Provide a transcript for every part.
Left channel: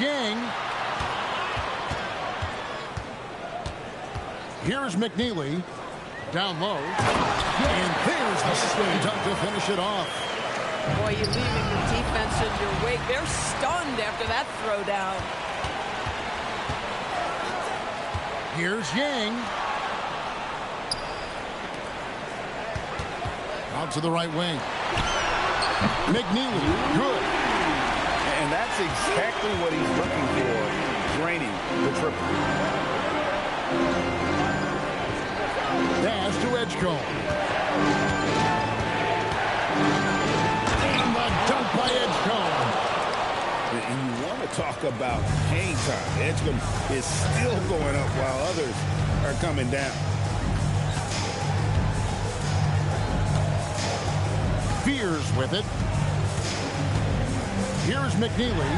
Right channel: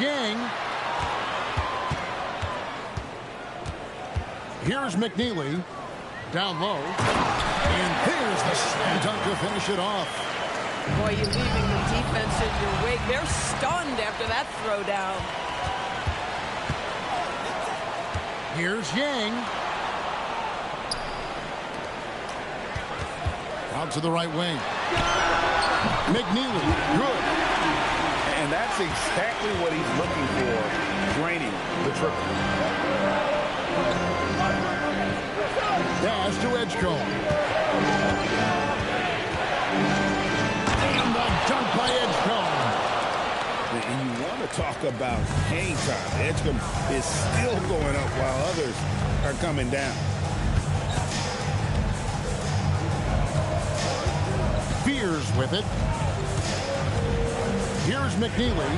Yang. Here's McNeely. Down low. And there's the slam dunk to finish it off. Boy, you're leaving the defense in your wake. They're stunned after that throwdown. Here's Yang. Out to the right wing. McNeely, good. And that's exactly what he's looking for, draining the triple. Pass to Edgecombe. And the dunk by Edgecombe. And you want to talk about hang time. Edgecombe is still going up while others are coming down. Fears with it. Here's McNeely.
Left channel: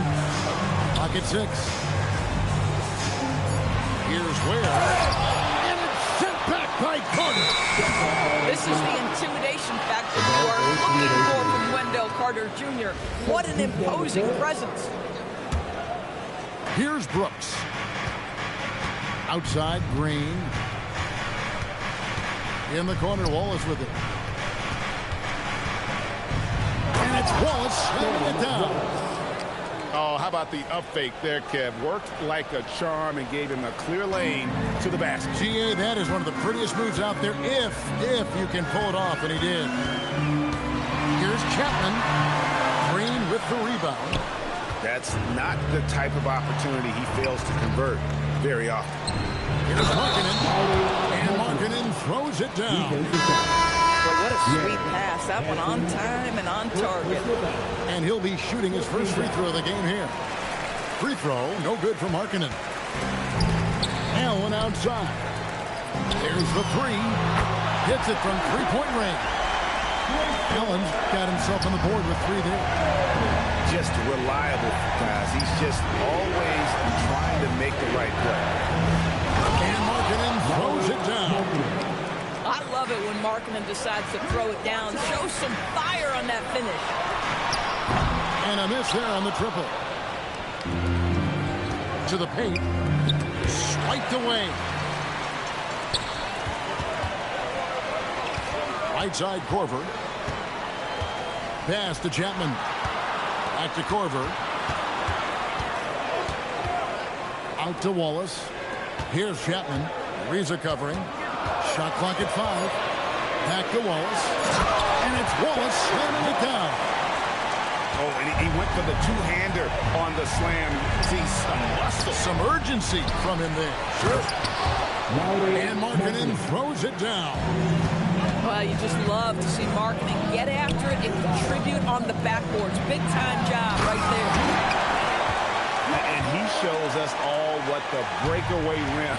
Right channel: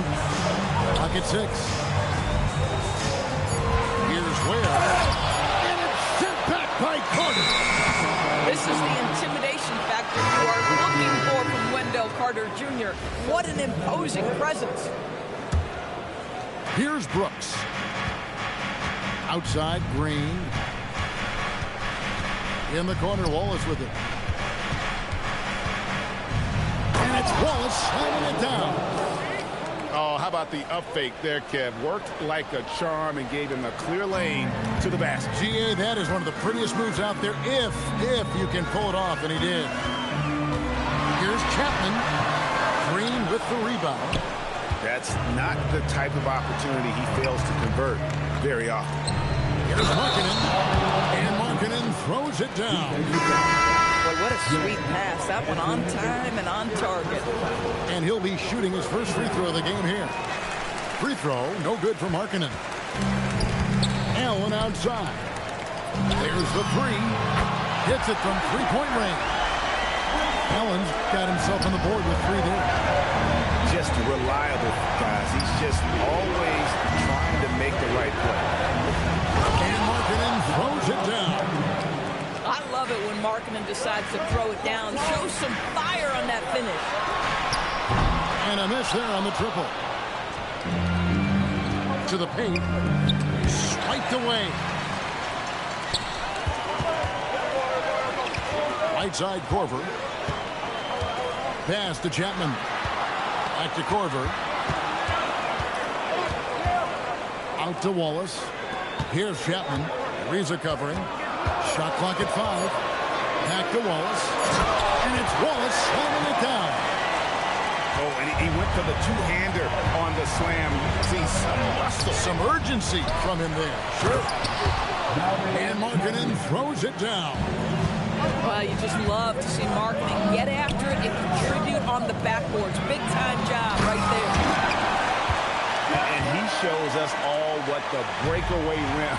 Pocket 6. Here's Ware. And it's sent back by Carter. This is the intimidation factor you are looking for from Wendell Carter Jr. What an imposing presence. Here's Brooks. Outside, Green. In the corner, Wallace with it. And it's Wallace slamming it down. Oh, how about the up fake there, Kev? Worked like a charm and gave him a clear lane to the basket. GA, that is one of the prettiest moves out there if you can pull it off, and he did. Here's Chapman. Green with the rebound. That's not the type of opportunity he fails to convert very often. Here's Markkanen. And Markkanen throws it down. Boy, what a sweet pass. That one on time and on target. And he'll be shooting his first free throw of the game here. Free throw, no good for Markkanen. Allen outside. There's the three. Hits it from three-point range. Allen's got himself on the board with 3 there. Just reliable, guys. He's just always trying to make the right play. And Markkanen throws it down. I love it when Markkanen decides to throw it down. Show some fire on that finish. And a miss there on the triple. To the paint. Swiped away. Right side, Korver. Pass to Chapman. Back to Korver. Out to Wallace. Here's Chapman. Ariza covering. Shot clock at 5. Back to Wallace. And it's Wallace slamming it down. Oh, and he went for the two-hander on the slam. See some muscle. Some urgency from him there. Sure. And Markkanen throws it down. Well, you just love to see Markkanen get after it and contribute on the backboards. Big-time job right there. And he shows us all what the breakaway rim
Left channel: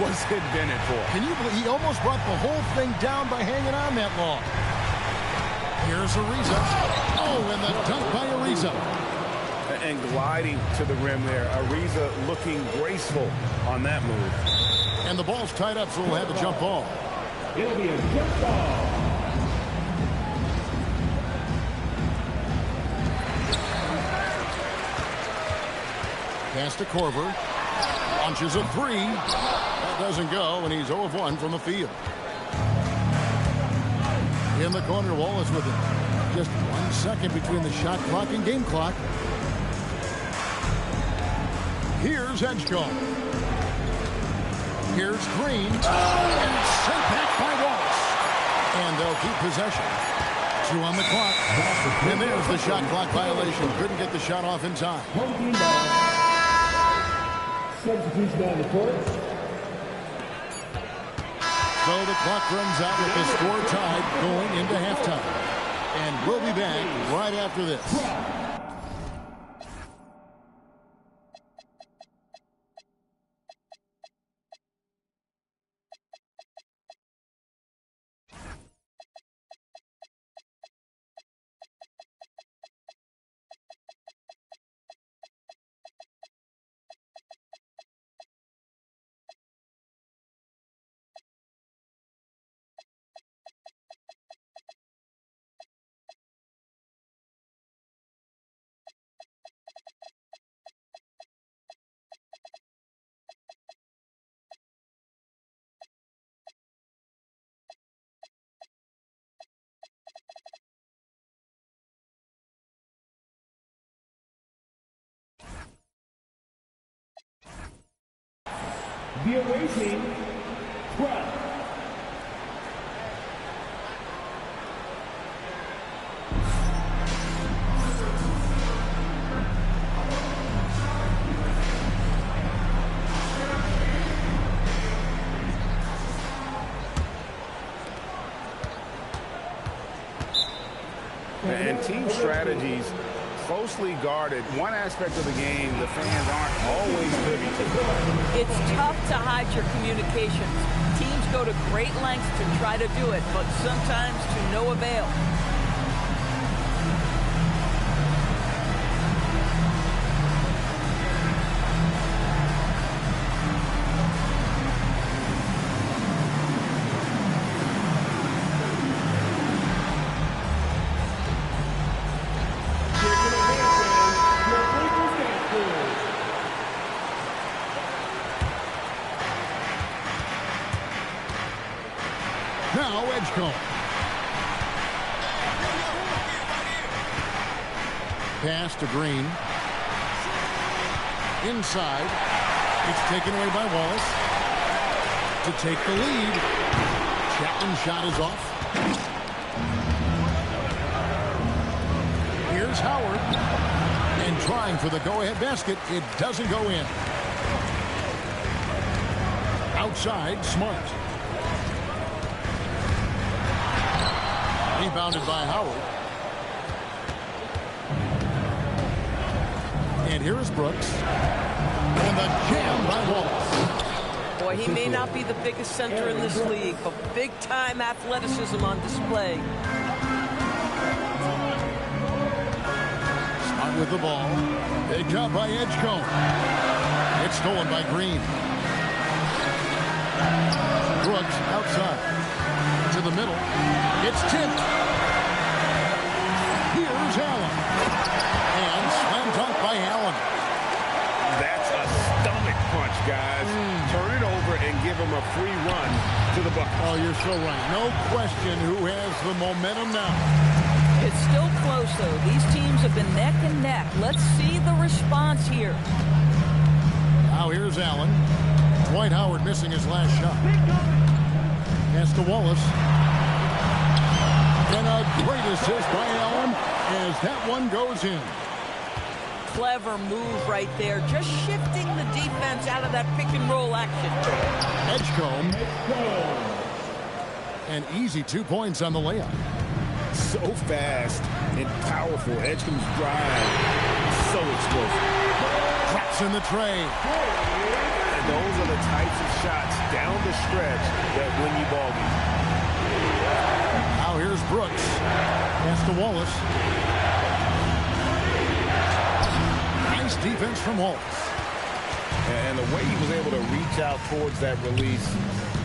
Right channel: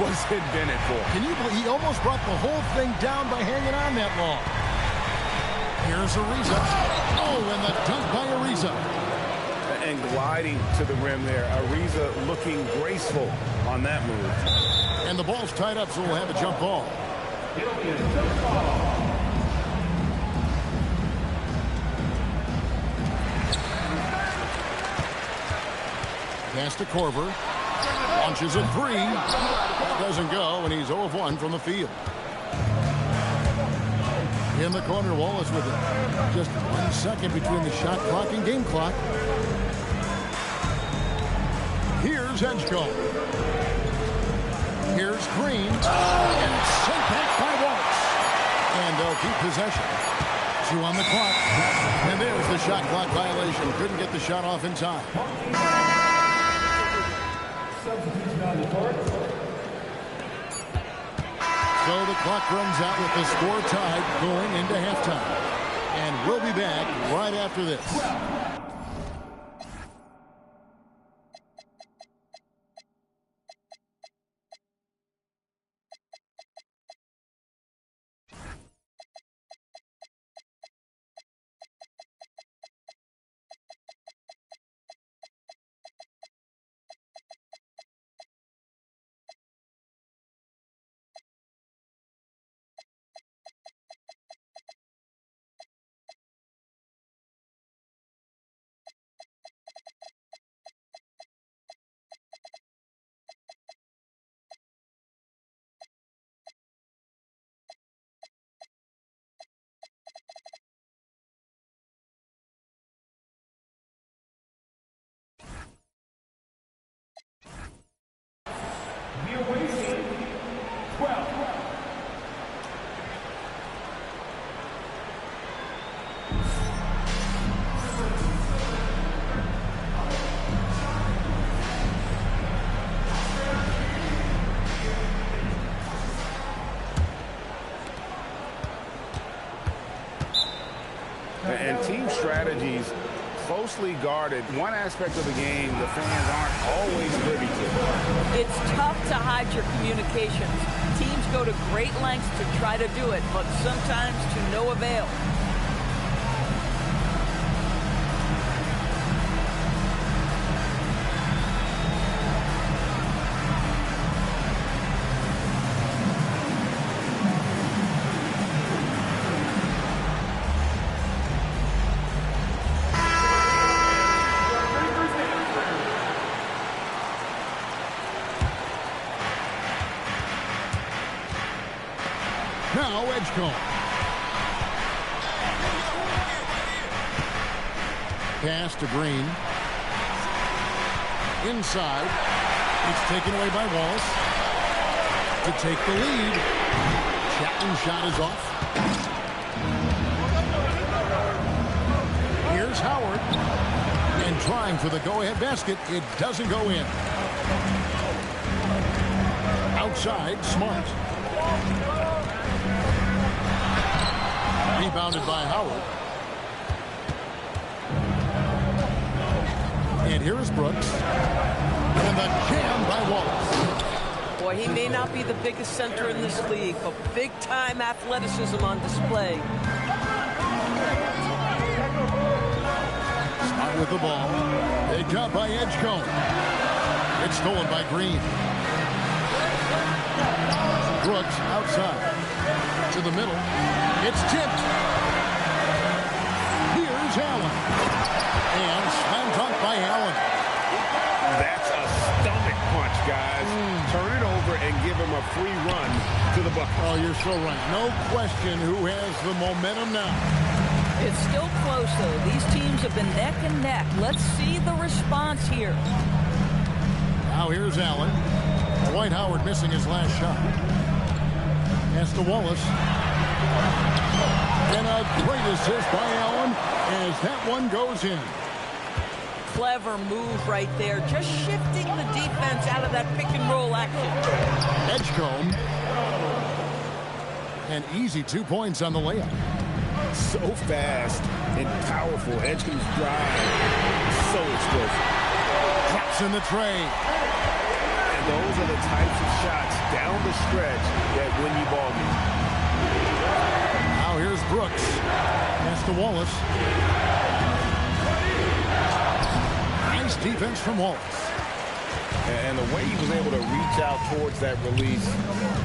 was invented for. Can you believe he almost brought the whole thing down by hanging on that long? Here's Ariza. Oh, and the dunk by Ariza. And gliding to the rim there. Ariza looking graceful on that move. And the ball's tied up, so we'll have a jump ball. It'll be a jump ball. Pass to Korver. Launches a 3. That doesn't go, and he's 0 of 1 from the field. In the corner, Wallace with it. Just 1 second between the shot clock and game clock. Here's Edgecombe. Here's Green. And it's sent back by Wallace. And they'll keep possession. 2 on the clock. And there's the shot clock violation. Couldn't get the shot off in time. Substitution on the court. So the clock runs out with the score tied going into halftime. And we'll be back right after this. The away team, 12. And team strategies closely guarded. One aspect of the game the fans aren't always privy to. It's tough to hide your communications. Teams go to great lengths to try to do it, but sometimes to no avail. Now Edgecombe. Pass to Green. Inside. It's taken away by Wallace. To take the lead. Chapman's shot is off. Here's Howard. And trying for the go-ahead basket. It doesn't go in. Outside, Smart. Rebounded by Howard. And here is Brooks. And the jam by Wallace. Boy, he may not be the biggest center in this league, but big-time athleticism on display. Smart with the ball. Picked up by Edgecombe. It's stolen by Green. Brooks outside. To the middle. It's tipped. Here's Allen. And slam dunk by Allen. That's a stomach punch, guys. Turn it over and give him a free run to the bucket. Oh, you're so right. No question who has the momentum now. It's still close, though. These teams have been neck and neck. Let's see the response here. Now here's Allen. Dwight Howard missing his last shot. Pass to Wallace. And a great assist by Allen as that one goes in. Clever move right there. Just shifting the defense out of that pick-and-roll action. Edgecombe. And easy 2 points on the layup. So fast and powerful. Edgecombe's drive. So explosive. Drops in the tray. And those are the types of shots down the stretch that win you ball games. Now here's Brooks. Pass to Wallace. Nice defense from Wallace. And the way he was able to reach out towards that release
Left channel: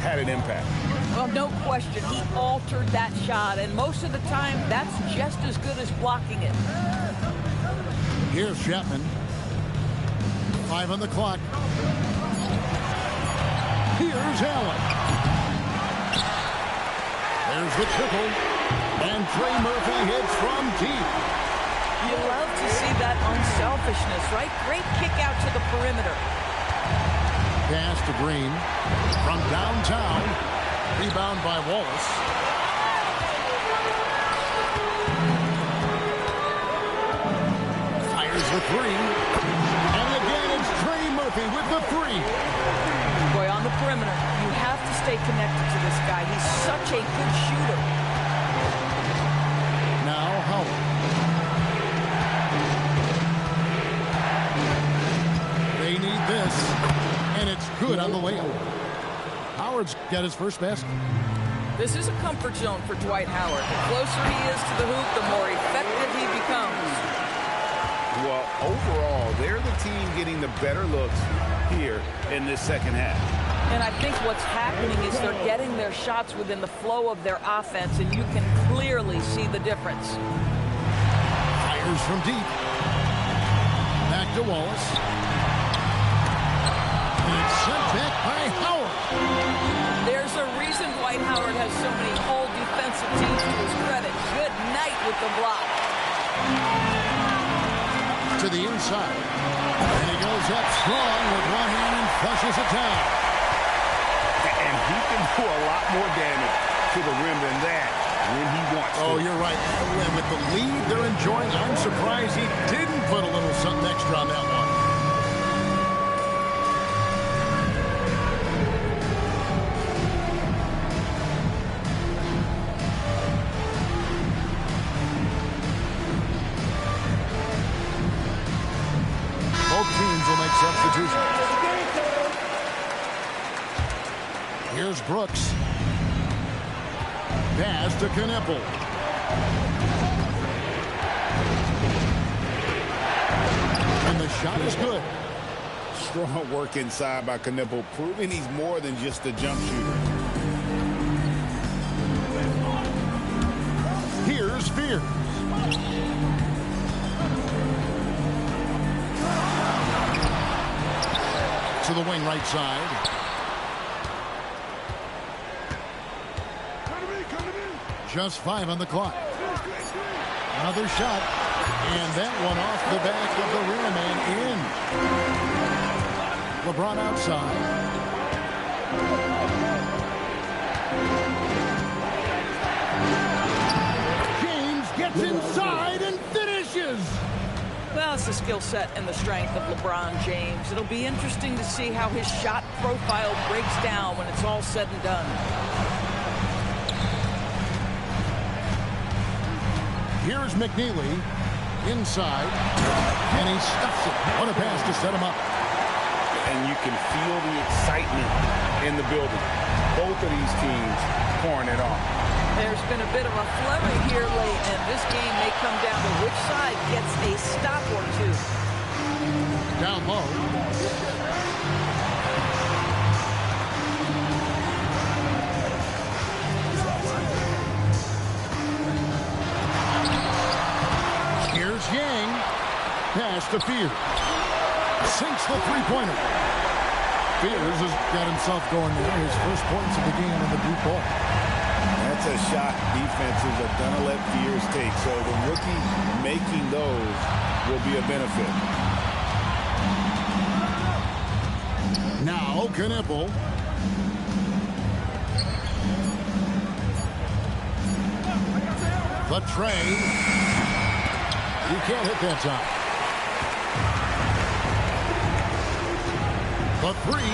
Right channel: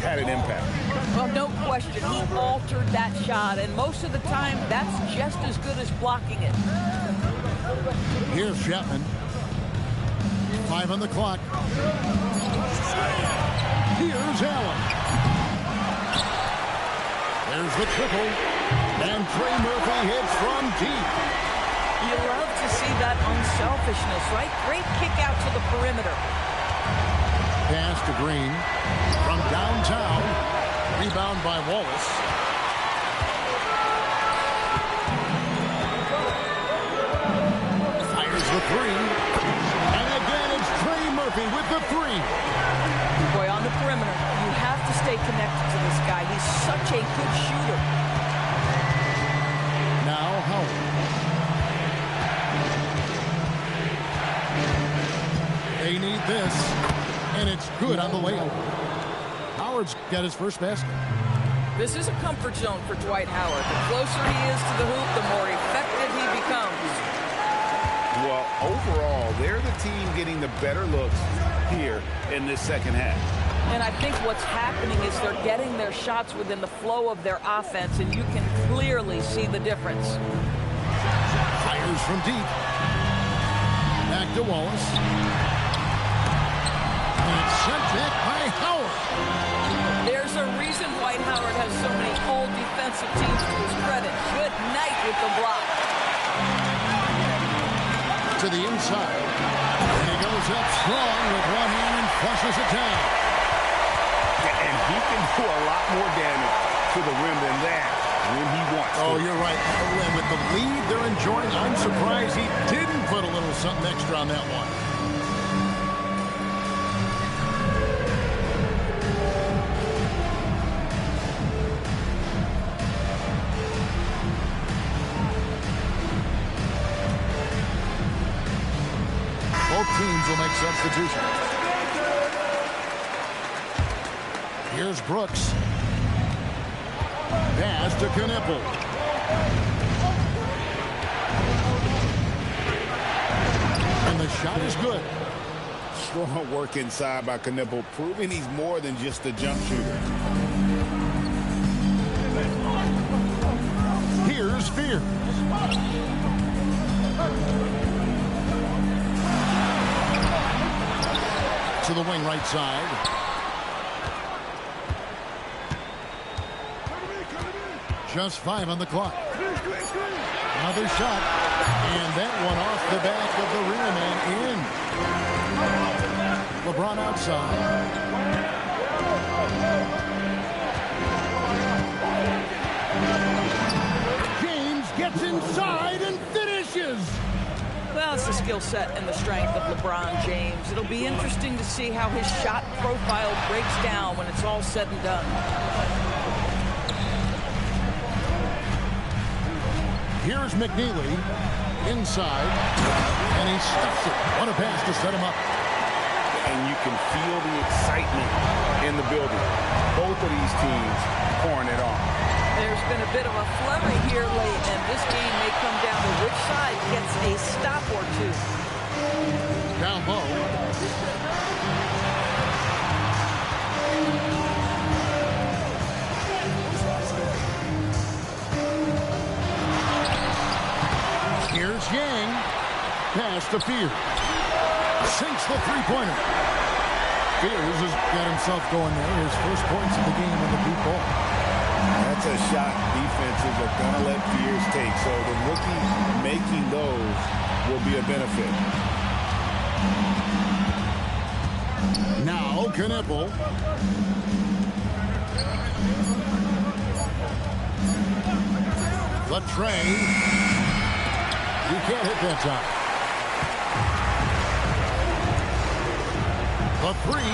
had an impact. Well, no question. He altered that shot, and most of the time, that's just as good as blocking it. Here's Chapman. 5 on the clock. Here's Allen. There's the triple. And Trey Murphy hits from deep. You love to see that unselfishness, right? Great kick out to the perimeter. Pass to Green. From downtown. Rebound by Wallace. Fires the three. And again, it's Trey Murphy with the three. Boy, on the perimeter, you have to stay connected to this guy. He's such a good shooter. Now Howard. They need this. And it's good on the layup. Howard's got his first basket. This is a comfort zone for Dwight Howard. The closer he is to the hoop, the more effective he becomes. Well, overall, they're the team getting the better looks here in this second half. And I think what's happening is they're getting their shots within the flow of their offense, and you can clearly see the difference. Fires from deep. Back to Wallace. And it's sent back by Howard. There's a reason Dwight Howard has so many all defensive teams to his credit. Good night with the block. To the inside. And he goes up strong with one hand and flushes it down. And he can do a lot more damage to the rim than that when he wants to. Oh, you're right. And with the lead they're enjoying, I'm surprised he didn't put a little something extra on that one. Both teams will make substitutions. Here's Brooks. Pass to Knipple. And the shot is good. Strong work inside by Knipple, proving he's more than just a jump shooter. Here's Fears. To the wing right side. Just 5 on the clock. Another shot. And that one off the back of the rim and in. LeBron outside. James gets inside and finishes. Well, it's the skill set and the strength of LeBron James. It'll be interesting to see how his shot profile breaks down when it's all said and done. Here's McNeely inside, and he stuffs it. What a pass to set him up. And you can feel the excitement in the building. Both of these teams pouring it on. There's been a bit of a flurry here late, and this game may come down to which side gets a stop or two. Down low. Here's Yang. Pass to Fears. Sinks the three-pointer. Fears has got himself going there. His first points of the game on the deep ball. That's a shot defenses are going to let Fears take. So the rookie making those will be a benefit. Now Knipple. The tray. You can't hit that time. The three.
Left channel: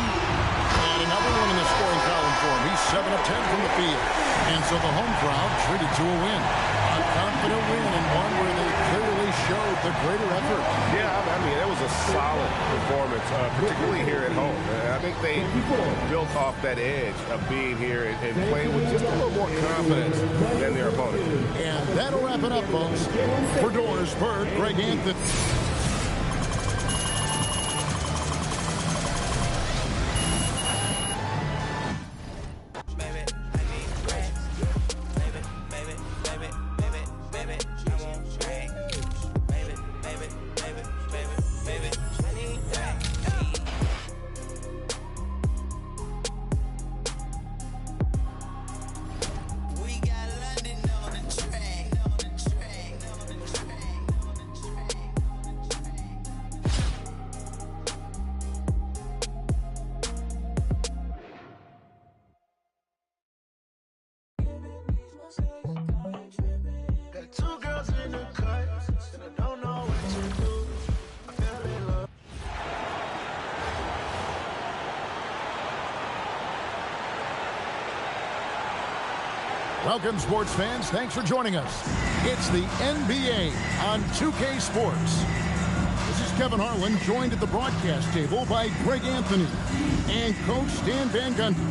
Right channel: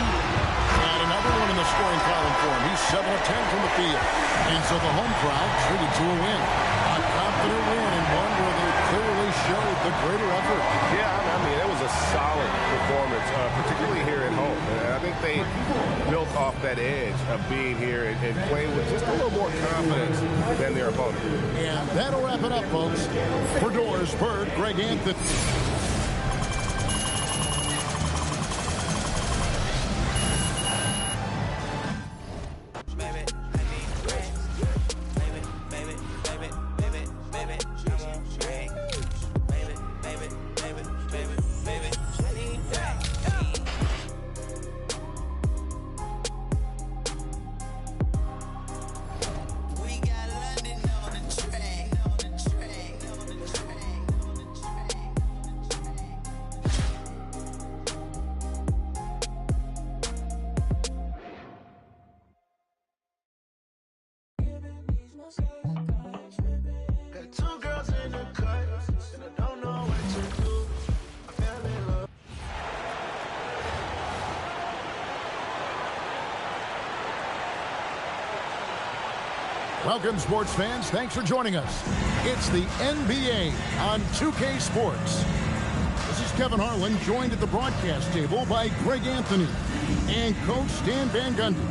And another one in the scoring column for him. He's 7 of 10 from the field. And so the home crowd treated to a win. A confident win and one where they clearly showed the greater effort. Yeah, I mean, it was a solid performance, particularly here at home. I think they built off that edge of being here and playing with just a little more confidence than their opponent. And that'll wrap it up, folks. For Doors Bird, Greg Anthony. Welcome, sports fans. Thanks for joining us. It's the NBA on 2K Sports. This is Kevin Harlan, joined at the broadcast table by Greg Anthony and Coach Stan Van Gundy.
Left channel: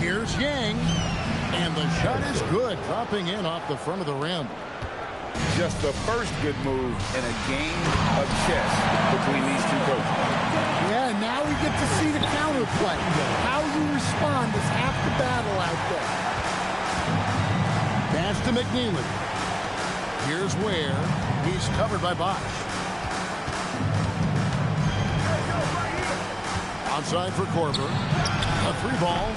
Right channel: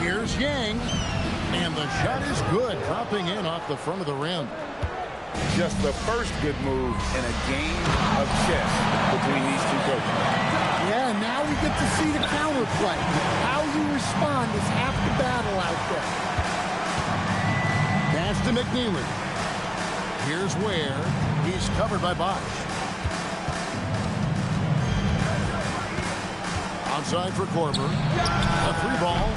Here's Yang, and the shot is good, dropping in off the front of the rim. Just the first good move in a game of chess. The between these two coaches. Yeah, now we get to see the counterplay. How you respond is half the battle out there. Pass to McNeely. Here's Ware. He's covered by Bosch. Outside for Korver. A 3-ball.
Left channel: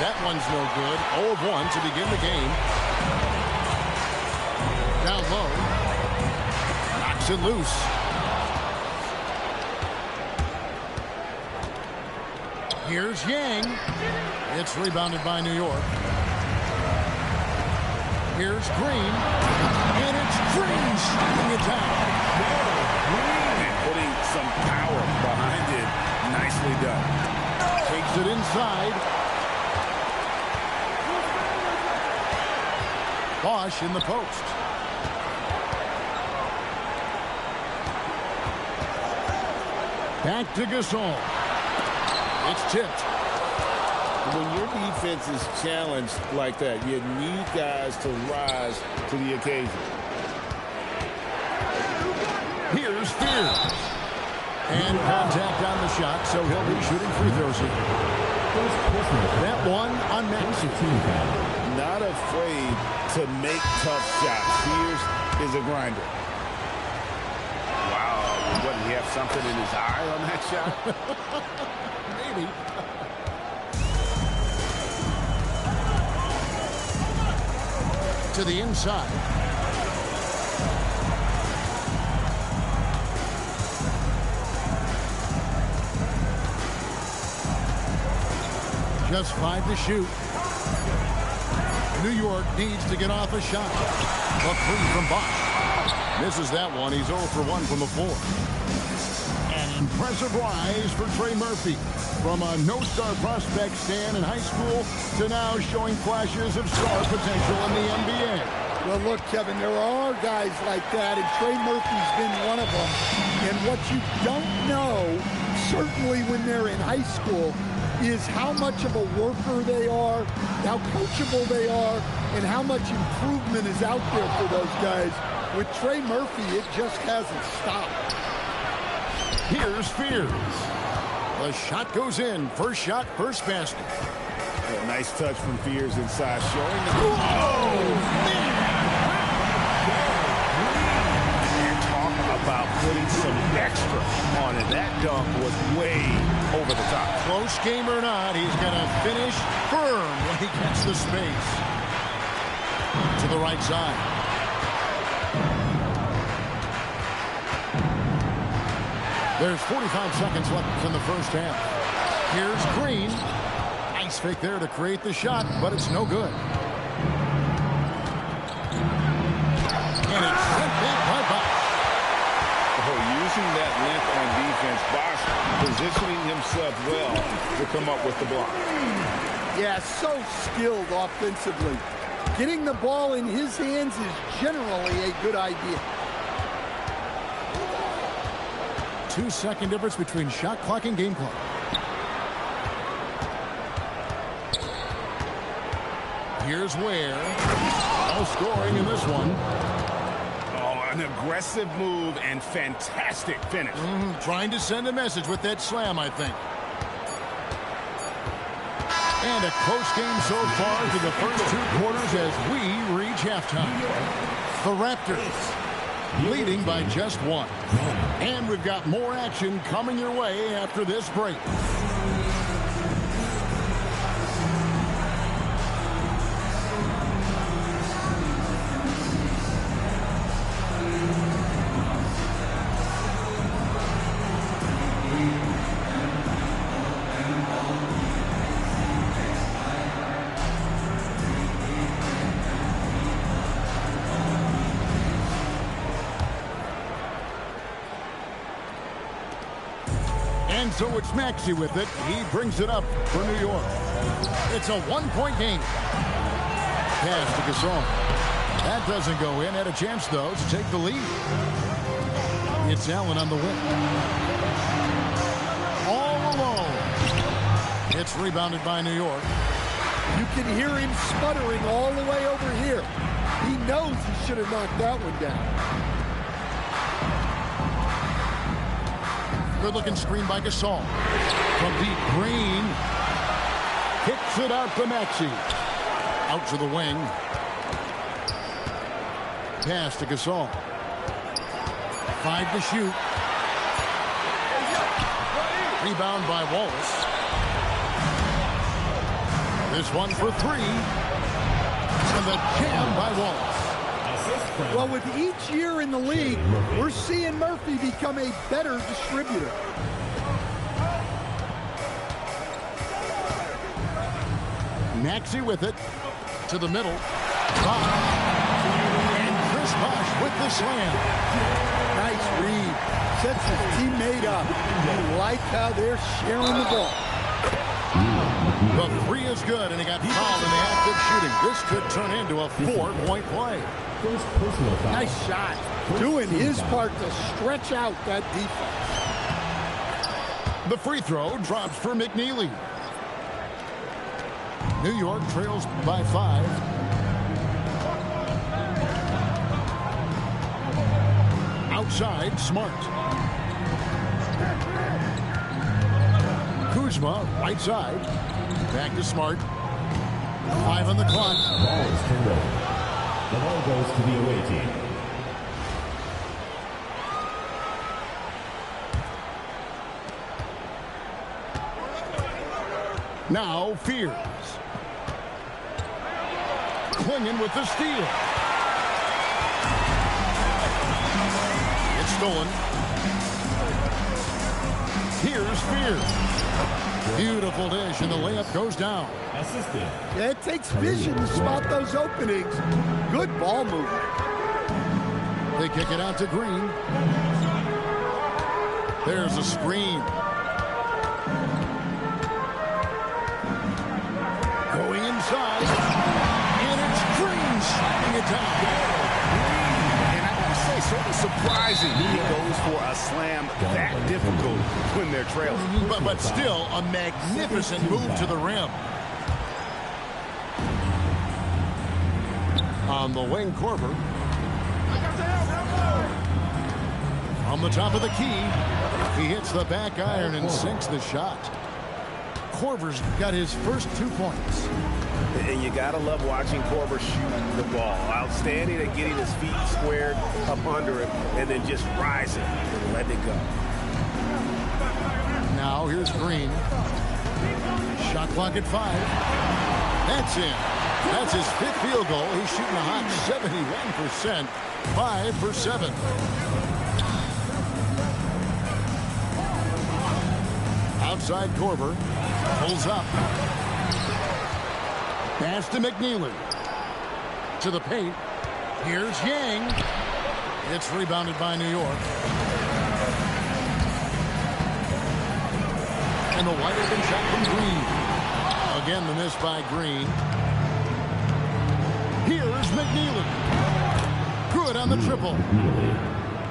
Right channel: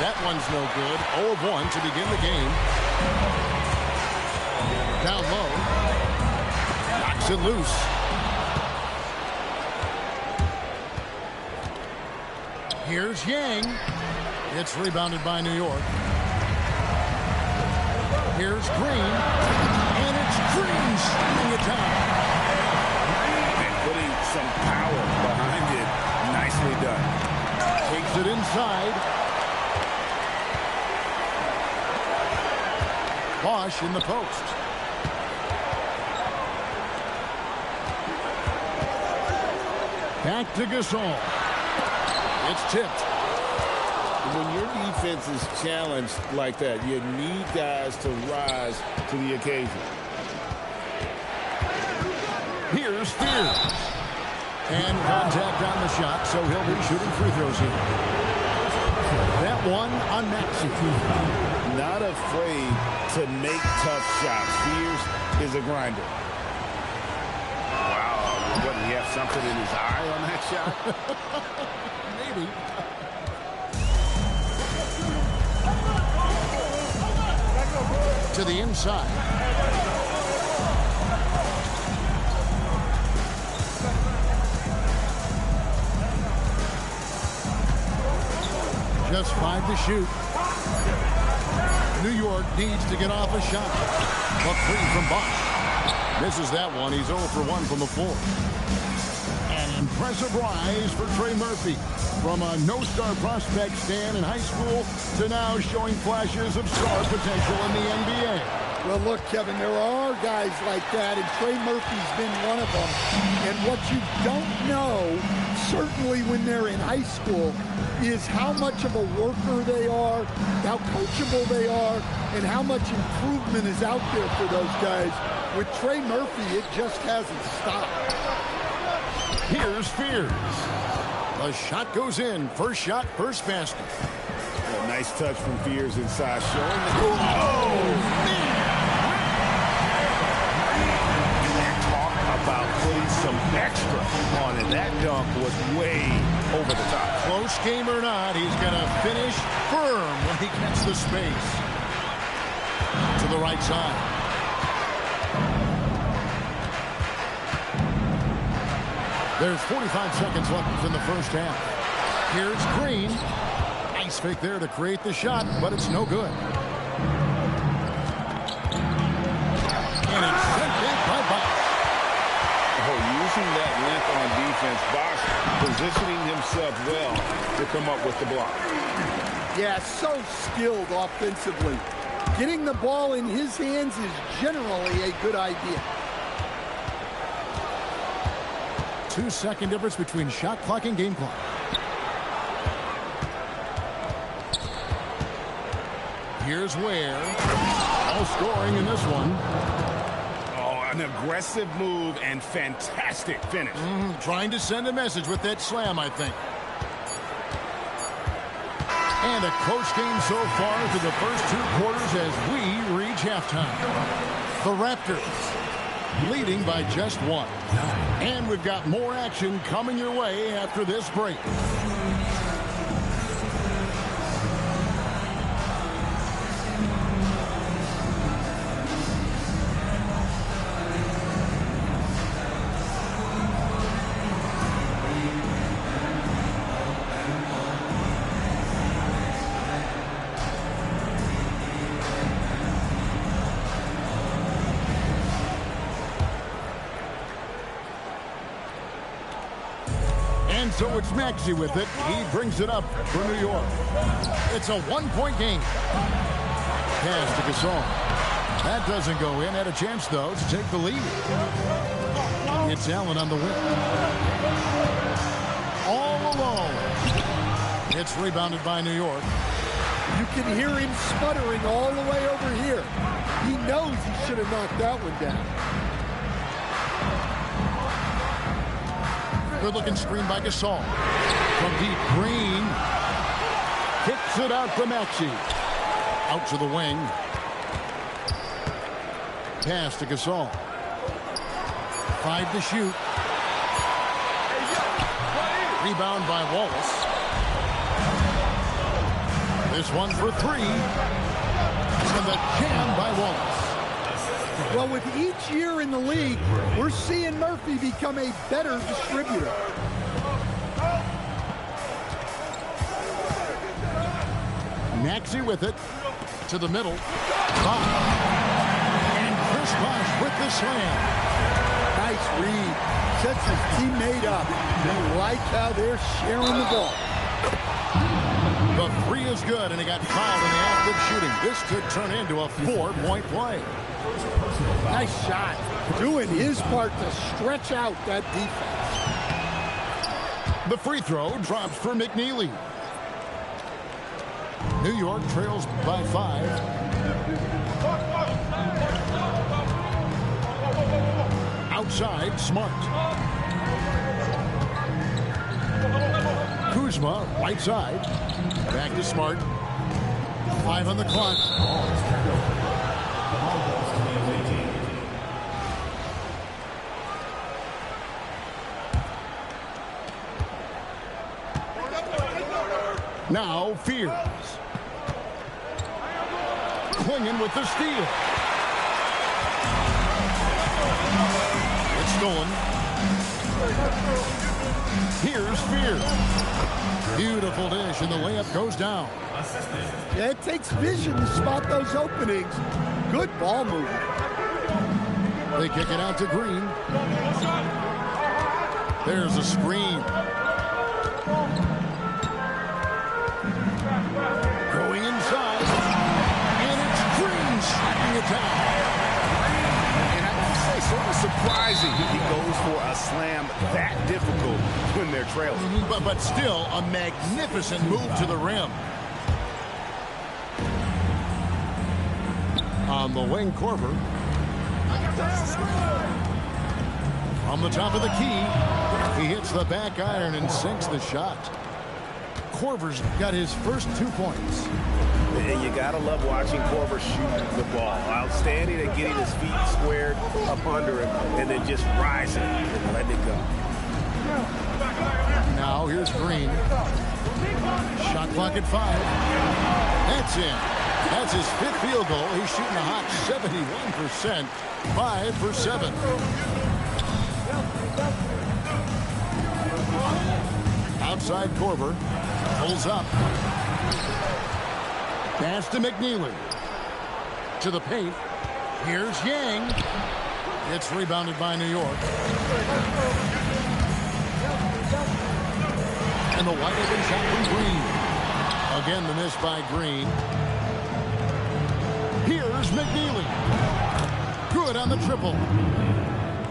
That one's no good. 0 of 1 to begin the game. Down low. Knocks it loose. Here's Yang. It's rebounded by New York. Here's Green. And it's Green shooting it down. And putting some power behind it. Nicely done. Takes it inside. Bosch in the post. Back to Gasol. It's tipped. When your defense is challenged like that, you need guys to rise to the occasion. Here's Fears. And contact on the shot, so he'll be shooting free throws here. That one on Maxey. Not afraid to make tough shots. Fears is a grinder. Wow, what, did he have something in his eye on that shot? Maybe. To the inside. Just 5 to shoot. New York needs to get off a shot. A 3 from Bosch. Misses that one. He's 0 for 1 from the floor. An impressive rise for Trey Murphy. From a no-star prospect stand in high school to now showing flashes of star potential in the NBA. Well, look, Kevin, there are guys like that, and Trey Murphy's been one of them. And what you don't know, certainly when they're in high school, is how much of a worker they are, how coachable they are, and how much improvement is out there for those guys. With Trey Murphy, it just hasn't stopped. Here's Fears. The shot goes in. First shot, first basket. A nice touch from Fears inside, showing that. Oh, man! And talk about putting some extra on it. That dunk was way over the top. Close game or not, he's going to finish firm when he gets the space. To the right side. There's 45 seconds left in the first half. Here's Green. Nice fake there to create the shot, but it's no good. And it's sent back by Bosch. Oh, using that length on defense, Bosch positioning himself well to come up with the block. Yeah, so skilled offensively. Getting the ball in his hands is generally a good idea. 2-second difference between shot clock and game clock. Here's Ware. No scoring in this one. Oh, an aggressive move and fantastic finish. Trying to send a message with that slam, I think. And a close game so far through the first 2 quarters as we reach halftime. The Raptors leading by just 1. And we've got more action coming your way after this break. And so it's Maxey with it. He brings it up for New York. It's a 1-point game. Pass to Gasol. That doesn't go in. Had a chance, though, to take the lead. It's Allen on the wing. All alone. It's rebounded by New York. You can hear him sputtering all the way over here. He knows he should have knocked that one down. Good-looking screen by Gasol. From deep, Green kicks it out to Maxey. Out to the wing. Pass to Gasol. 5 to shoot. Rebound by Wallace. This one for 3. And the jam by Wallace. Well, with each year in the league, we're seeing Murphy become a better distributor. Maxey with it. To the middle. Bosh. And Chris Bosh with the slam. Nice read. Sets his teammate up. You like how they're sharing the ball. The 3 is good, and he got fouled in the act of shooting. This could turn into a 4-point play. Nice shot. Doing his part to stretch out that defense. The free throw drops for McNeely. New York trails by 5. Outside, Smart. Kuzma, right side. Back to Smart. 5 on the clock. The ball goes to the away team. Now Fears. Clinging with the steal. It's stolen. Here's Fears. Beautiful dish, and the layup goes down. Yeah, it takes vision to spot those openings. Good ball movement. They kick it out to Green. There's a screen. Going inside. And it's Green slamming it down. And I gotta say, sort of surprising he goes for a slam that difficult when they're trailing. But still a magnificent move to the rim. On the wing, Korver. From the top of the key, he hits the back iron and sinks the shot. Korver's got his first 2 points. And you gotta love watching Korver shoot the ball. Outstanding at getting his feet squared up under him and then just rising and letting it go. Now here's Green. Shot clock at 5. That's in. That's his 5th field goal. He's shooting a hot 71%. 5 for 7. Outside Korver. Pulls up. Pass to McNeely. To the paint. Here's Yang. It's rebounded by New York. And the wide open shot from Green. Again, the miss by Green. Here's McNeely. Good on the triple.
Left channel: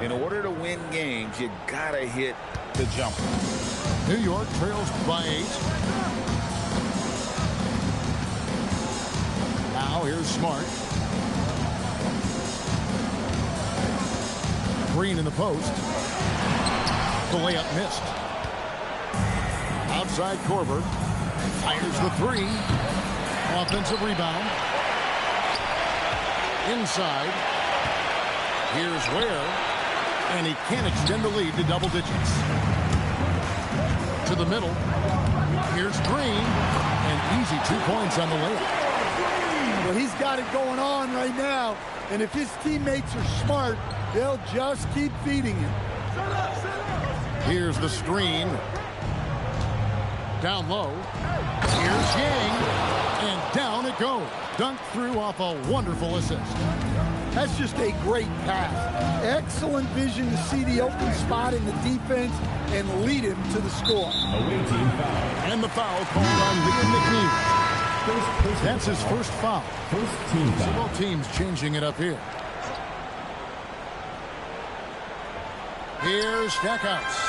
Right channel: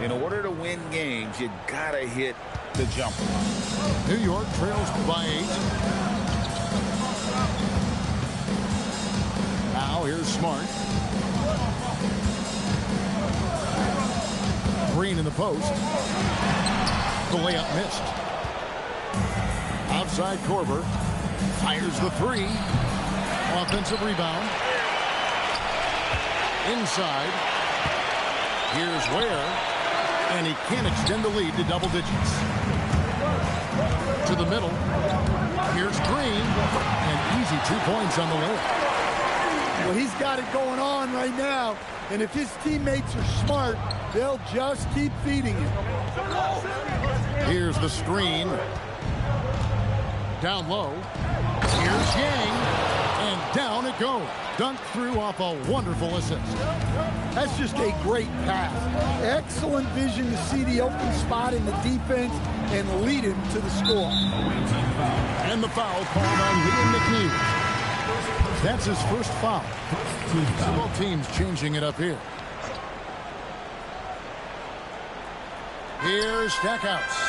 In order to win games, you gotta hit the jumper. New York trails by 8. Now here's Smart. Green in the post. The layup missed. Outside Korver. Fires the 3. Offensive rebound. Inside. Here's Ware. And he can't extend the lead to double digits. To the middle. Here's Green. And easy 2 points on the layup. Well, he's got it going on right now. And if his teammates are smart, they'll just keep feeding him. Here's the screen. Down low. Here's Yang. And down it goes. Dunked through off a wonderful assist. That's just a great pass. Excellent vision to see the open spot in the defense and lead him to the score. And the foul called on Liam McNeely. That's his first foul. So both teams changing it up here. Here's Stackhouse.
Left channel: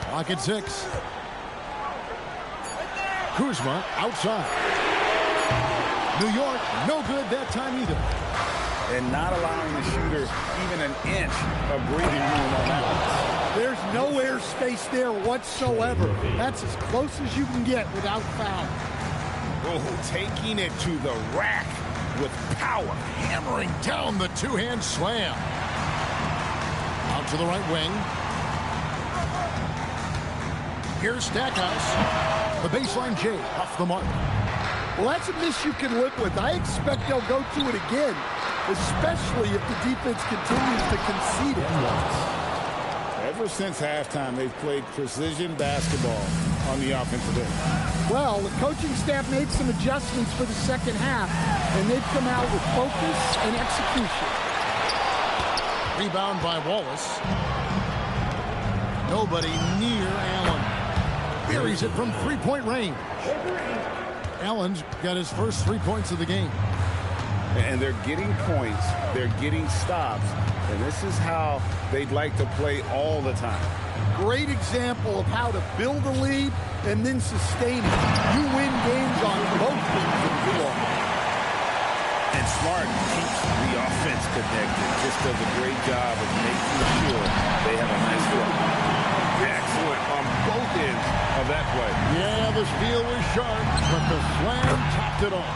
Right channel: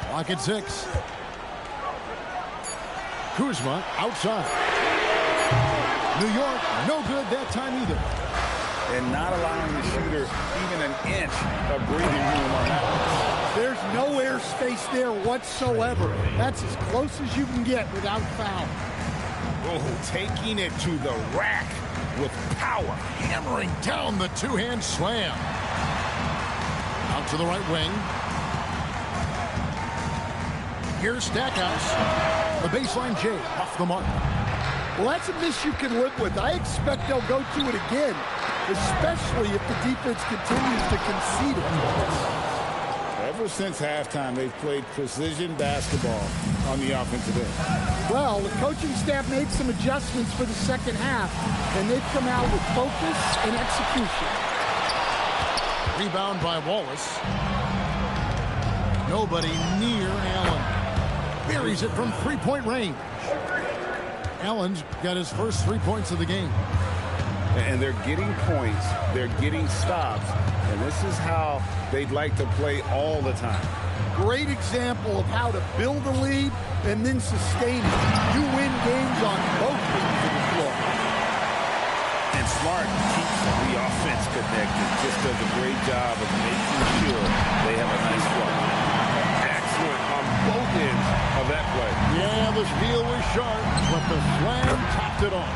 Clock at 6. Kuzma outside. New York, no good that time either. and not allowing the shooter even an inch of breathing room on that one. There's no air space there whatsoever. That's as close as you can get without foul. Oh, taking it to the rack with power. Hammering down the two-hand slam. Out to the right wing. Here's Stackhouse. The baseline J off the mark. Well, that's a miss you can live with. I expect they'll go to it again, especially if the defense continues to concede it. Ever since halftime, they've played precision basketball on the offensive end. Well, the coaching staff made some adjustments for the second half, and they've come out with focus and execution. Rebound by Wallace. Nobody near Allen. Buries it from three-point range. Allen's got his first 3 points of the game. And they're getting points, they're getting stops, and this is how they'd like to play all the time. Great example of how to build a lead and then sustain it. You win games on both ends of the floor. And Smart keeps the offense connected, just does a great job of making sure they have a nice flow. Excellent on both ends of that play. Yeah, the steal was sharp, but the slam topped it off.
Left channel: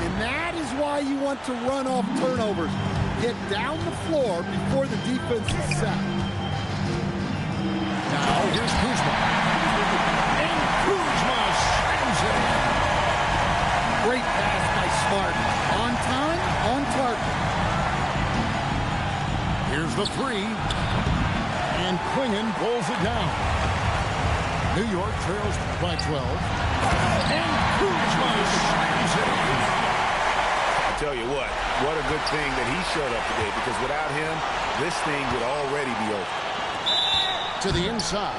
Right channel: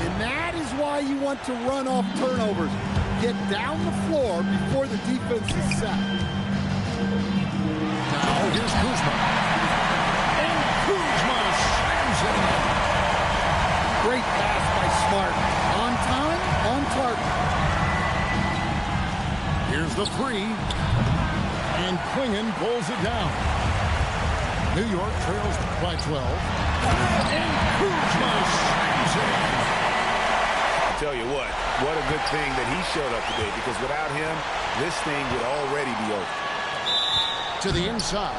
And that is why you want to run off turnovers. Get down the floor before the defense is set. Now here's Kuzma. And Kuzma slams it in. Great pass by Smart. On time, on target. Here's the three. And Quingen pulls it down. New York trails by 12. And Kuzma slams it in. I'll tell you what a good thing that he showed up today, because without him, this thing would already be over. To the inside.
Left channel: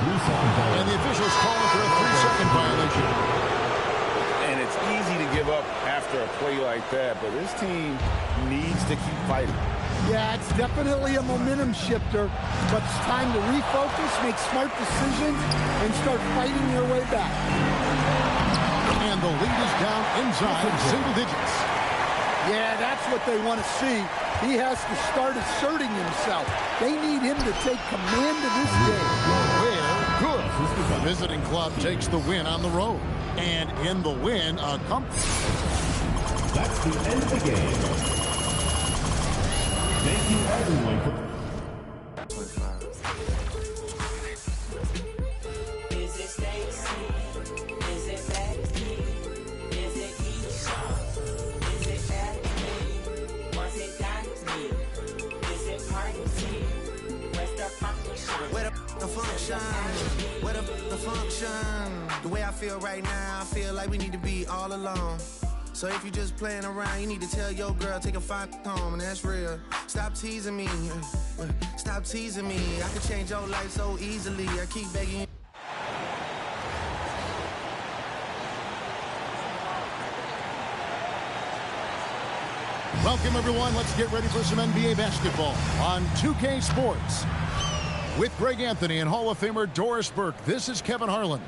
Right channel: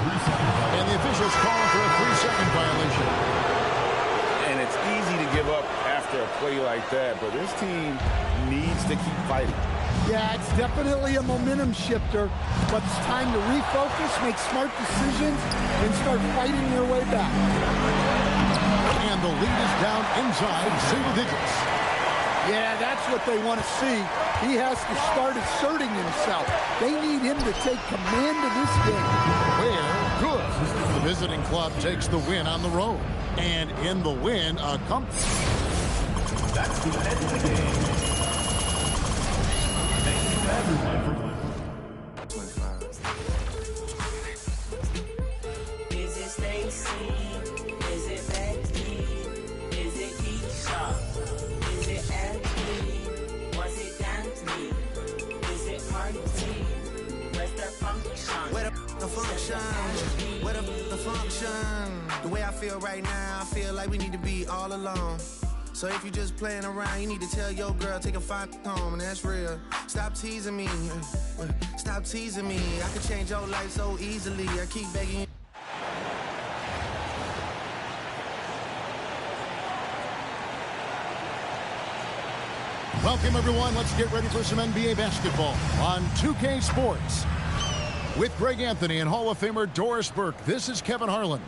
And the officials calling for a 3-second violation. And it's easy to give up after a play like that, but this team needs to keep fighting. Yeah, it's definitely a momentum shifter, but it's time to refocus, make smart decisions, and start fighting their way back. And the lead is down inside single digits. Yeah, that's what they want to see. He has to start asserting himself. They need him to take command of this game. Where good. The visiting club takes the win on the road. And in the win, a That's the end of the game. Thank you, everyone, for... 25. Is it Stacy? Is it Becky? Is it Keisha? Is it Emily? Was it Danny? Is it Party? Where's the function? Where the function? Where the function? The way I feel right now, I feel like we need to be all alone. So if you just playing around, you need to tell your girl, take a fine home, and that's real. Stop teasing me. Stop teasing me. I could change your life so easily. I keep begging you. Welcome, everyone. Let's get ready for some NBA basketball on 2K Sports. With Greg Anthony and Hall of Famer Doris Burke, this is Kevin Harlan.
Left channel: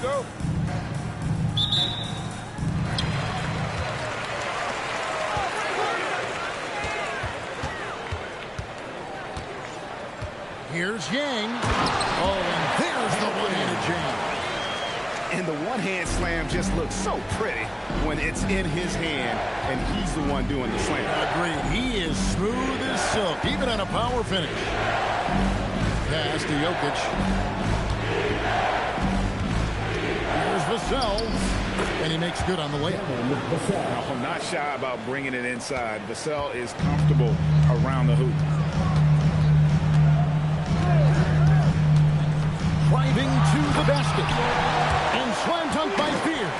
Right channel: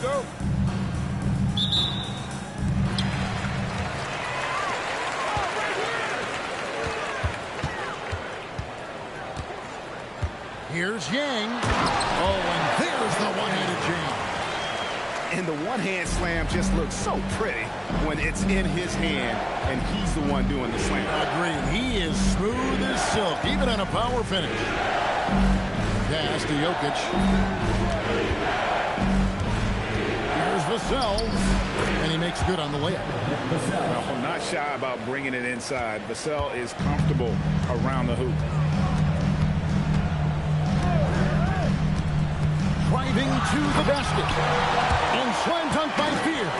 Go. Here's Yang. Oh, and there's the one-handed jam. And the one-hand slam just looks so pretty when it's in his hand and he's the one doing the slam. Agreed. He is smooth as silk, even on a power finish. Pass to Jokic. Here's Vassell, and he makes good on the layup. Now, I'm not shy about bringing it inside. Vassell is comfortable around the hoop. Driving to the basket. And slam dunk by Fear.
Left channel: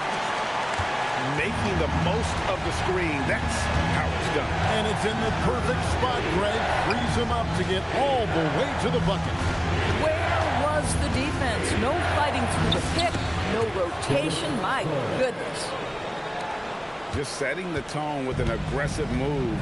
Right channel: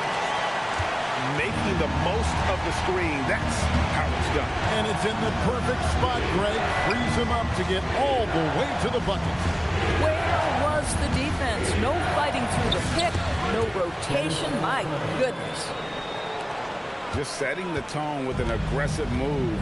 Making the most of the screen. That's how it's done. And it's in the perfect spot, Greg. Frees him up to get all the way to the bucket. Where was the defense? No fighting through the pick, No rotation. My goodness. Just setting the tone with an aggressive move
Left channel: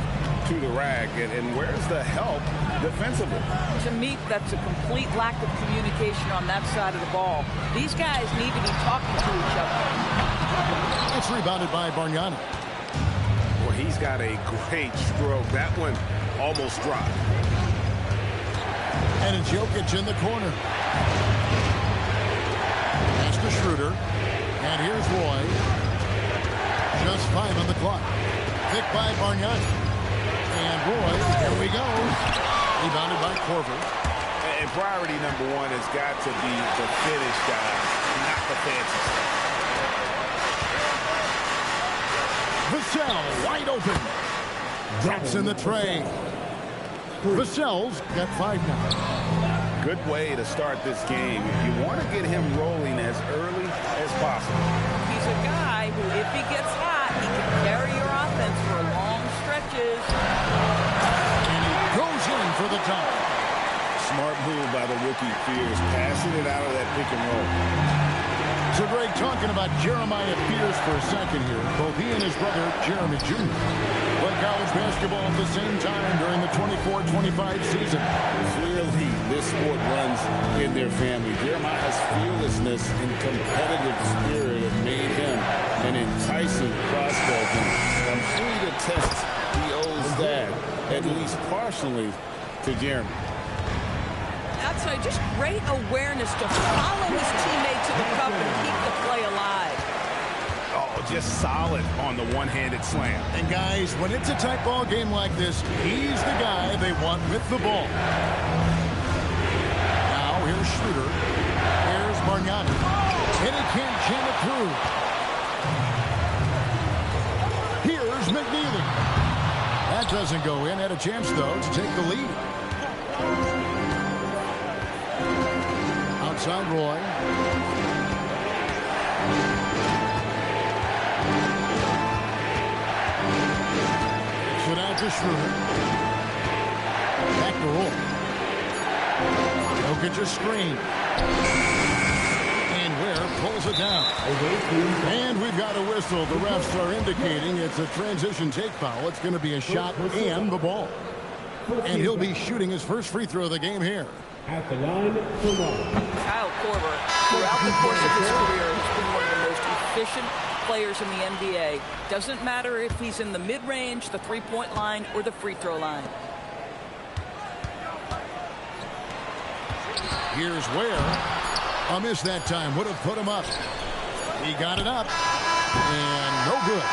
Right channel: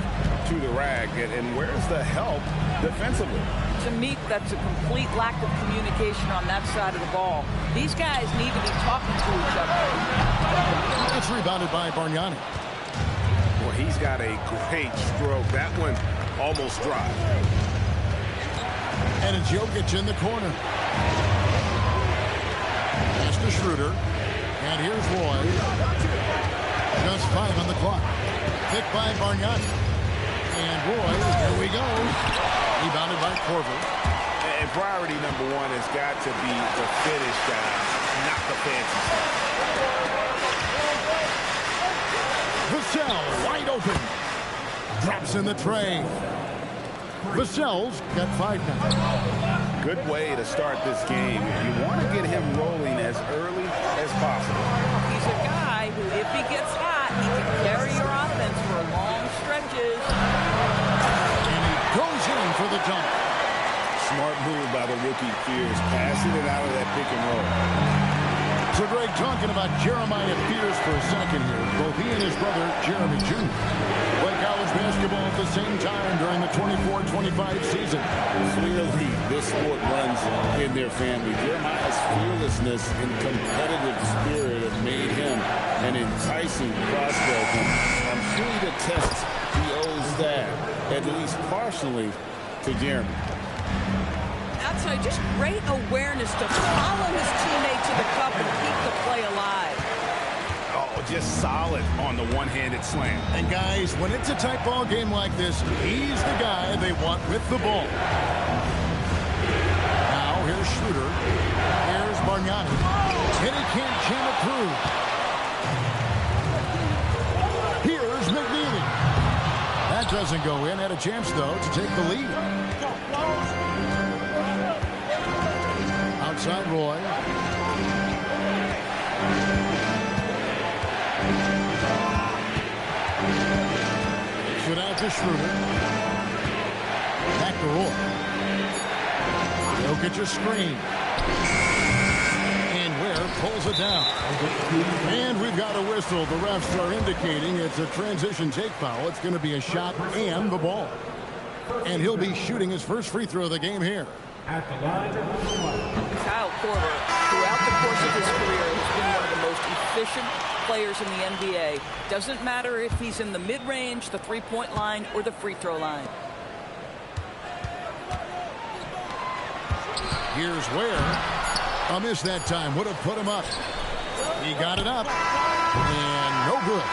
to the rack. And where's the help defensively? To me, that's a complete lack of communication on that side of the ball. These guys need to be talking to each other. It's rebounded by Bargnani. Well, he's got a great stroke. That one almost dropped. And it's Jokic in the corner. Pass to Schroeder. And here's Roy. Just 5 on the clock. Picked by Bargnani. And Roy, here we go. Rebounded by Korver. And priority number one has got to be the finish, guys, not the fancy stuff. Vassell wide open. Drops in the tray. Vassell's got 5 now. Good way to start this game. You want to get him rolling as early as possible. He's a guy who, if he gets hot, he can carry your offense for long stretches. And he goes in for the dunk. Smart move by the rookie Fears, passing it out of that pick and roll. So Greg, talking about Jeremiah Fears for a second here. Both he and his brother, Jeremy Jr., play college basketball at the same time during the 24-25 season. Clearly, this sport runs in their family. Jeremiah's fearlessness and competitive spirit have made him an enticing prospect. And I'm sure he attests he owes that, at least partially, to Jeremy. That's just great awareness to follow his teammate to the cup and keep the play alive. Oh, just solid on the one-handed slam. And guys, when it's a tight ball game like this, he's the guy they want with the ball. Now here's Schroeder. Here's Bargnani. And he can't jam it through. Here's McNeely. That doesn't go in. Had a chance, though, to take the lead. Outside Roy. Takes it out to Schroeder. Back to Roy. Jokic a screen. And Ware pulls it down. And we've got a whistle. The refs are indicating it's a transition take foul. It's going to be a shot and the ball. And he'll be shooting his first free throw of the game here. At the line for one. Kyle Korver, throughout the course of his career, has been one of the most efficient players in the NBA. Doesn't matter if he's in the mid-range, the three-point line, or the free throw line. Here's Ware. A miss that time. Would have put him up. He got it up. And no good.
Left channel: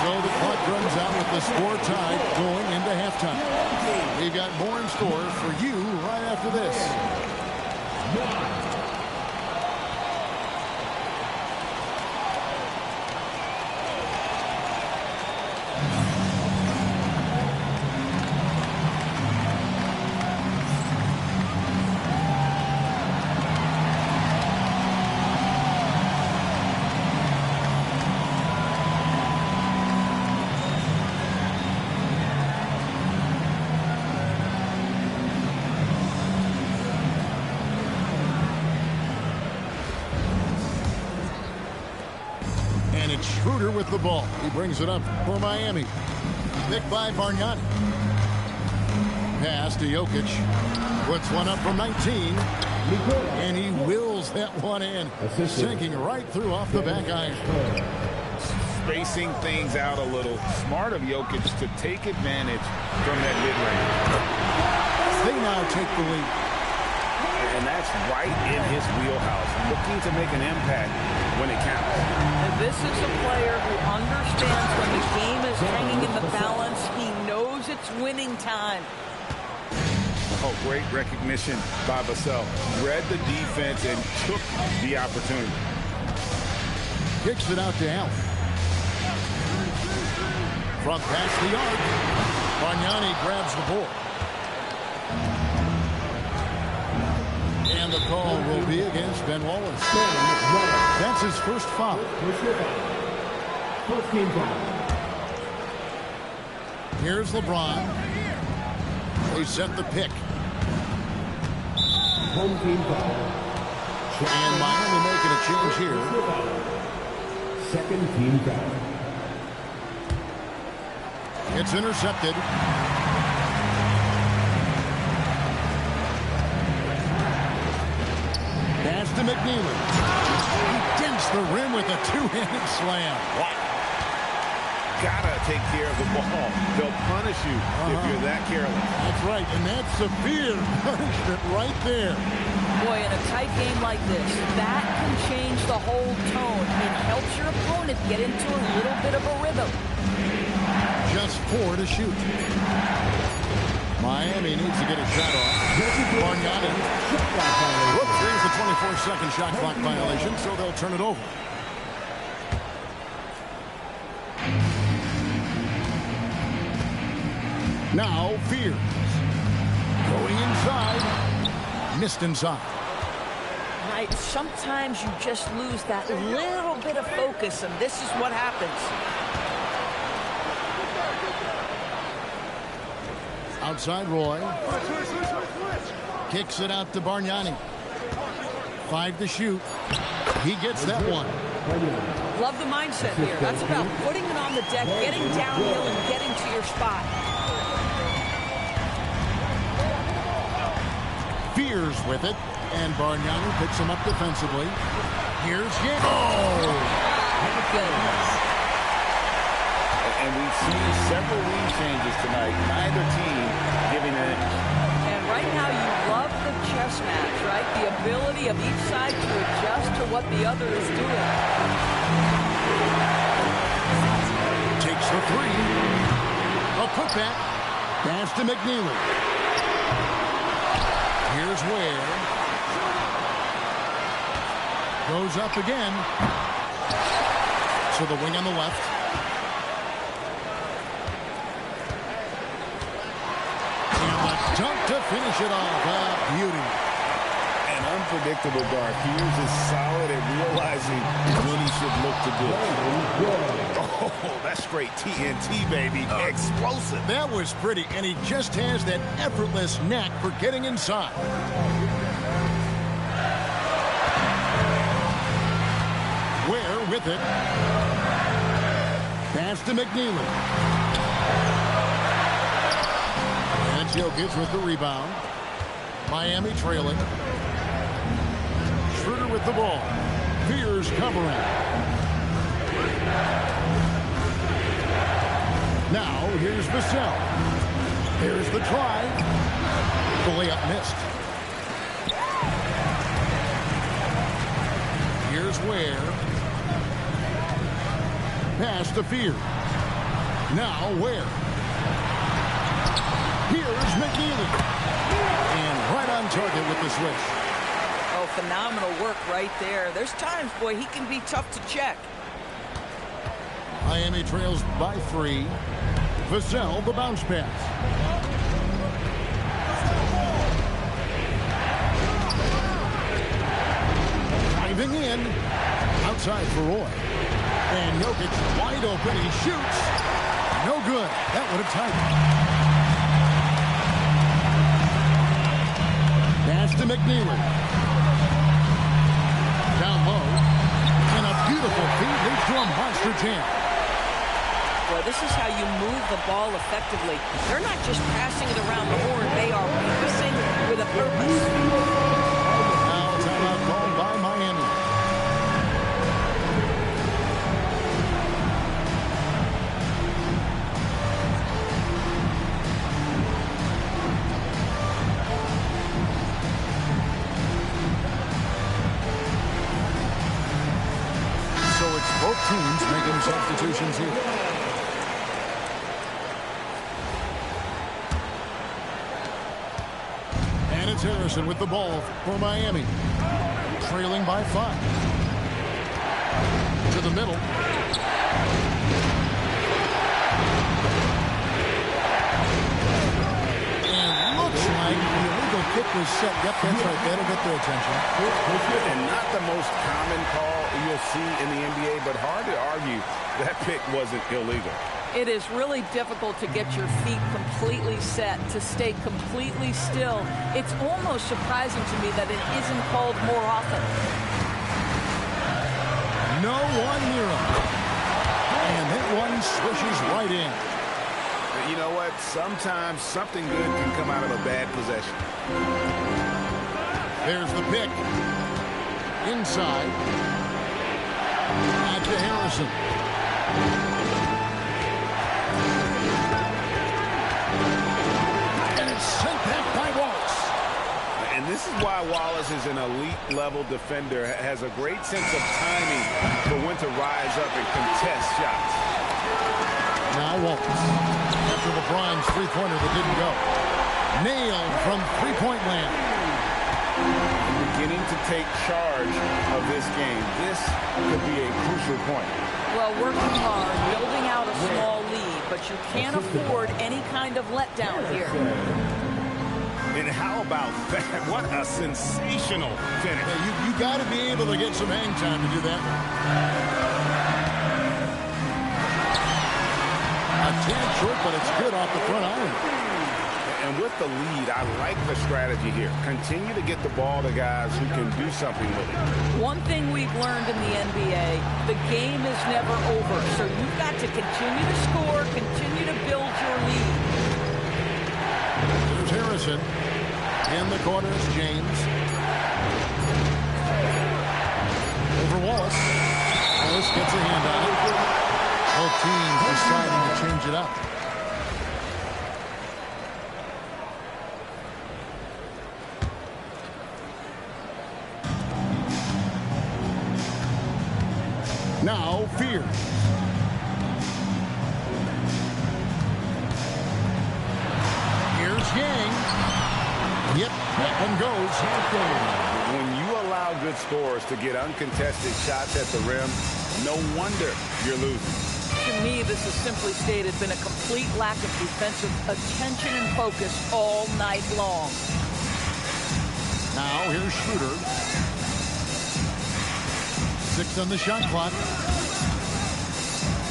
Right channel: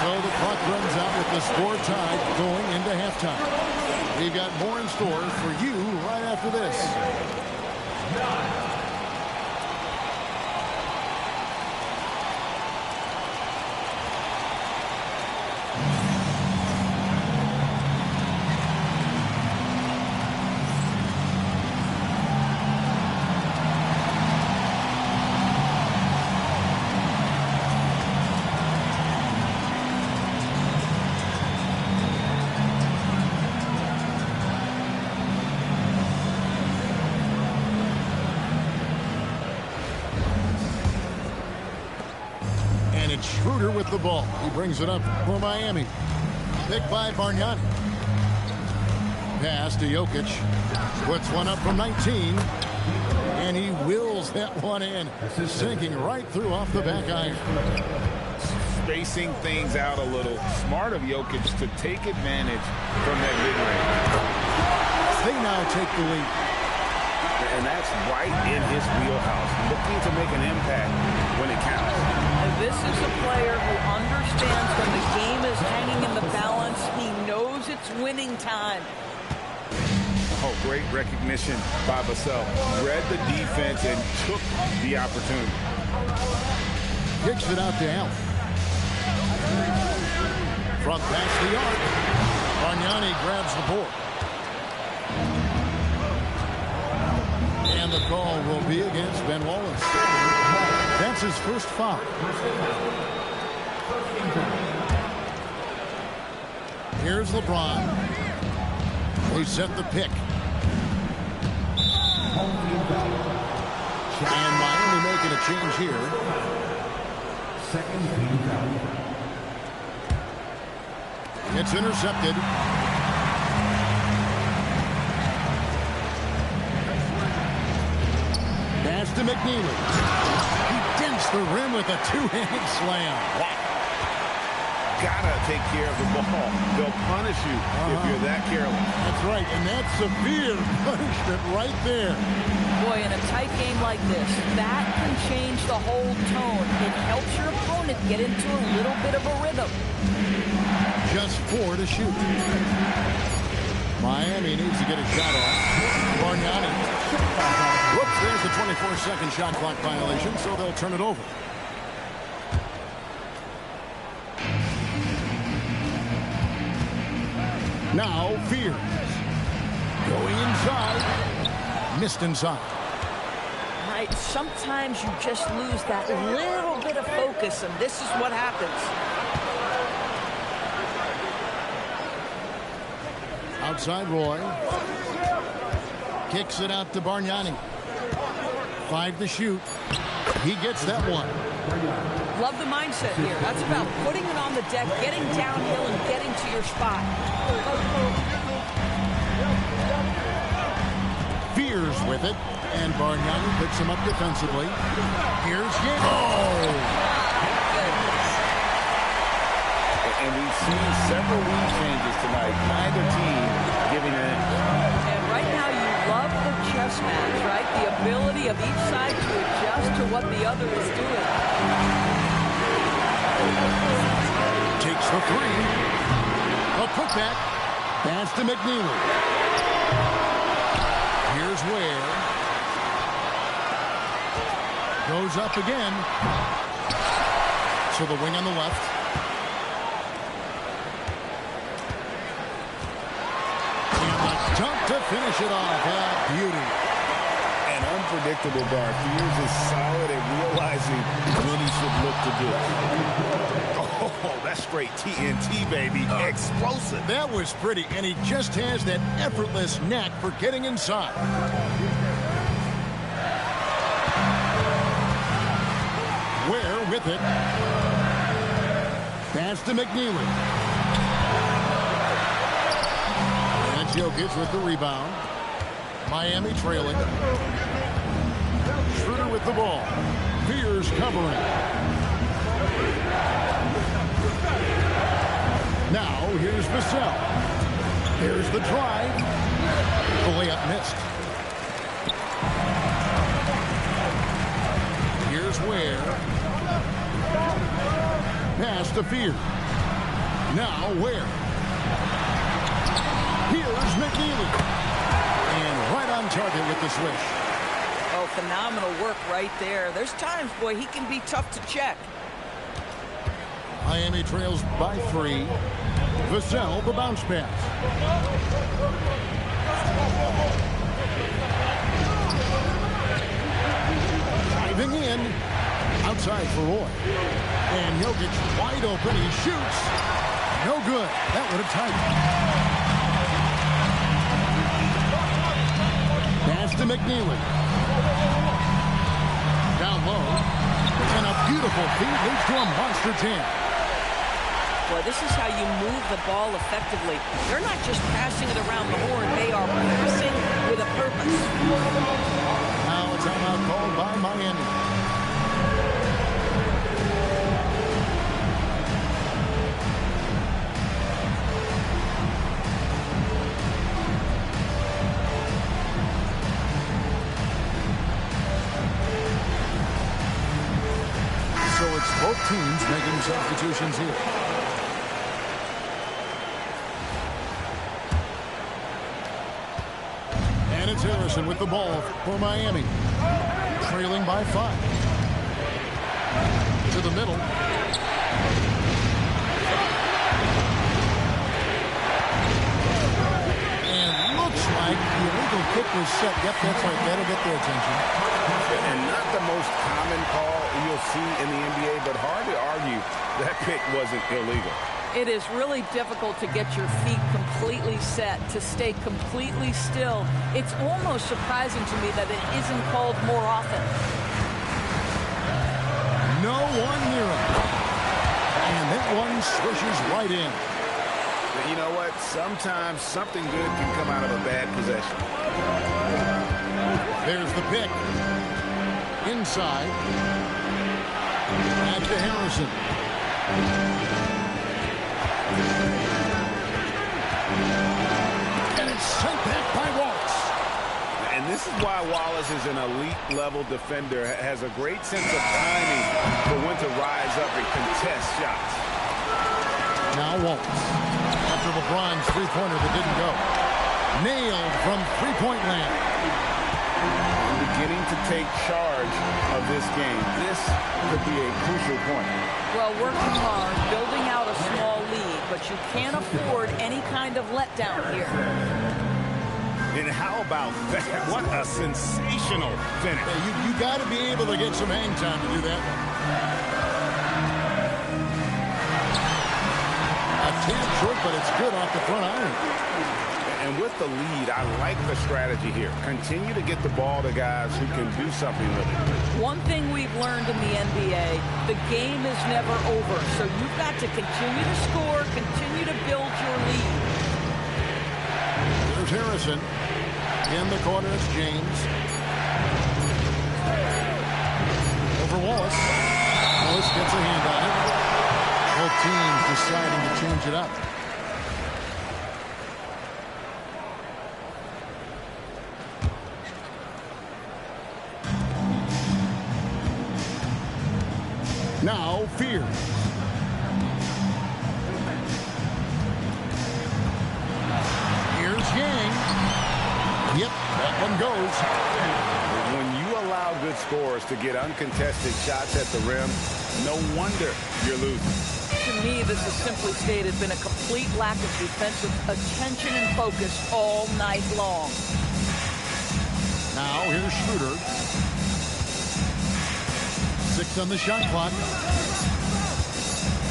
So the clock runs out with the score tied going into halftime. We've got more in store for you right after this. Schroeder with the ball. He brings it up for Miami. Picked by Bargnani. Pass to Jokic. Puts one up from 19. And he wills that one in. Sinking right through off the back iron. Spacing things out a little. Smart of Jokic to take advantage from that mid-range. They now take the lead. And that's right in his wheelhouse. Looking to make an impact when it counts. And this is a player who understands when the game is hanging in the balance. He knows it's winning time. Oh, great recognition by Vassell. Read the defense and took the opportunity. Kicks it out to Allen. From past the arc. Bargnani grabs the board. And the call will be against Ben Wallace. That's his first foul. Here's LeBron. They set the pick. And Miami making a change here. Second team foul. It's intercepted. Pass to McNeely. He dents the rim with a two-handed slam. Wow. Gotta take care of the ball. They'll punish you if you're that careless. That's right, and that's severe punishment right there. Boy, in a tight game like this, that can change the whole tone. It helps your opponent get into a little bit of a rhythm. Just 4 to shoot. Miami needs to get a shot off. Bargnani. Whoops, there's the 24-second shot clock violation, so they'll turn it over. Now, Fears. Going inside. Missed inside. Right, sometimes you just lose that little bit of focus, and this is what happens. Outside Roy. Kicks it out to Bargnani. 5 to shoot. He gets that one. Love the mindset here. That's about putting it on the deck, getting downhill, and getting to your spot. Fears with it, and Bargnani picks him up defensively. Here's Yang. Oh! My goodness. And we've seen several lead changes tonight. Neither team giving an inch. And right now you love the chess match, right? The ability of each side to adjust to what the other is doing. Takes the 3. A putback. Pass to McNeely. Here's Ware. Goes up again. So the wing on the left. Dunk to finish it off. Beauty. An unpredictable guard. Fears is solid at realizing when he should look to do. Oh, that's straight TNT, baby. Explosive. That was pretty, and he just has that effortless knack for getting inside. Ware with it. Pass to McNeely. Jokic with the rebound. Miami trailing. Schroeder with the ball. Fears covering. Now here's Vassell. Here's the drive. The layup missed. Here's Ware. Pass to Fears. Now Ware. Here's McNeely. And right on target with the swish. Oh, phenomenal work right there. There's times, boy, he can be tough to check. Miami trails by 3. Vassell, the bounce pass. Driving in. Outside for Roy. And Jokic wide open. He shoots. No good. That would have tightened. Pass to McNeely. Down low. And a beautiful feed leads to a monster jam. Boy, this is how you move the ball effectively. They're not just passing it around the horn. They are passing with a purpose. Now a timeout called by Miami. So it's both teams making substitutions here. And it's Harrison with the ball for Miami. Trailing by 5. To the middle. And looks like the illegal kick was set. Yep, that's right. That'll get their attention. And not the most common call you'll see in the NBA, but hard to argue that pick wasn't illegal. It is really difficult to get your feet completely set, to stay completely still. It's almost surprising to me that it isn't called more often. No one near him. And that one swishes right in. But you know what? Sometimes something good can come out of a bad possession. There's the pick. Inside. Back to Harrison. And it's sent back by Wallace. And this is why Wallace is an elite-level defender, has a great sense of timing for when to rise up and contest shots. Now Wallace, after LeBron's three-pointer that didn't go. Nailed from three-point land. And beginning to take charge of this game. This could be a crucial point. Well, working hard, building out a small lead, but you can't afford any kind of letdown here. And how about that? What a sensational finish. Yeah, you got to be able to get some hang time to do that one. A tad short, but it's good off the front iron. And with the lead, I like the strategy here. Continue to get the ball to guys who can do something with it. One thing we've learned in the NBA, the game is never over. So you've got to continue to score, continue to build your lead. There's Harrison. In the corner, it's James. Over Wallace. Wallace gets a hand on it. Both teams deciding to change it up. Now, Fears. Here's Yang. Yep, that one goes. When you allow good scorers to get uncontested shots at the rim, no wonder you're losing. To me, this has simply stated been a complete lack of defensive attention and focus all night long. Now, here's Schroeder. 6 on the shot clock.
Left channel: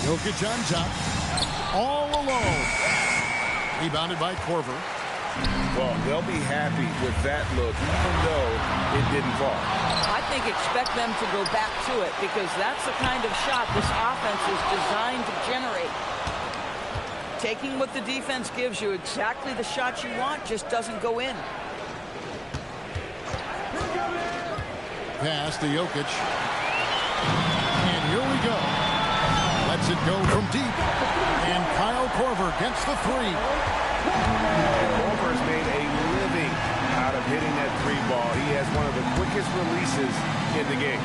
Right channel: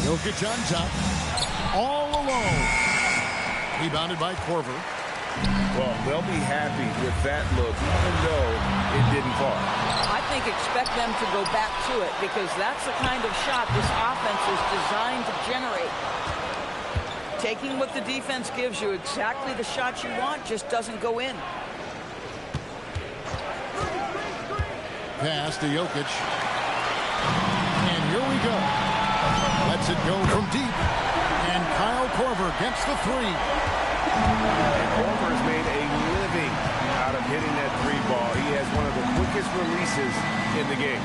Jokic on top. All alone. Rebounded by Korver. Well, they'll be happy with that look, even though it didn't fall. I think expect them to go back to it because that's the kind of shot this offense is designed to generate. Taking what the defense gives you, exactly the shot you want, just doesn't go in. Pass to Jokic. And here we go. Lets it go from deep. And Kyle Korver gets the three. And Korver has made a living out of hitting that three ball. He has one of the quickest releases in the game.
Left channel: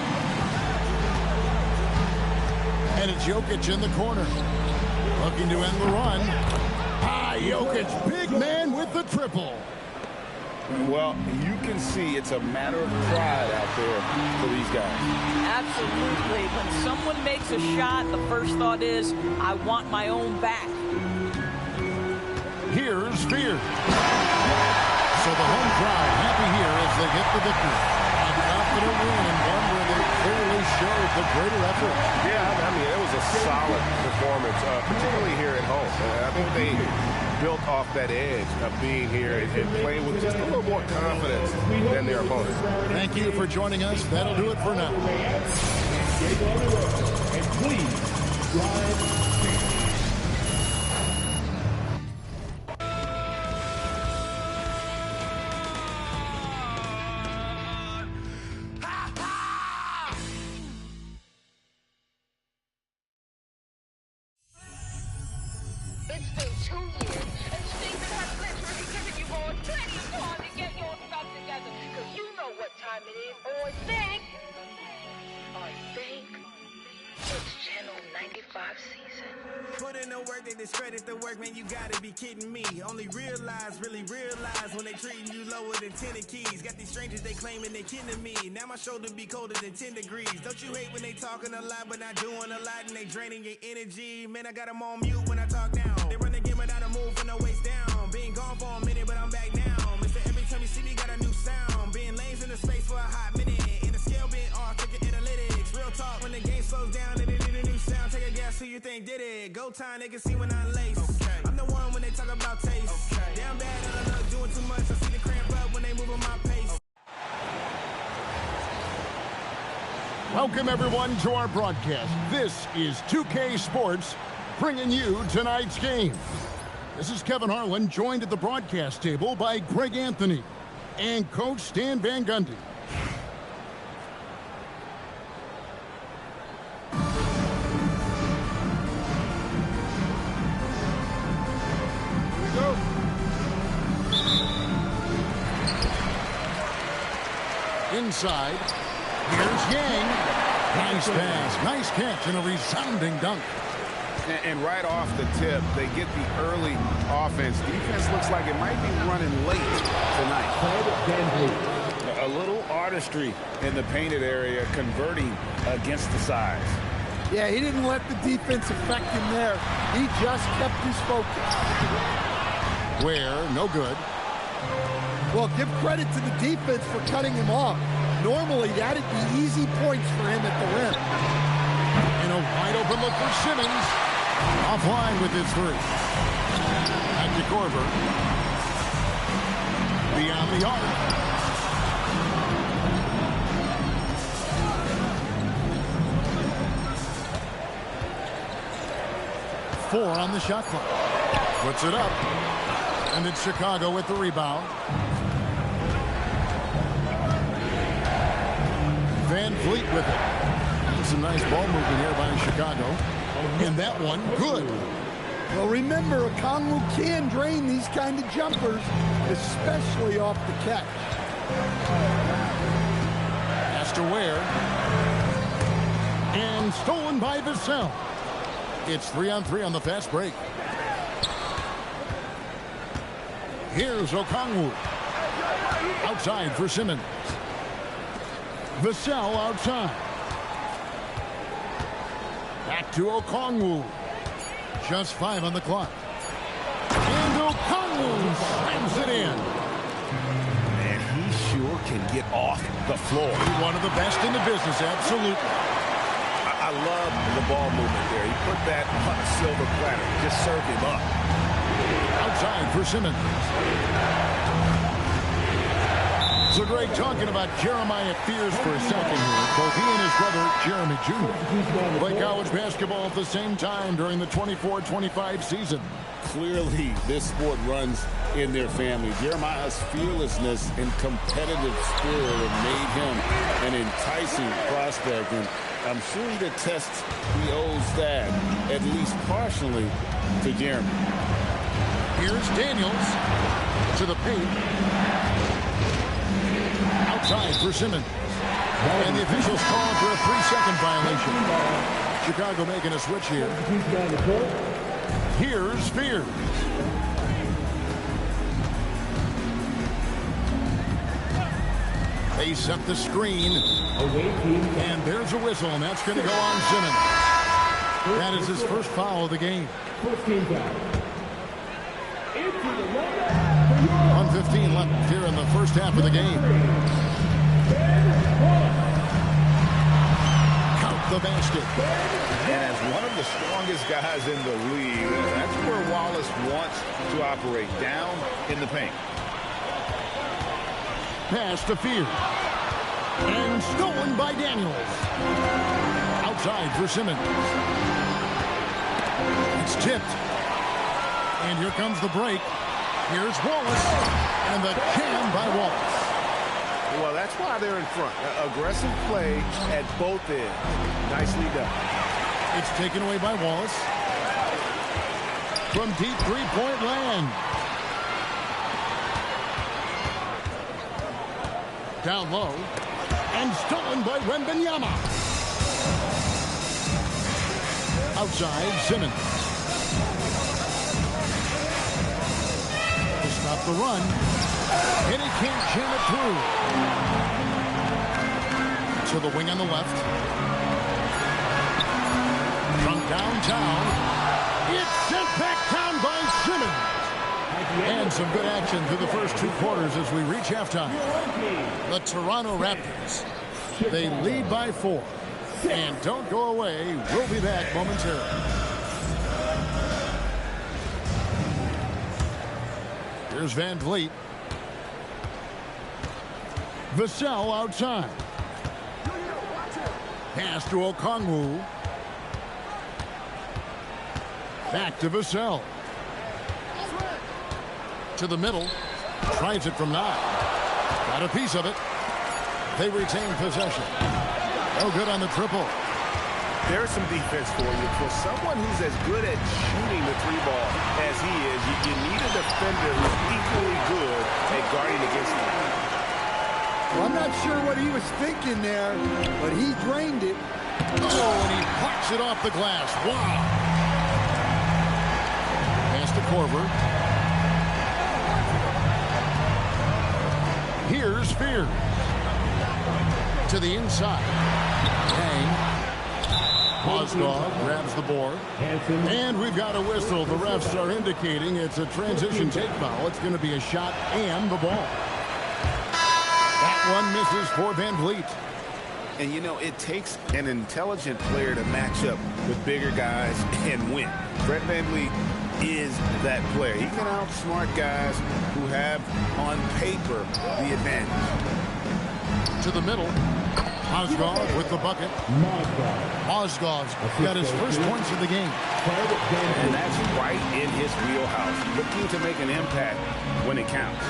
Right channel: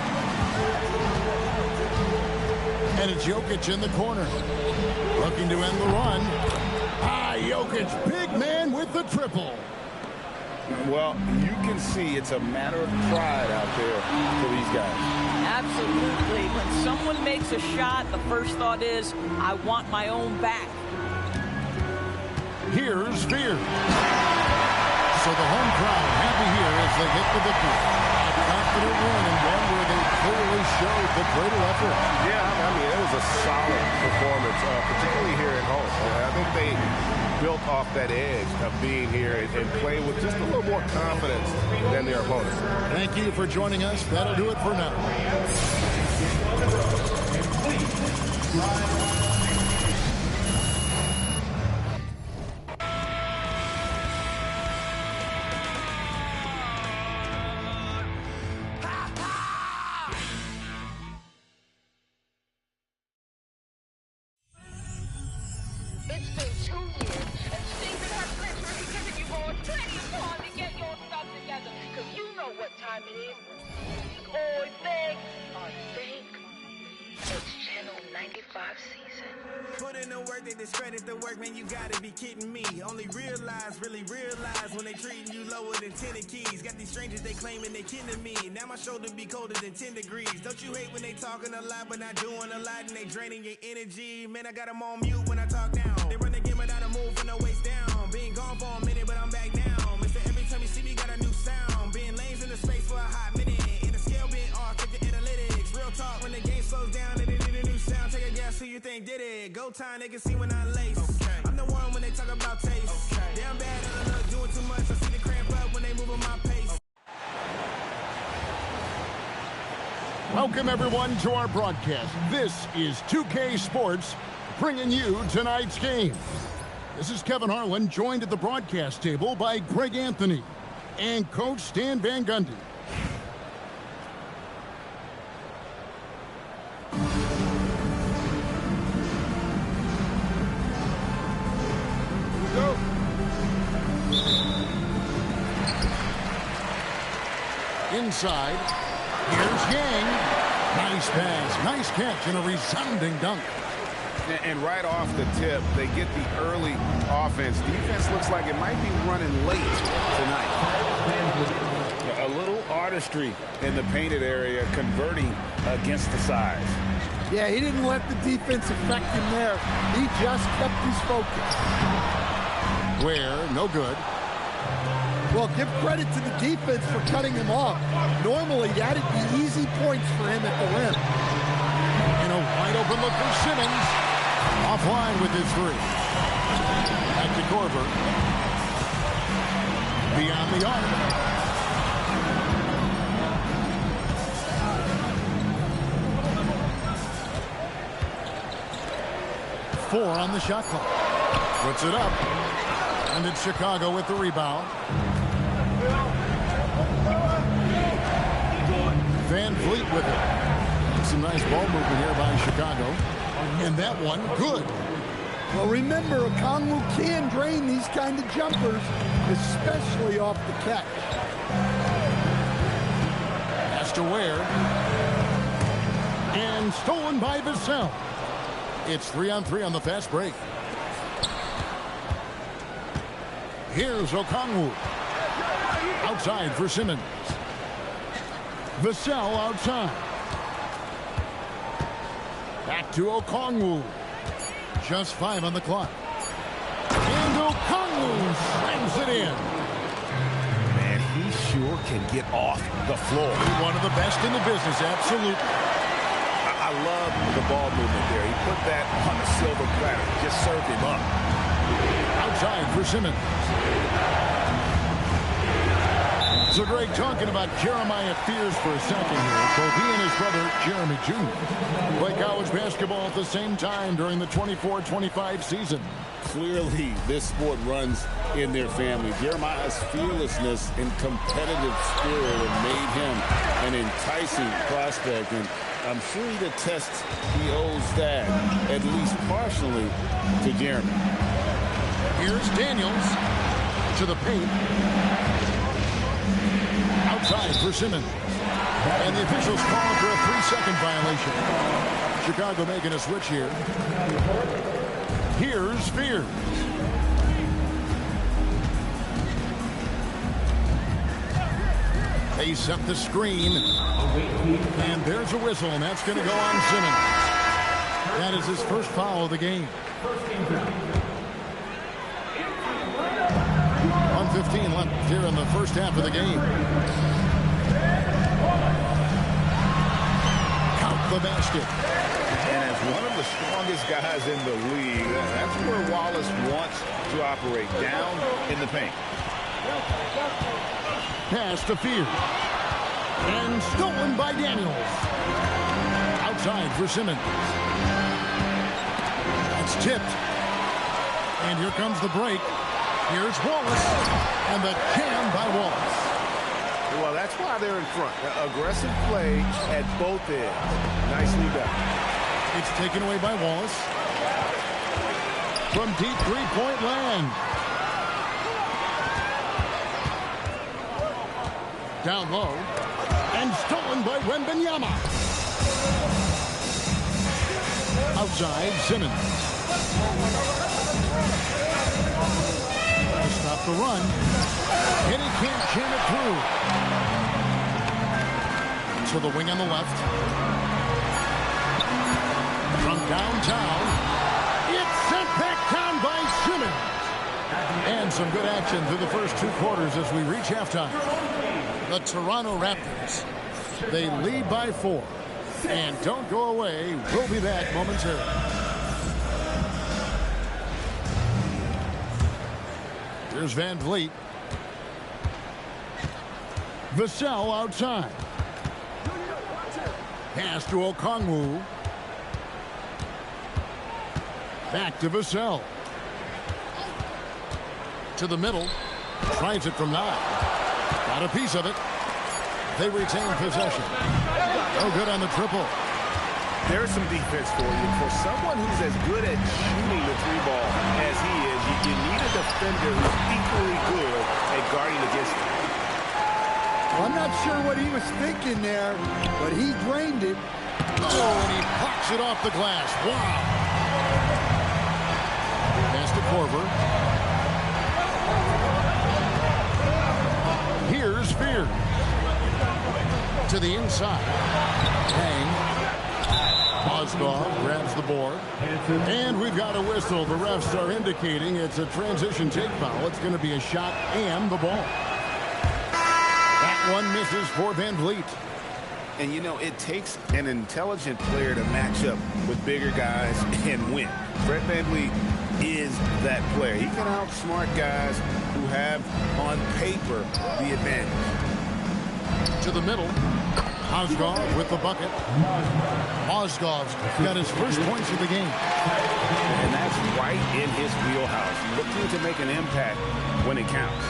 And it's Jokic in the corner. Looking to end the run. Jokic, big man with the triple. Well, you can see it's a matter of pride out there for these guys. Absolutely. When someone makes a shot, the first thought is, I want my own back. Here's Fears. So the home crowd happy here as they get the victory. A confident win and one where they clearly showed the greater effort. Yeah, I mean, it was a solid performance, particularly here at home. I think they built off that edge of being here and playing with just a little more confidence than their opponents. Thank you for joining us. That'll do it for now. And please drive. It's been 2 years, and Stephen has literally given you boys plenty of time to get your stuff together, because you know what time it is. I think it's Channel 95 season. Put in the work, they discredit the work, man, you gotta be kidding me. Only really realize when they treating you lower than 10 keys. Got these strangers, they claiming they kidding me. Now my shoulder be colder than 10 degrees. Don't you hate when they talking a lot, but not doing a lot, and they draining your energy? Man, I got them on mute when I talk down. They run the game without a move from the waist down. Been gone for a minute, but I'm back now. Mister, every time you see me, got a new sound. Being lanes in the space for a hot minute. And the scale been off, check the analytics. Real talk, when the game slows down and they need a new sound, take a guess Who you think did it? Go time, they can see when I lace. I'm the one when they talk about taste. Damn bad at I look doing too much. I see the cramp up when they move on my pace. Welcome, everyone, to our broadcast. This is 2K Sports, bringing you tonight's game. This is Kevin Harlan, joined at the broadcast table by Greg Anthony and Coach Stan Van Gundy. Here we go. Inside. Here's Yang. Nice pass, nice catch, and a resounding dunk. And right off the tip, they get the early offense. Defense looks like it might be running late tonight. A little artistry in the painted area, converting against the size. Yeah, he didn't let the defense affect him there. He just kept his focus. Where, no good. Well, give credit to the defense for cutting him off. Normally, that'd be easy points for him at the rim. And a wide open look for Simmons. Offline with his three. Back to Korver. Beyond the arc. Four on the shot clock. Puts it up. And it's Chicago with the rebound. Van Vliet with it. And some nice ball movement here by Chicago. And that one, good. Well, remember, Okongwu can drain these kind of jumpers, especially off the catch. Pass to Ware. And stolen by Vassell. It's 3-on-3 on the fast break. Here's Okongwu. Outside for Simmons. Vassell outside. Back to Okongwu. Just 5 on the clock. And Okongwu slams it in. Man, he sure can get off the floor. One of the best in the business, absolutely. I love the ball movement there. He put that on a silver platter. Just served him up. Outside for Simmons. So Greg, talking about Jeremiah Fears for a second here. Both he and his brother, Jeremy Jr., play college basketball at the same time during the 24-25 season. Clearly, this sport runs in their family. Jeremiah's fearlessness and competitive spirit have made him an enticing prospect, and I'm sure he'd attest he owes that, at least partially, to Jeremy. Here's Daniels to the paint. Outside for Simmons. And the officials calling for a 3-second violation. Chicago making a switch here. Here's Fears. They set the screen. And there's a whistle, and that's going to go on Simmons. That is his first foul of the game. 1:15 left here in the first half of the game. Count the basket. And as one of the strongest guys in the league, that's where Wallace wants to operate, down in the paint. Pass to Fears. And stolen by Daniels. Outside for Simmons. It's tipped. And here comes the break. Here's Wallace, and the jam by Wallace. Well, that's why they're in front. Aggressive play at both ends. Nicely done. It's taken away by Wallace. From deep three-point land. Down low. And stolen by Wembanyama. Outside, Simmons. Stop the run, and he can't jam it through. To the wing on the left. From downtown, it's sent back down by Simmons. And some good action through the first 2 quarters as we reach halftime. The Toronto Raptors, they lead by 4. And don't go away, we'll be back momentarily. Here's Van Vliet. Vassell outside. Pass to Okongwu. Back to Vassell. To the middle. Tries it from 9. Got a piece of it. They retain possession. No good on the triple. There's some defense for you. For someone who's as good at shooting the 3-ball as he is, you need a defender who's equally good at guarding against him. Well, I'm not sure what he was thinking there, but he drained it. Oh, and he blocks it off the glass. Wow. Pass to Korver. Here's Fears. To the inside. Hang. Mozgov grabs the board. And we've got a whistle. The refs are indicating it's a transition take foul. It's going to be a shot and the ball. That one misses for Van Vliet. And, you know, it takes an intelligent player to match up with bigger guys and win. Fred VanVleet is that player. He can outsmart guys who have, on paper, the advantage. To the middle. Mozgov with the bucket. Mozgov's got his first points of the game. And that's right in his wheelhouse. Looking to make an impact when it counts.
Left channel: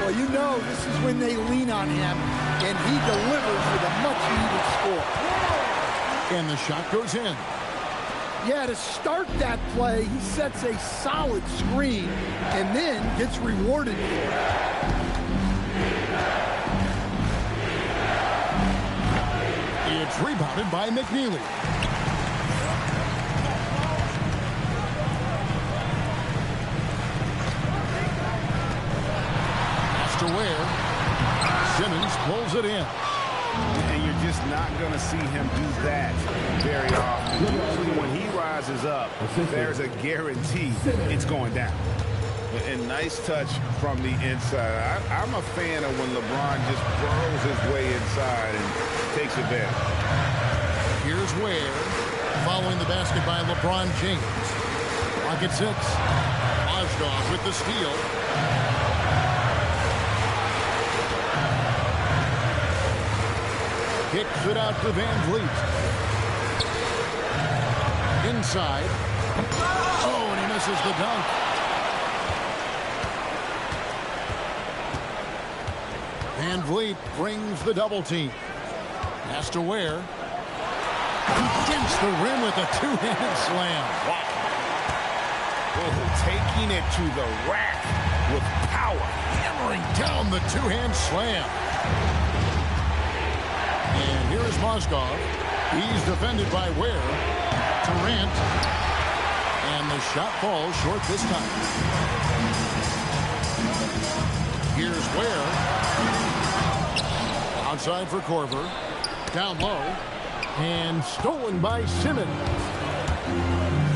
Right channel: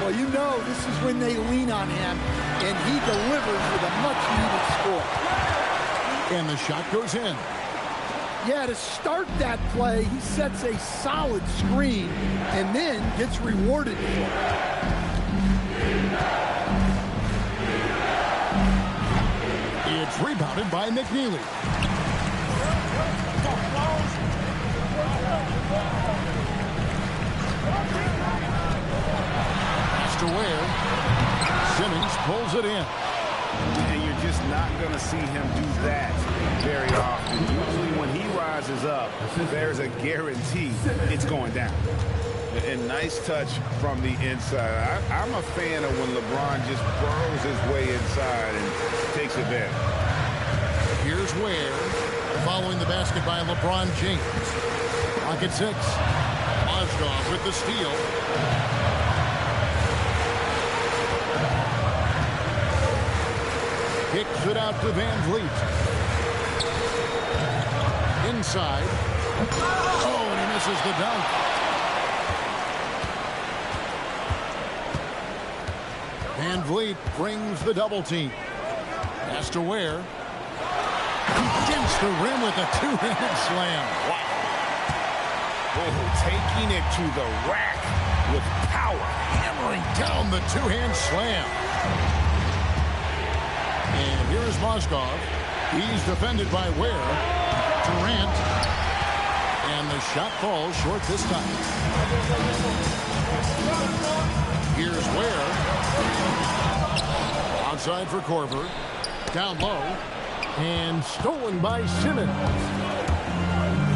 Well, you know, this is when they lean on him, and he delivers with a much-needed score. And the shot goes in. Yeah, to start that play, he sets a solid screen and then gets rewarded for it. It's rebounded by McNeely. Pass to Ware. Simmons pulls it in. And you're just not going to see him do that very often. Usually when he rises up, there's a guarantee it's going down. And nice touch from the inside. I'm a fan of when LeBron just burrows his way inside and takes advantage. Here's Ware. Following the basket by LeBron James. Clock at 6. Mozgov with the steal. Kicks it out to Van Vliet. Inside. Oh, and he misses the dunk. Van Vliet brings the double team. Has to Ware. Against the rim with a two-handed slam. Wow. Oh, taking it to the rack with power. Hammering down the two-hand slam. And here is Mozgov. He's defended by Ware. Durant. And the shot falls short this time. Here's Ware. Outside for Korver. Down low. And stolen by Simmons.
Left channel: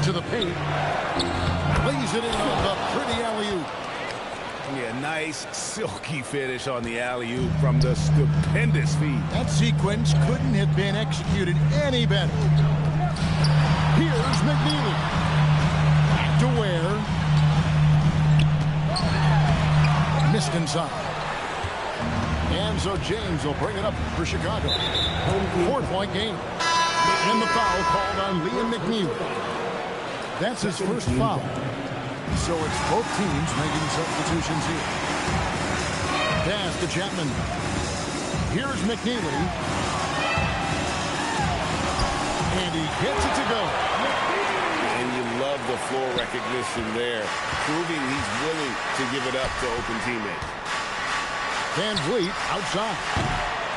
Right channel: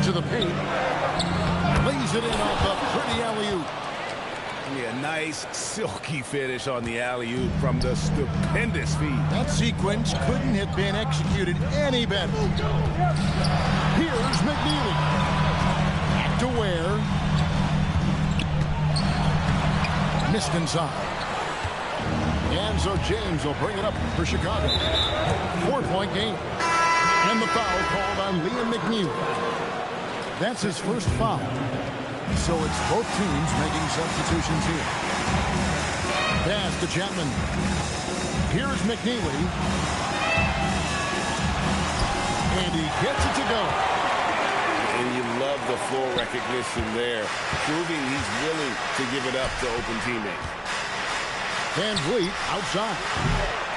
To the paint. Lays it in off a pretty alley-oop. Yeah, nice silky finish on the alley-oop from the stupendous feed. That sequence couldn't have been executed any better. Here's McNeely. Back to Ware. Missed inside. And so James will bring it up for Chicago. 4-point game. And the foul called on Liam McNeely. That's his first foul. So it's both teams making substitutions here. Pass to Chapman. Here's McNeely. And he gets it to go. And you love the floor recognition there, proving he's willing to give it up to open teammates. Van Vliet outside.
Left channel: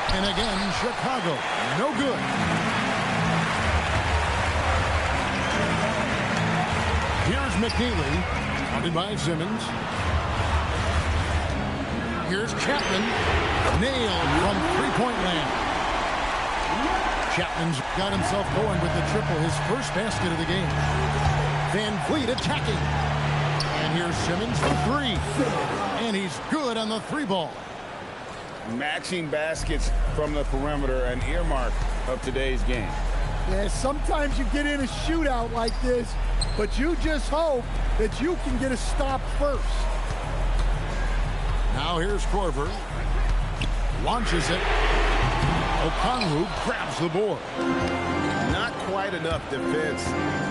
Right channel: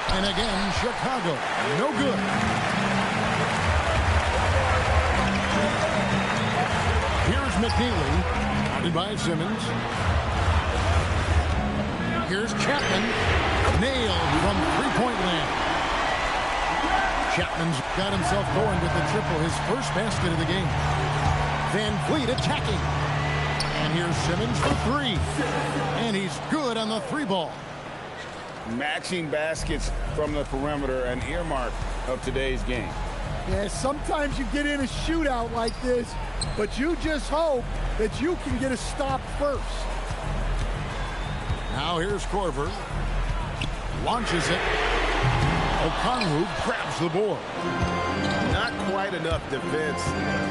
And again, Chicago. No good. Here's McNeely. Guarded by Simmons. Here's Chapman. Nailed from three-point land. Chapman's got himself going with the triple, his first basket of the game. Van Vliet attacking. And here's Simmons for three. And he's good on the three ball. Matching baskets from the perimeter, an earmark of today's game. Yeah, sometimes you get in a shootout like this, but you just hope that you can get a stop first. Now here's Korver. Launches it. Okongwu grabs the board. Not quite enough defense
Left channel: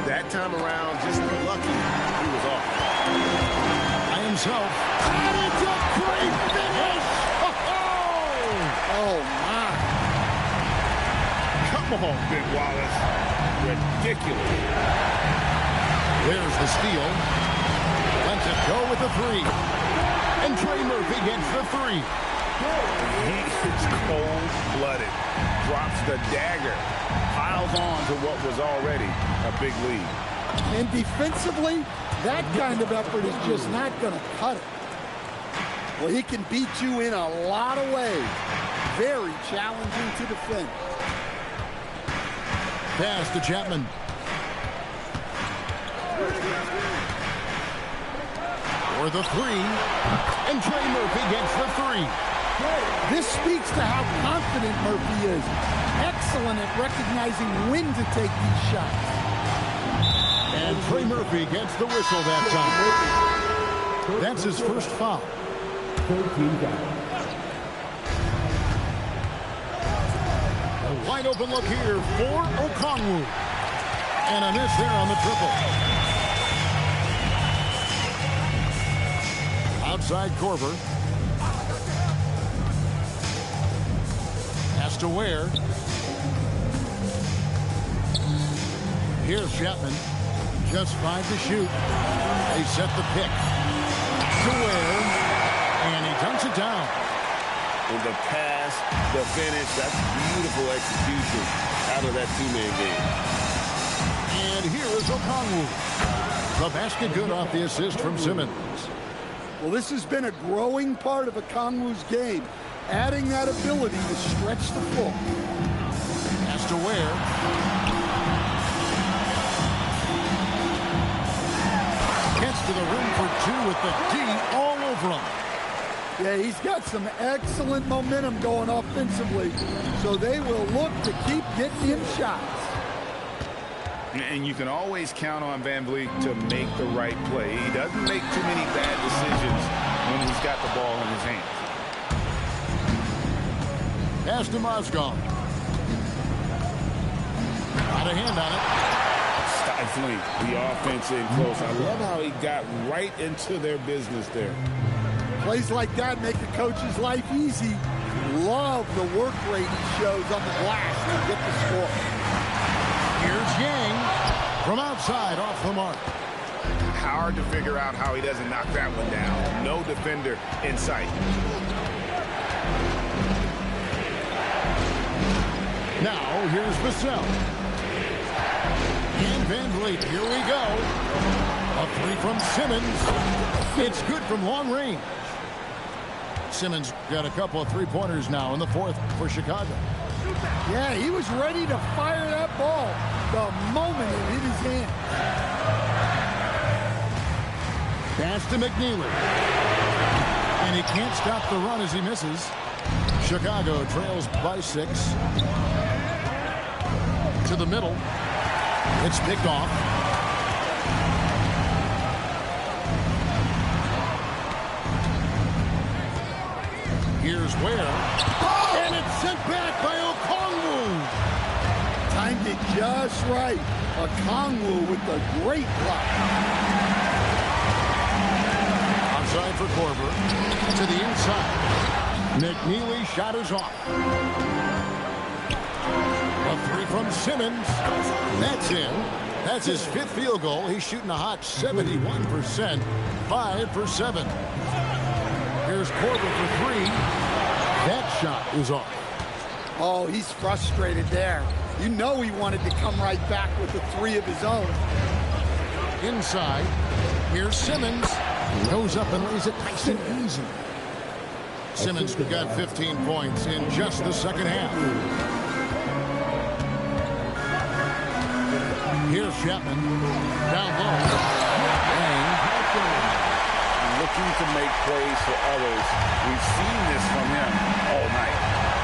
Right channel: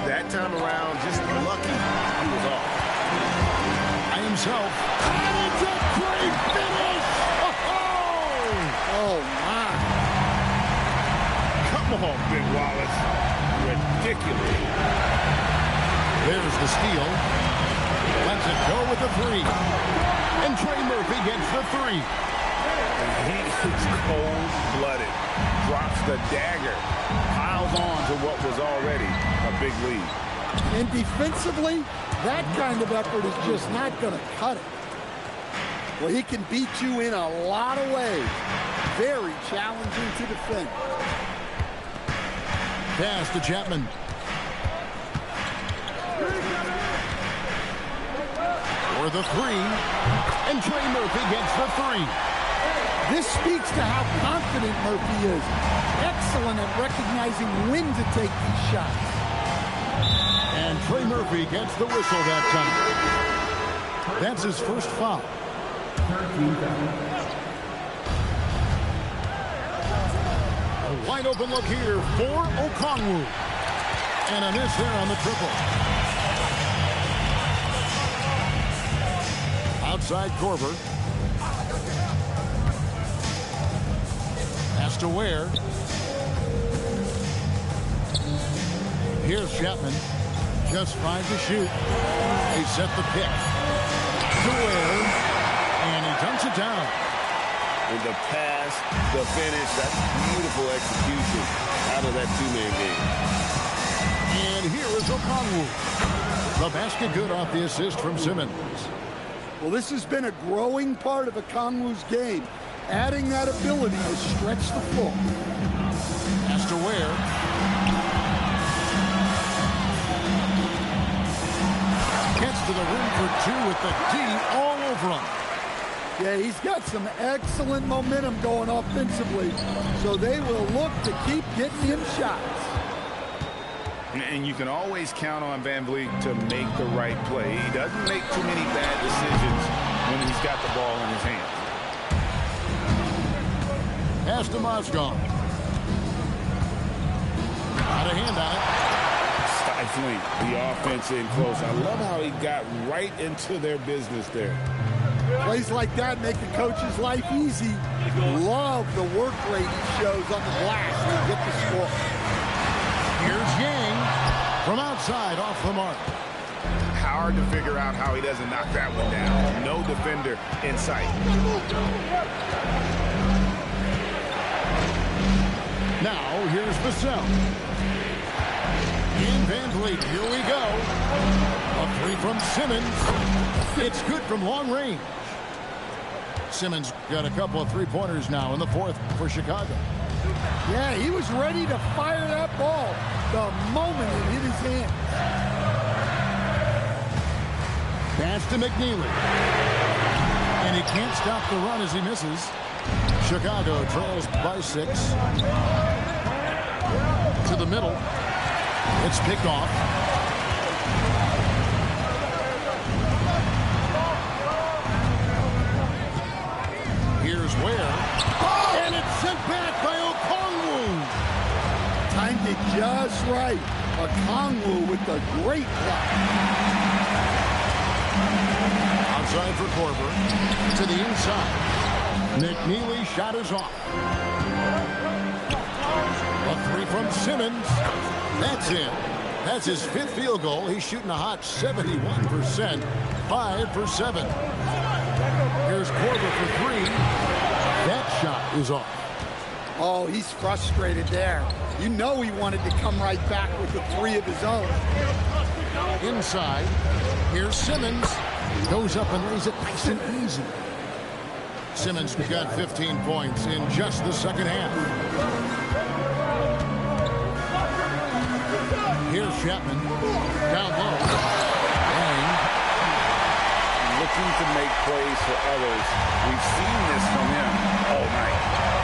that time around. Just lucky he was off. By himself. And it's a great finish! Oh, my. Come on, Ben Wallace. Ridiculous. There's the steal. Lets it go with the three. And Trey Murphy gets the three. He is cold-blooded. Drops the dagger. Piles on to what was already a big lead. And defensively, that kind of effort is just not going to cut it. Well, he can beat you in a lot of ways. Very challenging to defend. Pass to Chapman. For the three. And Trey Murphy gets the three. This speaks to how confident Murphy is. Excellent at recognizing when to take these shots. And Trey Murphy gets the whistle that time. That's his first foul. 13 fouls. A wide open look here for Okongwu. And a miss there on the triple. Outside Korver. Pass to Ware. Here's Chapman. Just 5 to shoot. They set the pick. To Ware. And he dunks it down. And the pass, the finish, that's beautiful execution out of that two-man game. And here is Okongwu. The basket good off the assist from Simmons. Well, this has been a growing part of Okongwu's game, adding that ability to stretch the floor. Pass to Ware. Gets to the rim for two with the D all over him. Yeah, he's got some excellent momentum going offensively, so they will look to keep getting him shots. And you can always count on Van Vliet to make the right play. He doesn't make too many bad decisions when he's got the ball in his hands. Pass to Mozgov. Got a hand on it. Stifling the offense in close. I love how he got right into their business there. Plays like that make a coach's life easy. Love the work rate he shows on the glass to get the score. Here's Yang from outside off the mark. Hard to figure out how he doesn't knock that one down. No defender in sight. Now here's Vassell. And Van Vliet, here we go. A three from Simmons. It's good from long range. Simmons got a couple of three-pointers now in the fourth for Chicago. Yeah, he was ready to fire that ball the moment it hit his hand. Pass to McNeely. And he can't stop the run as he misses. Chicago trails by 6. To the middle. It's picked off. Here's Ware. And it's sent back by Okongwu. Timed it just right. Okongwu with the great block. Outside for Korver. To the inside. McNeely shot is off. A three from Simmons. That's in. That's his 5th field goal. He's shooting a hot 71%. 5 for 7. Here's Korver for 3. That shot is off. Oh, he's frustrated there. You know he wanted to come right back with a 3 of his own. Inside. Here's Simmons. Goes up and lays it nice and easy. Simmons got 15 points in just the second half. Here's Chapman. Down low. Yang. Looking to make plays for others. We've seen this from him all night.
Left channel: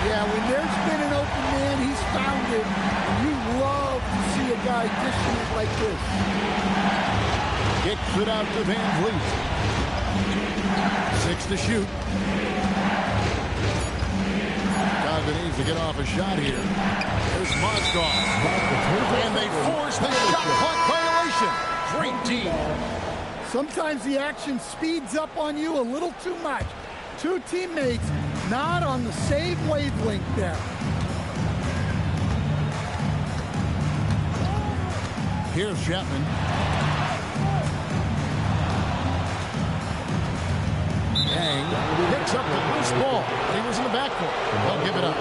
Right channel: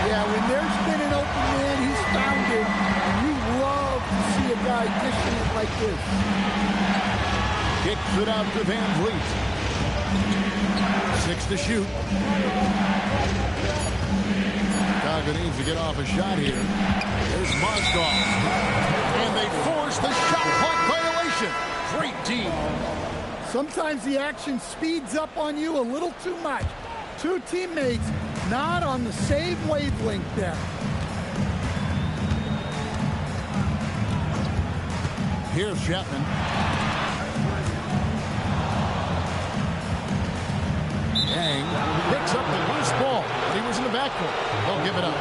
Yeah, when there's been an open man, he's found it. And you love to see a guy dishing it like this. Kicks it out to Van Vliet. 6 to shoot. Chicago needs to get off a shot here. There's Mozgov. And they force the shot clock violation. Great D. Sometimes the action speeds up on you a little too much. Two teammates not on the same wavelength there. Here's Chapman. Yang picks up the loose ball, but he was in the backcourt. They'll give it up.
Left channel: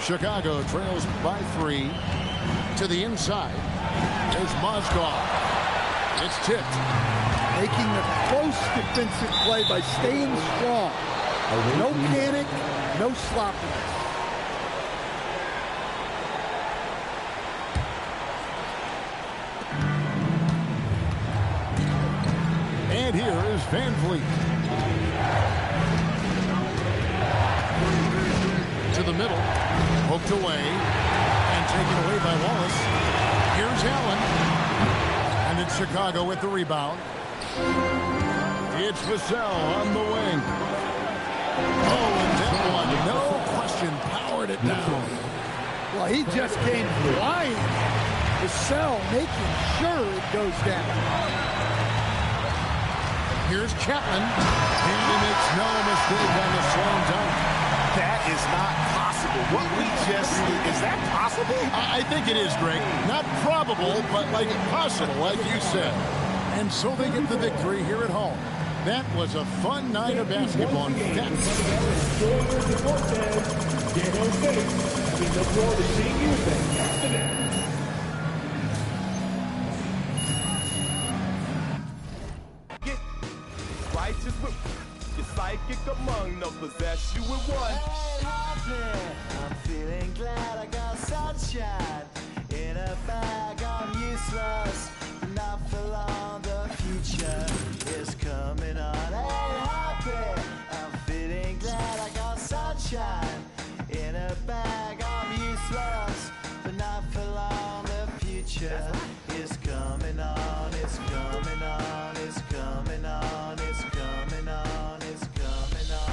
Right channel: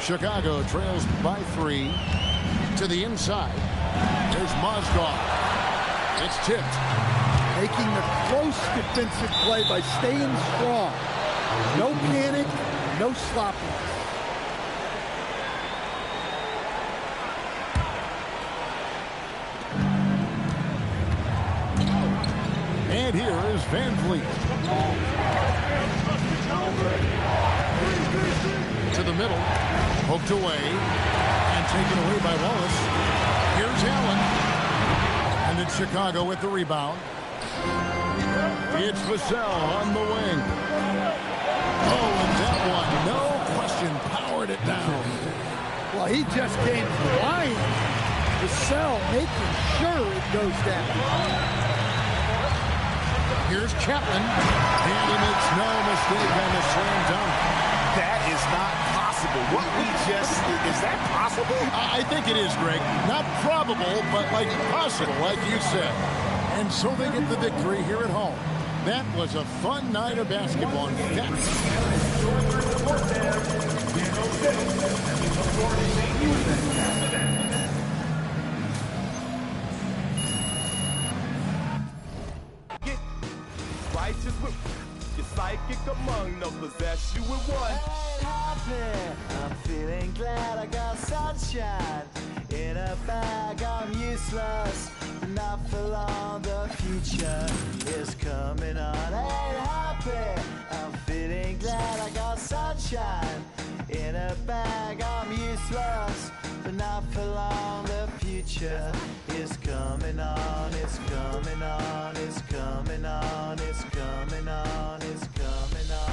Chicago trails by 3 to the inside. There's Mozgov. It's tipped. Making the close defensive play by staying strong. No panic, no sloppiness. And here is Van Vliet. To the middle. Poked away. And taken away by Wallace. Here's Allen. And it's Chicago with the rebound. It's Vassell on the wing. Oh, and that one, no question, powered it down. Well, he just came flying. Vassell making sure it goes down. Here's Chapman, and he makes no mistake on the slam dunk. That is not possible. What we just, is that possible? I think it is, Greg. Not probable, but like possible, like you said. And so they get the victory here at home. That was a fun night of basketball. Get righteous with your psychic among them, possess you with one. Ain't happy, I'm feeling glad I got sunshine in a bag. I'm useless, not for long. The future is coming on. Ain't happy, I'm feeling glad I got sunshine in a bag. I'm useless, but not for long. The future is coming on. It's coming on. It's coming on. It's coming on. It's coming on.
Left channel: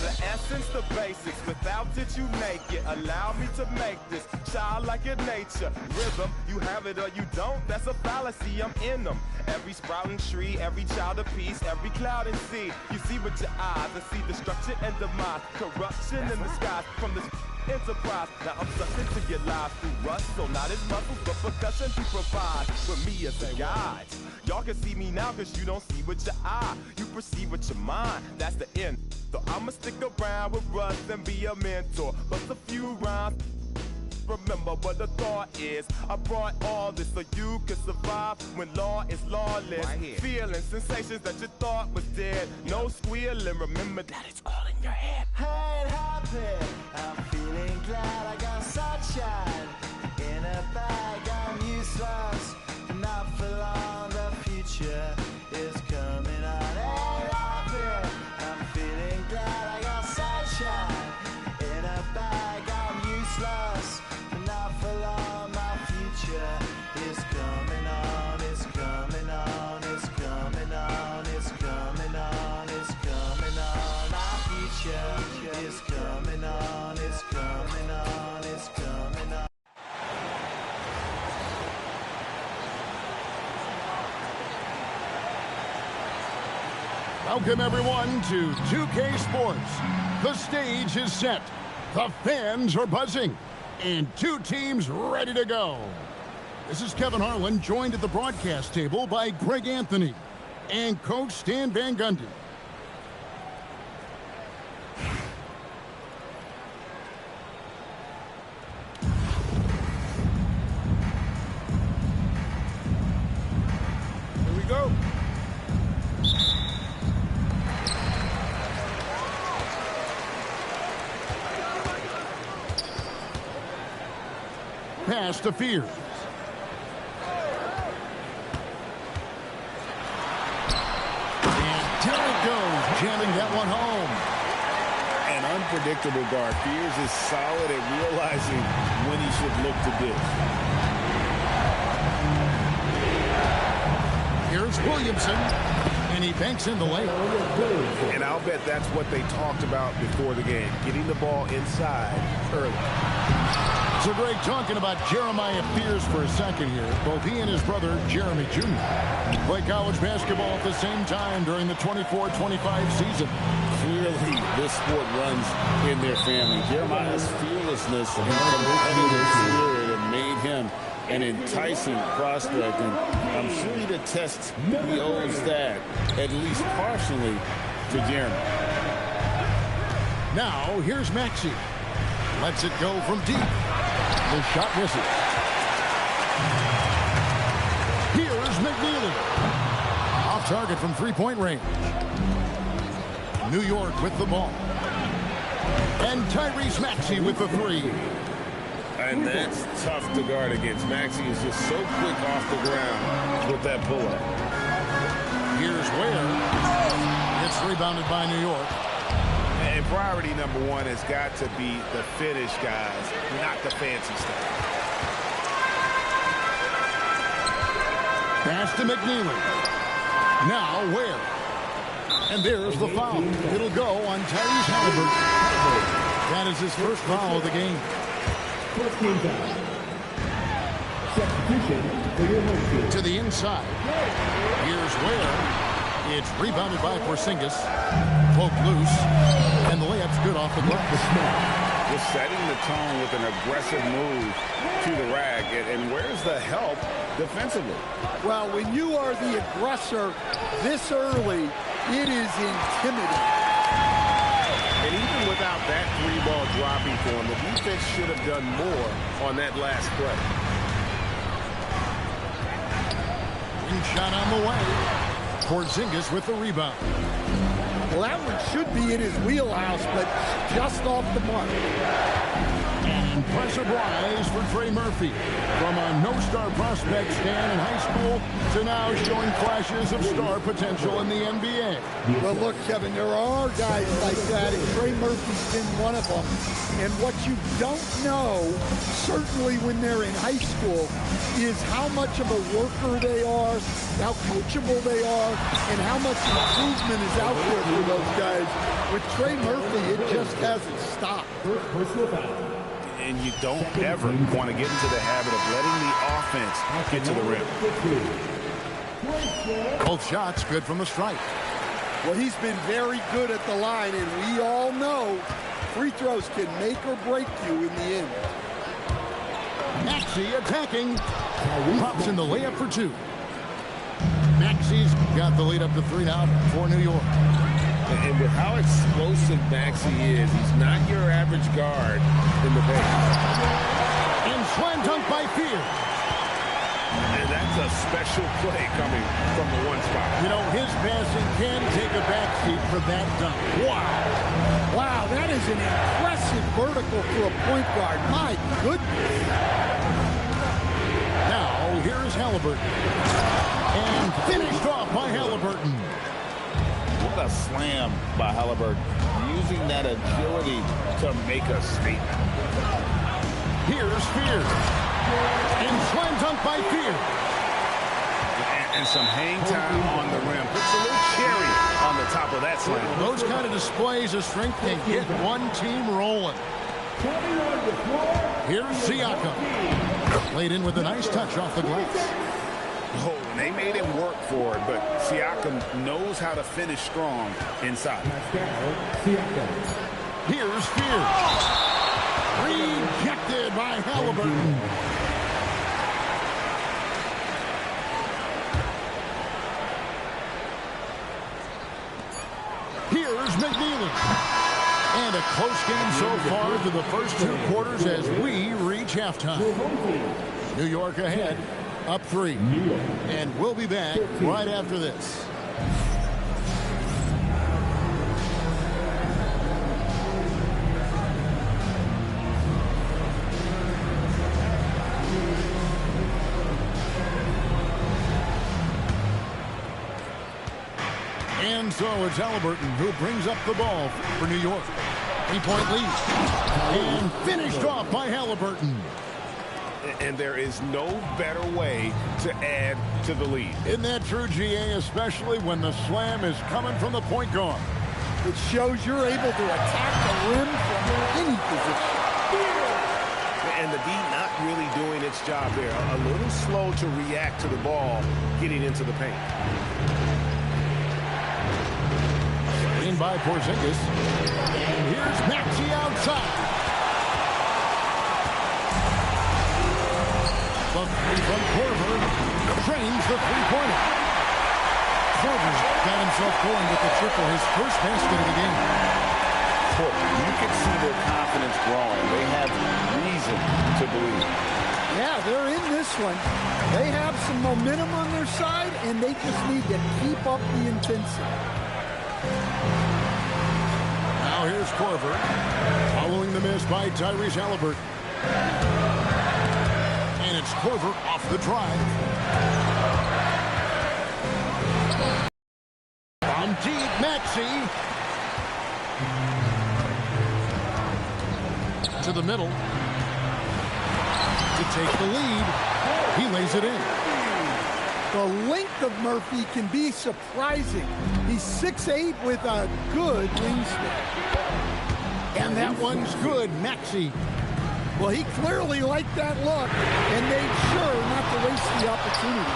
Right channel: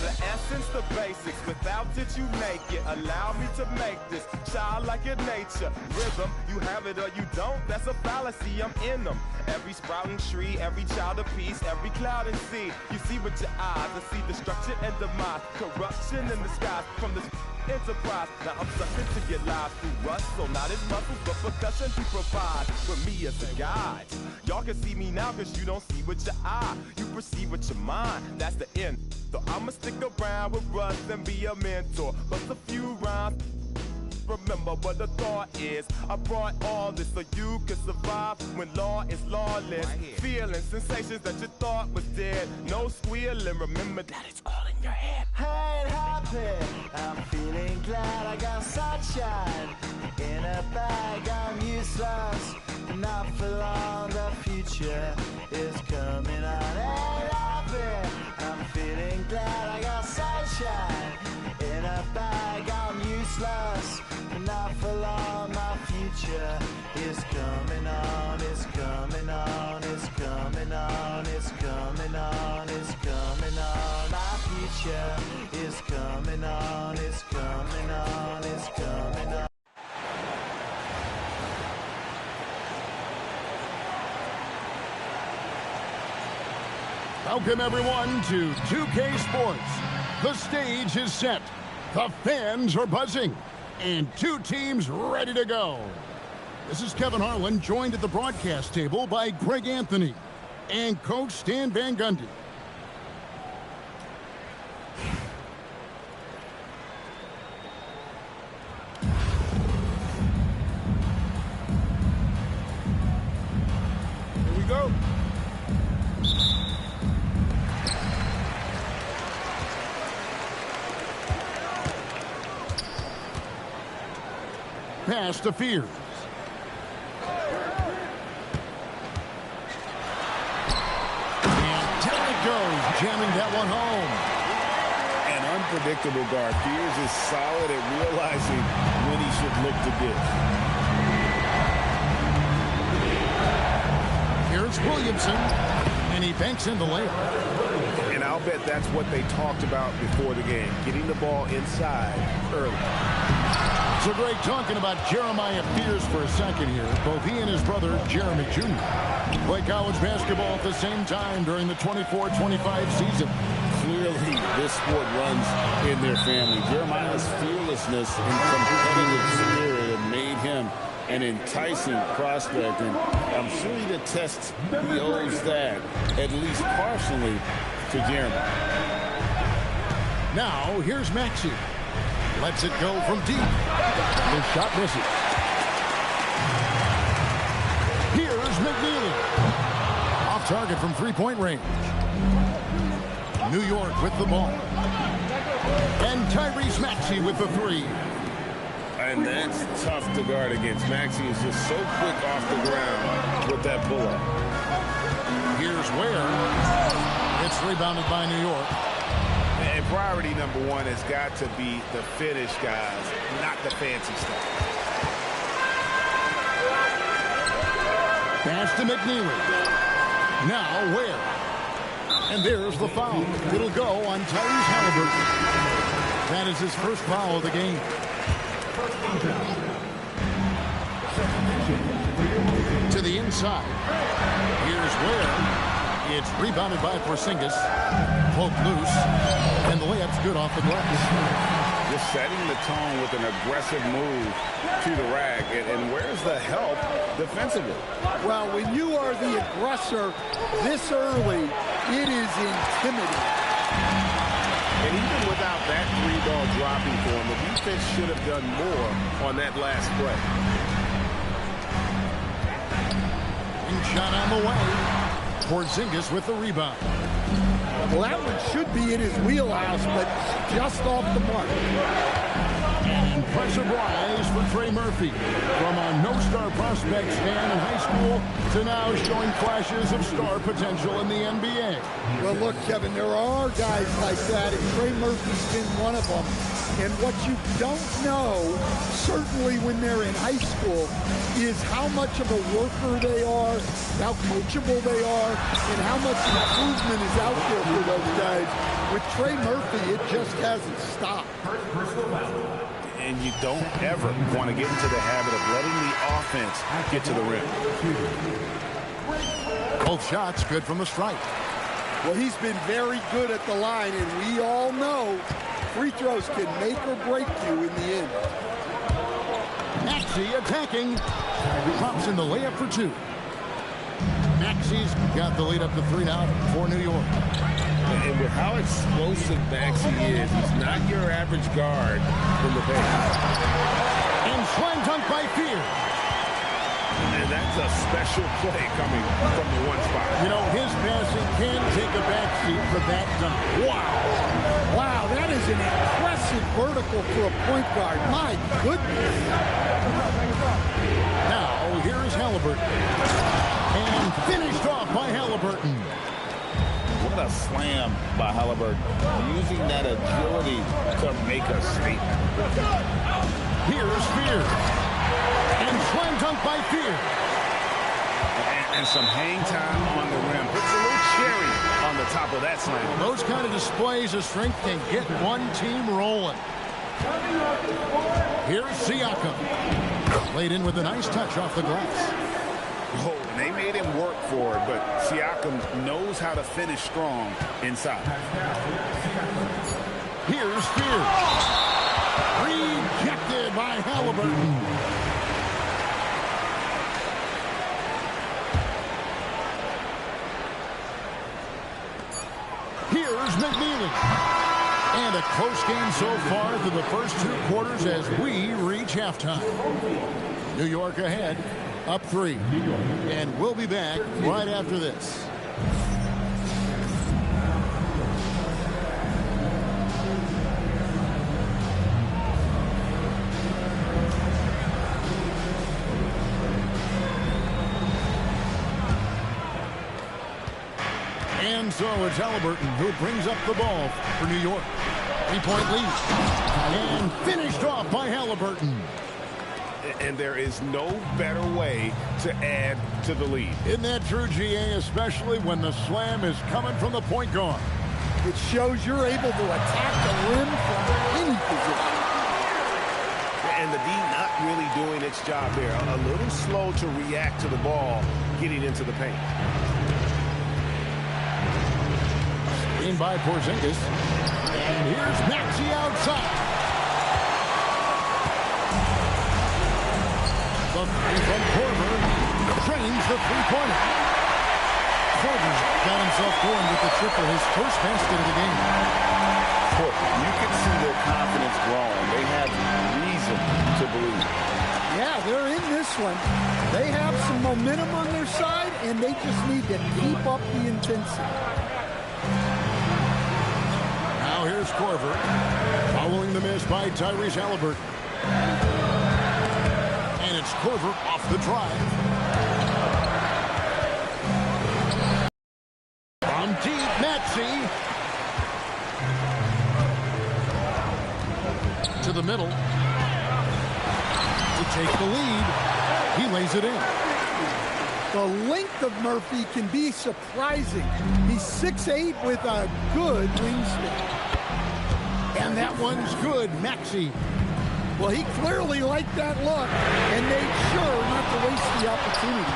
The essence, the basics, without it you make it. Allow me to make this childlike in nature. Rhythm, you have it or you don't, that's a fallacy, I'm in them. Every sprouting tree, every child of peace, every cloud and sea. You see with your eyes, I see destruction and demise. Corruption in the skies from this enterprise. Now I'm sucked into your lives through rust, so not his muscles, but percussion he provides with me as a guide. Y'all can see me now cause you don't see with your eye. You perceive with your mind, that's the end. So I'ma stick around with Russ and be a mentor. Bust a few rhymes. Remember what the thought is. I brought all this so you can survive when law is lawless. Feeling sensations that you thought was dead. No squealing, remember that it's all in your head. Ain't happy, I'm feeling glad I got sunshine in a bag. I'm useless, not for long. The future is coming on. Ain't happy, I'm feeling glad I got sunshine in a bag. I'm useless, not for long. My future is coming on. It's coming on. It's coming on. It's coming on. It's coming on. My future is coming on. It's coming on. It's coming on. Welcome, everyone, to 2K Sports. The stage is set. The fans are buzzing. And two teams ready to go. This is Kevin Harlan, joined at the broadcast table by Greg Anthony and Coach Stan Van Gundy. Here we go. Pass to Fears. And down it goes, jamming that one home. An unpredictable guard. Fears is solid at realizing when he should look to dish. Here's Williamson, and he banks in the layup. And I'll bet that's what they talked about before the game, getting the ball inside early. So, Greg, talking about Jeremiah Fears for a second here. Both he and his brother, Jeremy Jr., play college basketball at the same time during the 24-25 season. Clearly, this sport runs in their family. Jeremiah's fearlessness and competitive spirit have made him an enticing prospect, and I'm sure he attests he owes that, at least partially, to Jeremy. Now, here's Maxey. Lets it go from deep. The shot misses. Here's McNeely. Off target from three-point range. New York with the ball. And Tyrese Maxey with the three. And that's tough to guard against. Maxey is just so quick off the ground with that pull-up. Here's Ware. It's rebounded by New York. And priority number one has got to be the finish, guys, not the fancy stuff. Pass to McNeely. Now Ware. And there's the foul. It'll go on Tyrese Halliburton. That is his first foul of the game. First team foul. Substitution. To the inside. Here's Ware. It's rebounded by Porzingis. Poke loose. And the layup's good off the glass. Just setting the tone with an aggressive move to the rack. And where's the help defensively? Well, when you are the aggressor this early, it is intimidating. And even without that three ball dropping for him, the defense should have done more on that last play. Wing shot on the way. Porzingis with the rebound. Well, that one should be in his wheelhouse, but just off the mark. An impressive rise for Trey Murphy. From a no-star prospect stand in high school to now showing flashes of star potential in the NBA. Well, look, Kevin, there are guys like that, and Trey Murphy's been one of them. And what you don't know, certainly when they're in high school, is how much of a worker they are, how coachable they are, and how much improvement is out there for those guys. With Trey Murphy, it just hasn't stopped. And you don't ever want to get into the habit of letting the offense get to the rim. Both shots good from the stripe. Well, he's been very good at the line, and we all know free throws can make or break you in the end. Maxey attacking. Pops in the layup for two. Maxey's got the lead up to 3 now for New York. And with how explosive Maxey is, he's not your average guard in the paint. And slam dunk by Fears. And that's a special play coming from the one spot. You know, his passing can take a backseat for that dunk. Wow. Wow, that is an impressive vertical for a point guard. My goodness. Now, here's Halliburton. And finished off by Halliburton. What a slam by Halliburton. Using that agility to make a statement. Here's Fears. And slam dunk by Fears. And some hang time on the rim. Puts a little cherry on the top of that slam. Well, those kind of displays of strength can get one team rolling. Here's Siakam. Laid in with a nice touch off the glass. Oh, and they made him work for it, but Siakam knows how to finish strong inside. Here's Fears. Rejected by Halliburton. Here's McNeely. And a close game so far through the first 2 quarters as we reach halftime. New York ahead, up 3. And we'll be back right after this. And so it's Halliburton who brings up the ball for New York. 3-point lead. And finished off by Halliburton. And there is no better way to add to the lead. Isn't that true, GA, especially when the slam is coming from the point guard? It shows you're able to attack the rim from any position. And the D not really doing its job there. A little slow to react to the ball getting into the paint. Screen by Porzingis. And here's Maxey outside. The three from Korver drains the three-pointer. Korver's got himself going with the triple, his first basket of the game. You can see their confidence growing. They have reason to believe. Yeah, they're in this one. They have some momentum on their side, and they just need to keep up the intensity. Now here's Korver, following the miss by Tyrese Halliburton. And it's Korver off the drive. From deep, Maxey. To the middle. To take the lead. He lays it in. The length of Murphy can be surprising. He's 6'8" with a good wingspan. And that one's good, Maxey. Well, he clearly liked that look and made sure not to waste the opportunity.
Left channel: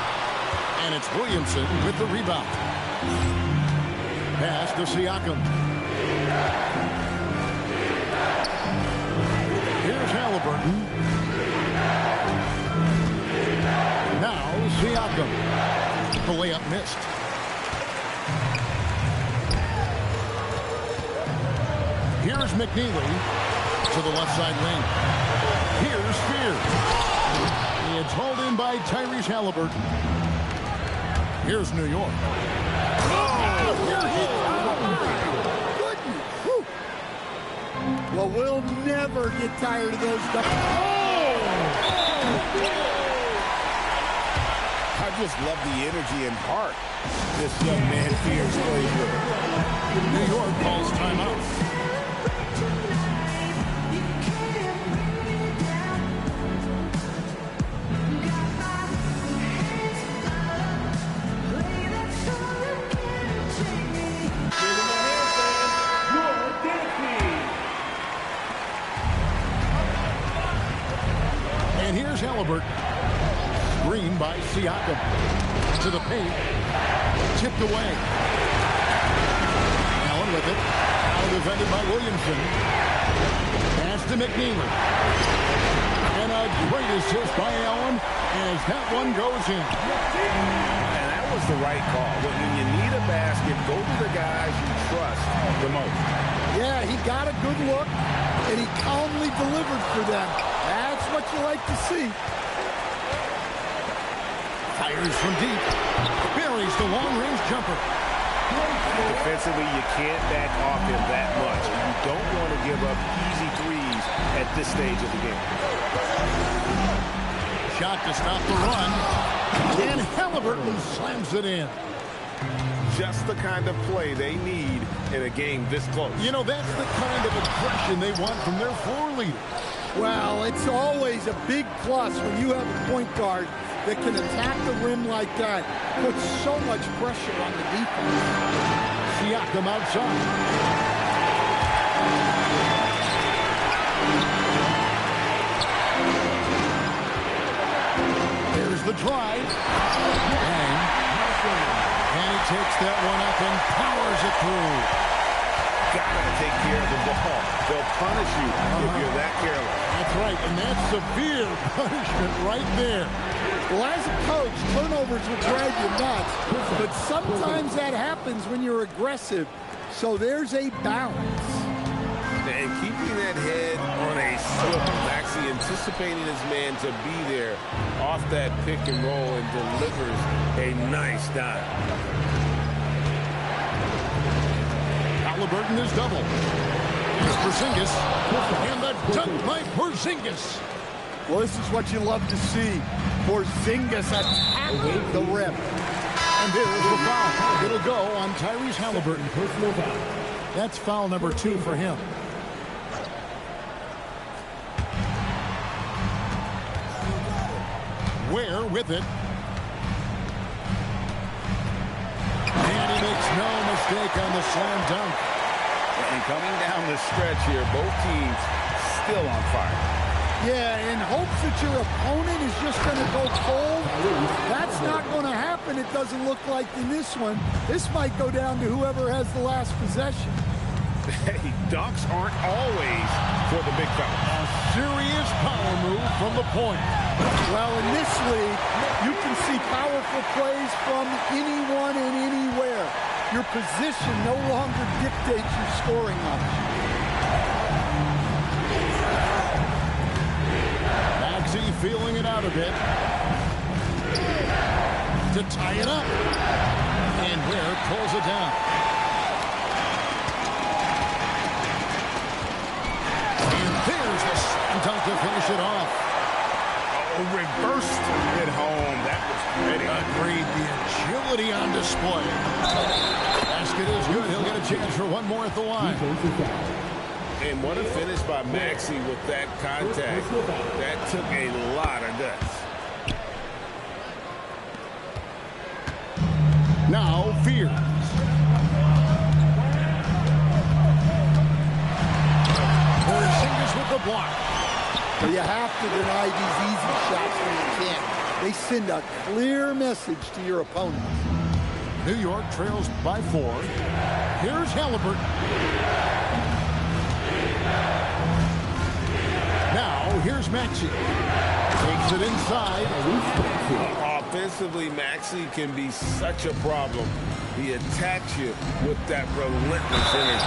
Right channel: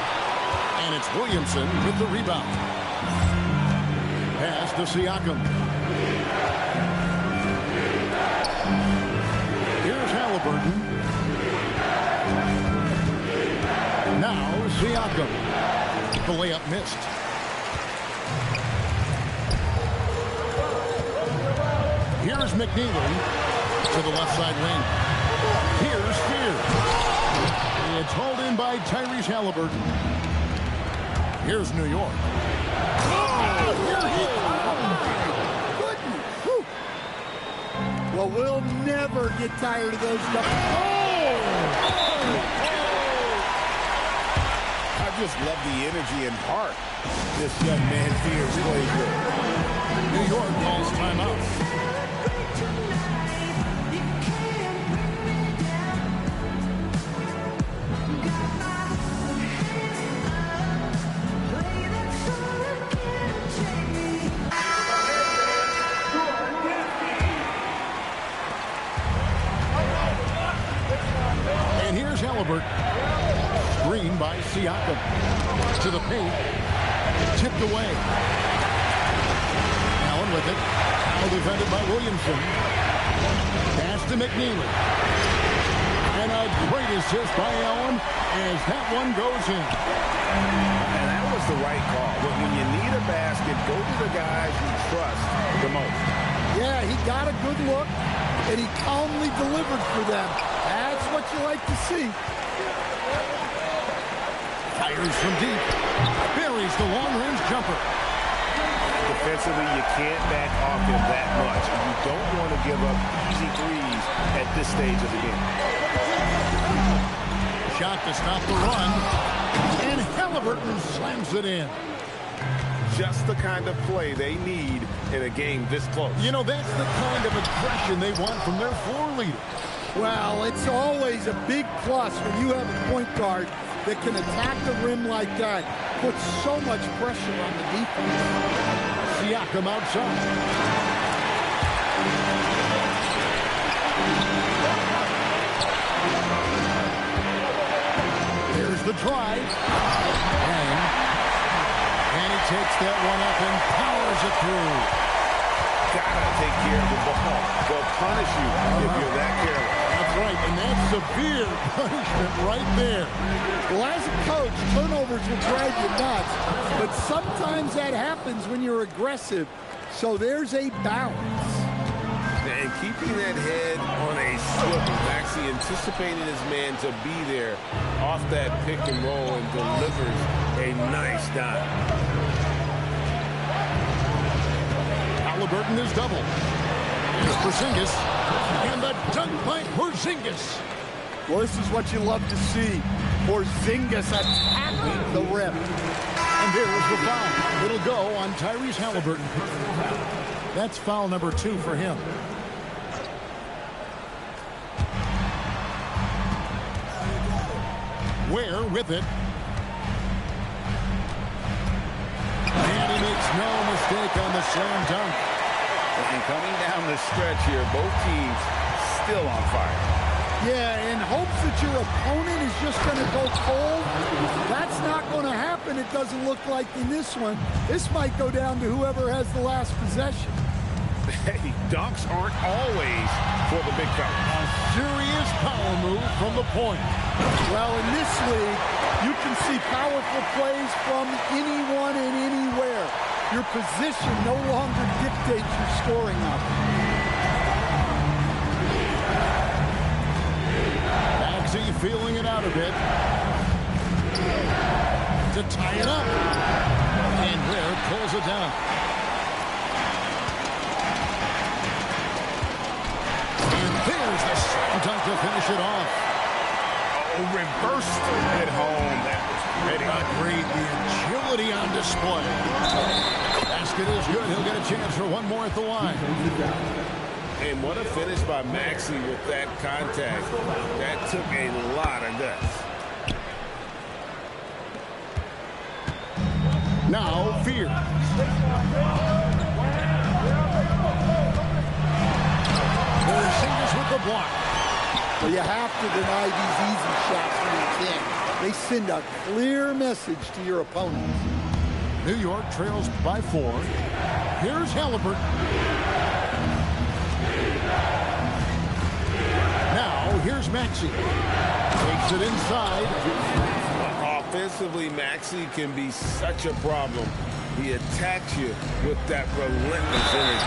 And it's Williamson with the rebound. Pass to Siakam. Here's Halliburton. Now Siakam. The layup missed. Here's McNeely to the left side wing. Here's Spears. It's hauled in by Tyrese Halliburton. Here's New York. Oh, here he comes. Goodness. Whew. Well, we'll never get tired of those double. I just love the energy and heart this young man Spears plays with. New York calls timeout. And here's Halliburton. Screen by Siakam. To the paint. Tipped away. Allen with it. Now defended by Williamson. Pass to McNeely. And a great assist by Allen as that one goes in. And that was the right call. When you need a basket, go to the guys you trust the most. Yeah, he got a good look, and he calmly delivered for them. That's what you like to see. Fires from deep. Buries the long-range jumper. Defensively, you can't back off him that much. You don't want to give up easy threes at this stage of the game. Shot to stop the run. And Halliburton slams it in. Just the kind of play they need in a game this close. You know, that's the kind of aggression they want from their floor leader. Well, it's always a big plus when you have a point guard that can attack the rim like that. Puts so much pressure on the defense. Siakam outside. There's the drive. Bang. And he takes that one up and powers it through. Gotta take care of the ball. They'll punish you if you're that careless. That's right, and that's severe punishment right there. Well, as a coach, turnovers will drive you nuts, but sometimes that happens when you're aggressive. So there's a balance. And keeping that head on a swivel, Maxey anticipating his man to be there off that pick and roll and delivers a nice dime. Halliburton is double. Here's Porzingis. And the dunk by Porzingis. Well, this is what you love to see. Porzingis attacking the rim. And there's the foul. It'll go on Tyrese Halliburton. Personal foul. That's foul number 2 for him. Ware with it. And he makes no mistake on the slam dunk. And coming down the stretch here, both teams still on fire. Yeah, in hopes that your opponent is just going to go cold. That's not going to happen, it doesn't look like in this one. This might go down to whoever has the last possession. Hey, dunks aren't always for the big fella. A serious power move from the point. Well, in this league, you can see powerful plays from anyone and anywhere. Your position no longer dictates your scoring option. Maxey feeling it out a bit. To tie it up. And Ware pulls it down. And there's the slam dunk to finish it off. Oh, reversed it home. That was pretty. Agreed. The agility on display. Basket is good. He'll get a chance for one more at the line. And what a finish by Maxey with that contact. That took a lot of guts. Now Fears. Porzingis with the block. Well, you have to deny these easy shots when you can. They send a clear message to your opponents. New York trails by 4. Here's Halliburton. Now, here's Maxey. Takes it inside. Offensively, Maxey can be such a problem. He attacks you with that relentless energy.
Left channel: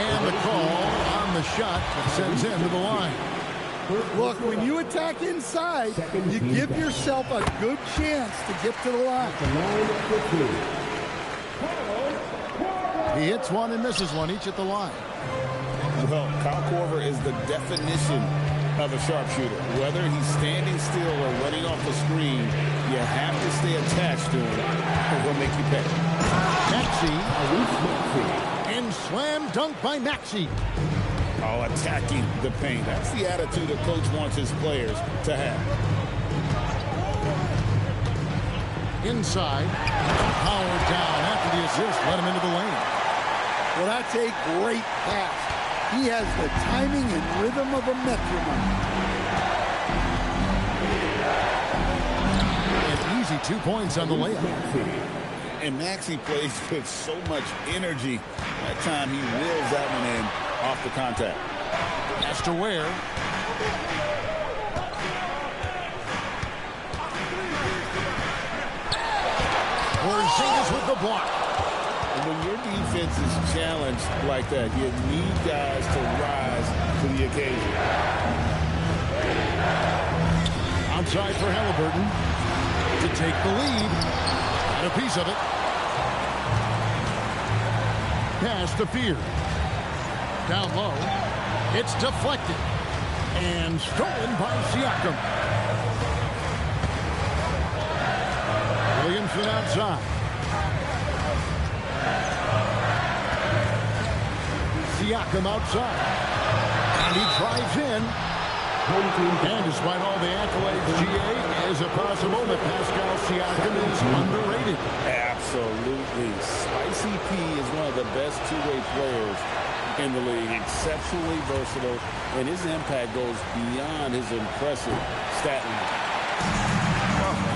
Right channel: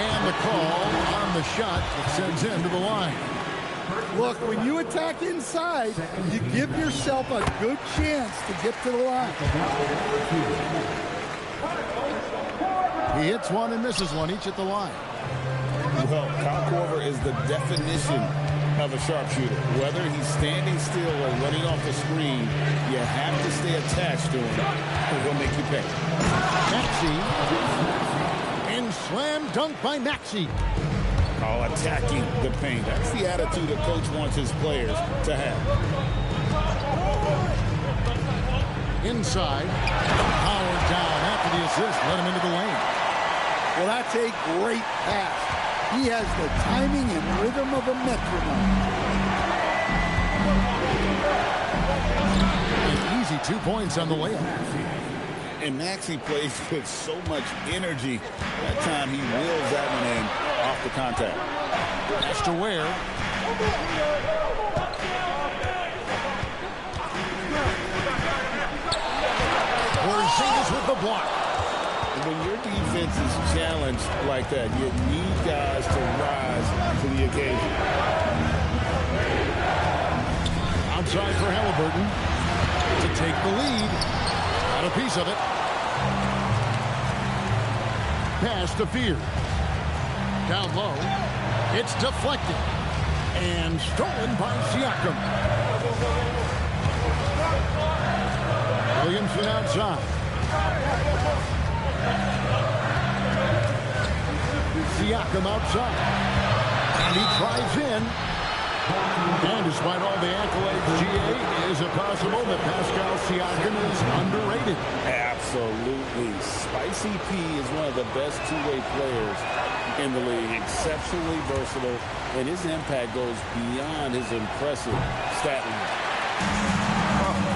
And the call on the shot that sends him to the line. Look, when you attack inside, you give yourself a good chance to get to the line. He hits one and misses one, each at the line. Well, Kyle Korver is the definition of a sharpshooter. Whether he's standing still or running off the screen, you have to stay attached to him, or he'll make you pay. Maxey. And slam dunk by Maxey. All attacking the paint. That's the attitude a coach wants his players to have. Inside. Howard down after the assist. Let him into the lane. Well, that's a great pass. He has the timing and rhythm of a metronome. An easy 2 points on the layup. And Maxey plays with so much energy. That time he wheels that one in off the contact. Pass to Ware. Porzingis with the block. When your defense is challenged like that, you need guys to rise to the occasion. Outside for Halliburton to take the lead. Got a piece of it. Pass to Fear. Down low. It's deflected. And stolen by Siakam. Williamson outside. Siakam outside. And he drives in. And despite all the accolades, GA, is it possible that Pascal Siakam is underrated? Absolutely. Spicy P is one of the best two-way players in the league. Exceptionally versatile, and his impact goes beyond his impressive stat line.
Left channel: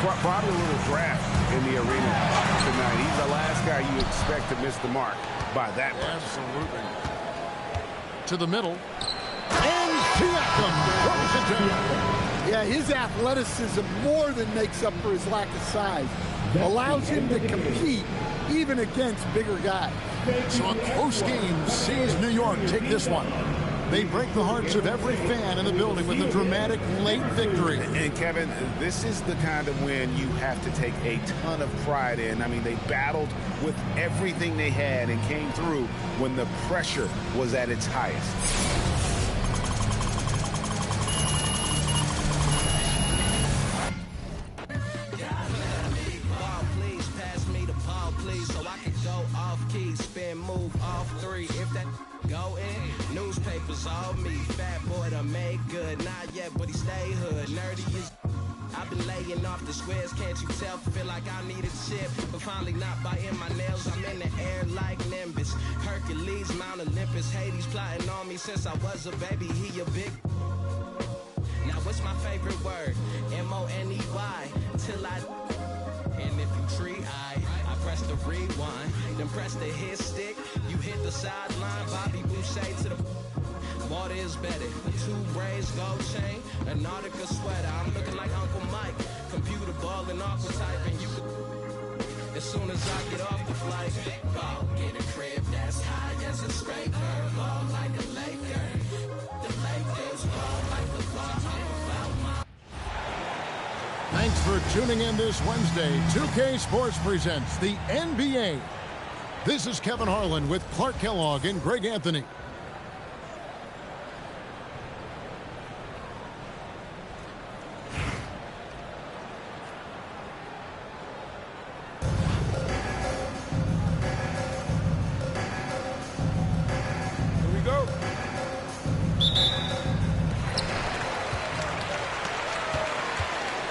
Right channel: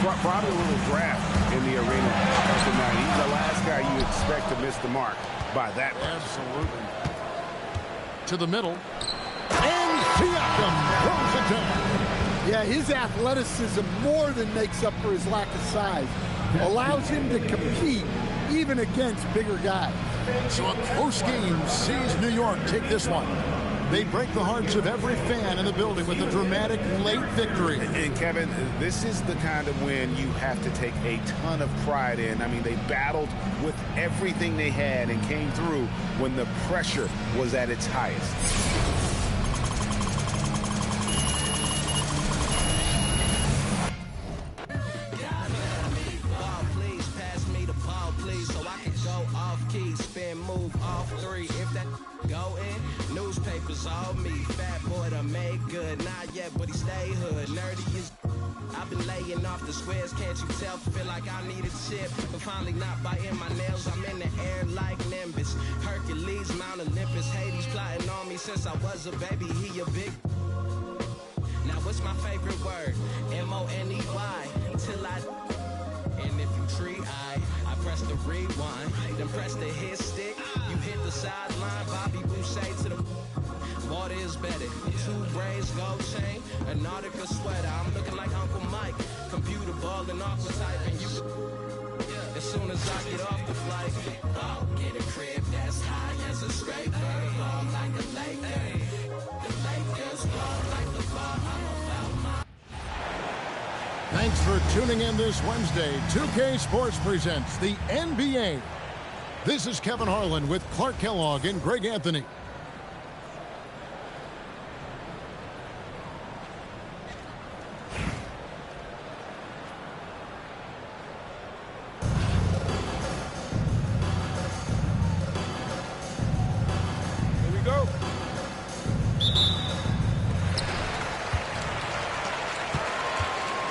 Well, probably a little draft in the arena tonight. He's the last guy you expect to miss the mark by that much. Absolutely. To the middle. And Siakam throws it down. Yeah, his athleticism more than makes up for his lack of size. Allows him to compete even against bigger guys. So a close game sees New York take this one. They break the hearts of every fan in the building with a dramatic late victory. And Kevin, this is the kind of win you have to take a ton of pride in. I mean, they battled with everything they had and came through when the pressure was at its highest. Newspapers all me, fat boy to make good, not yet, but he stay hood. Nerdy is I've been laying off the squares, can't you tell? Feel like I need a chip, but finally not biting my nails. I'm in the air like Nimbus. Hercules, Mount Olympus. Hades plotting on me since I was a baby. He a big. Now what's my favorite word? M-O-N-E-Y. Till I. And if you tree, I press the rewind. Then press the hit stick. You hit the sideline. Bobby Boucher to the. Water is better. 2 braids, gold chain, a Nautica sweater. I'm looking like Uncle Mike. Computer ball and aqua type, and you. As soon as I get off the flight, ball, get a crib that's high as a scraper. Ball like a Laker. The Lakers ball like the ball. Thanks for tuning in this Wednesday. 2K Sports presents the NBA. This is Kevin Harlan with Clark Kellogg and Greg Anthony. Here we go.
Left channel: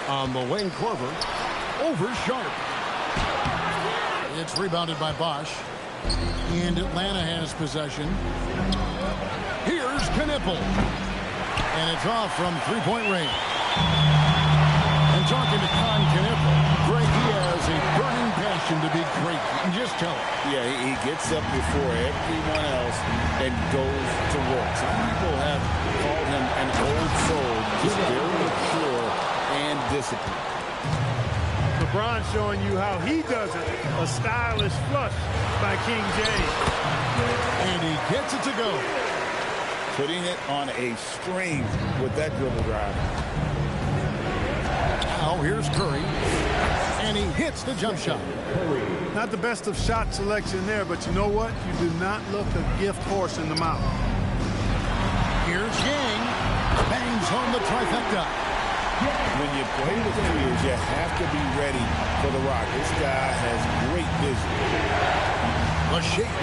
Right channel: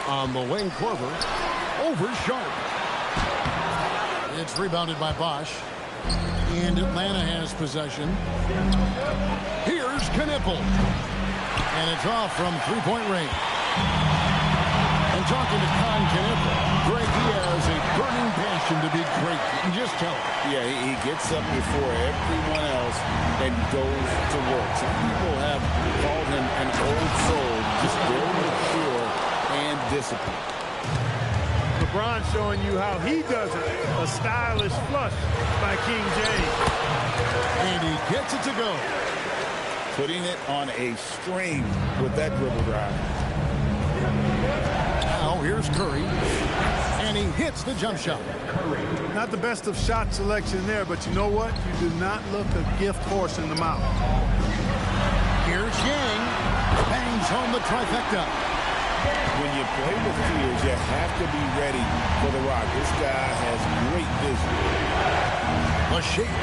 On the wing, Korver. Over Sharp. It's rebounded by Bosch. And Atlanta has possession. Here's Knippel. And it's off from three-point range. And talking to Con Knippel, Greg, he has a burning passion to be great. You can just tell it. Yeah, he gets up before everyone else and goes to work. Some people have called him an old soul, just very mature and disciplined. LeBron showing you how he does it. A stylish flush by King James. And he gets it to go. Putting it on a string with that dribble drive. Now here's Curry. And he hits the jump shot. Not the best of shot selection there, but you know what? You do not look a gift horse in the mouth. Here's Yang. Bangs home the trifecta. When you play with fears, you have to be ready for the rock. This guy has great vision. The shake.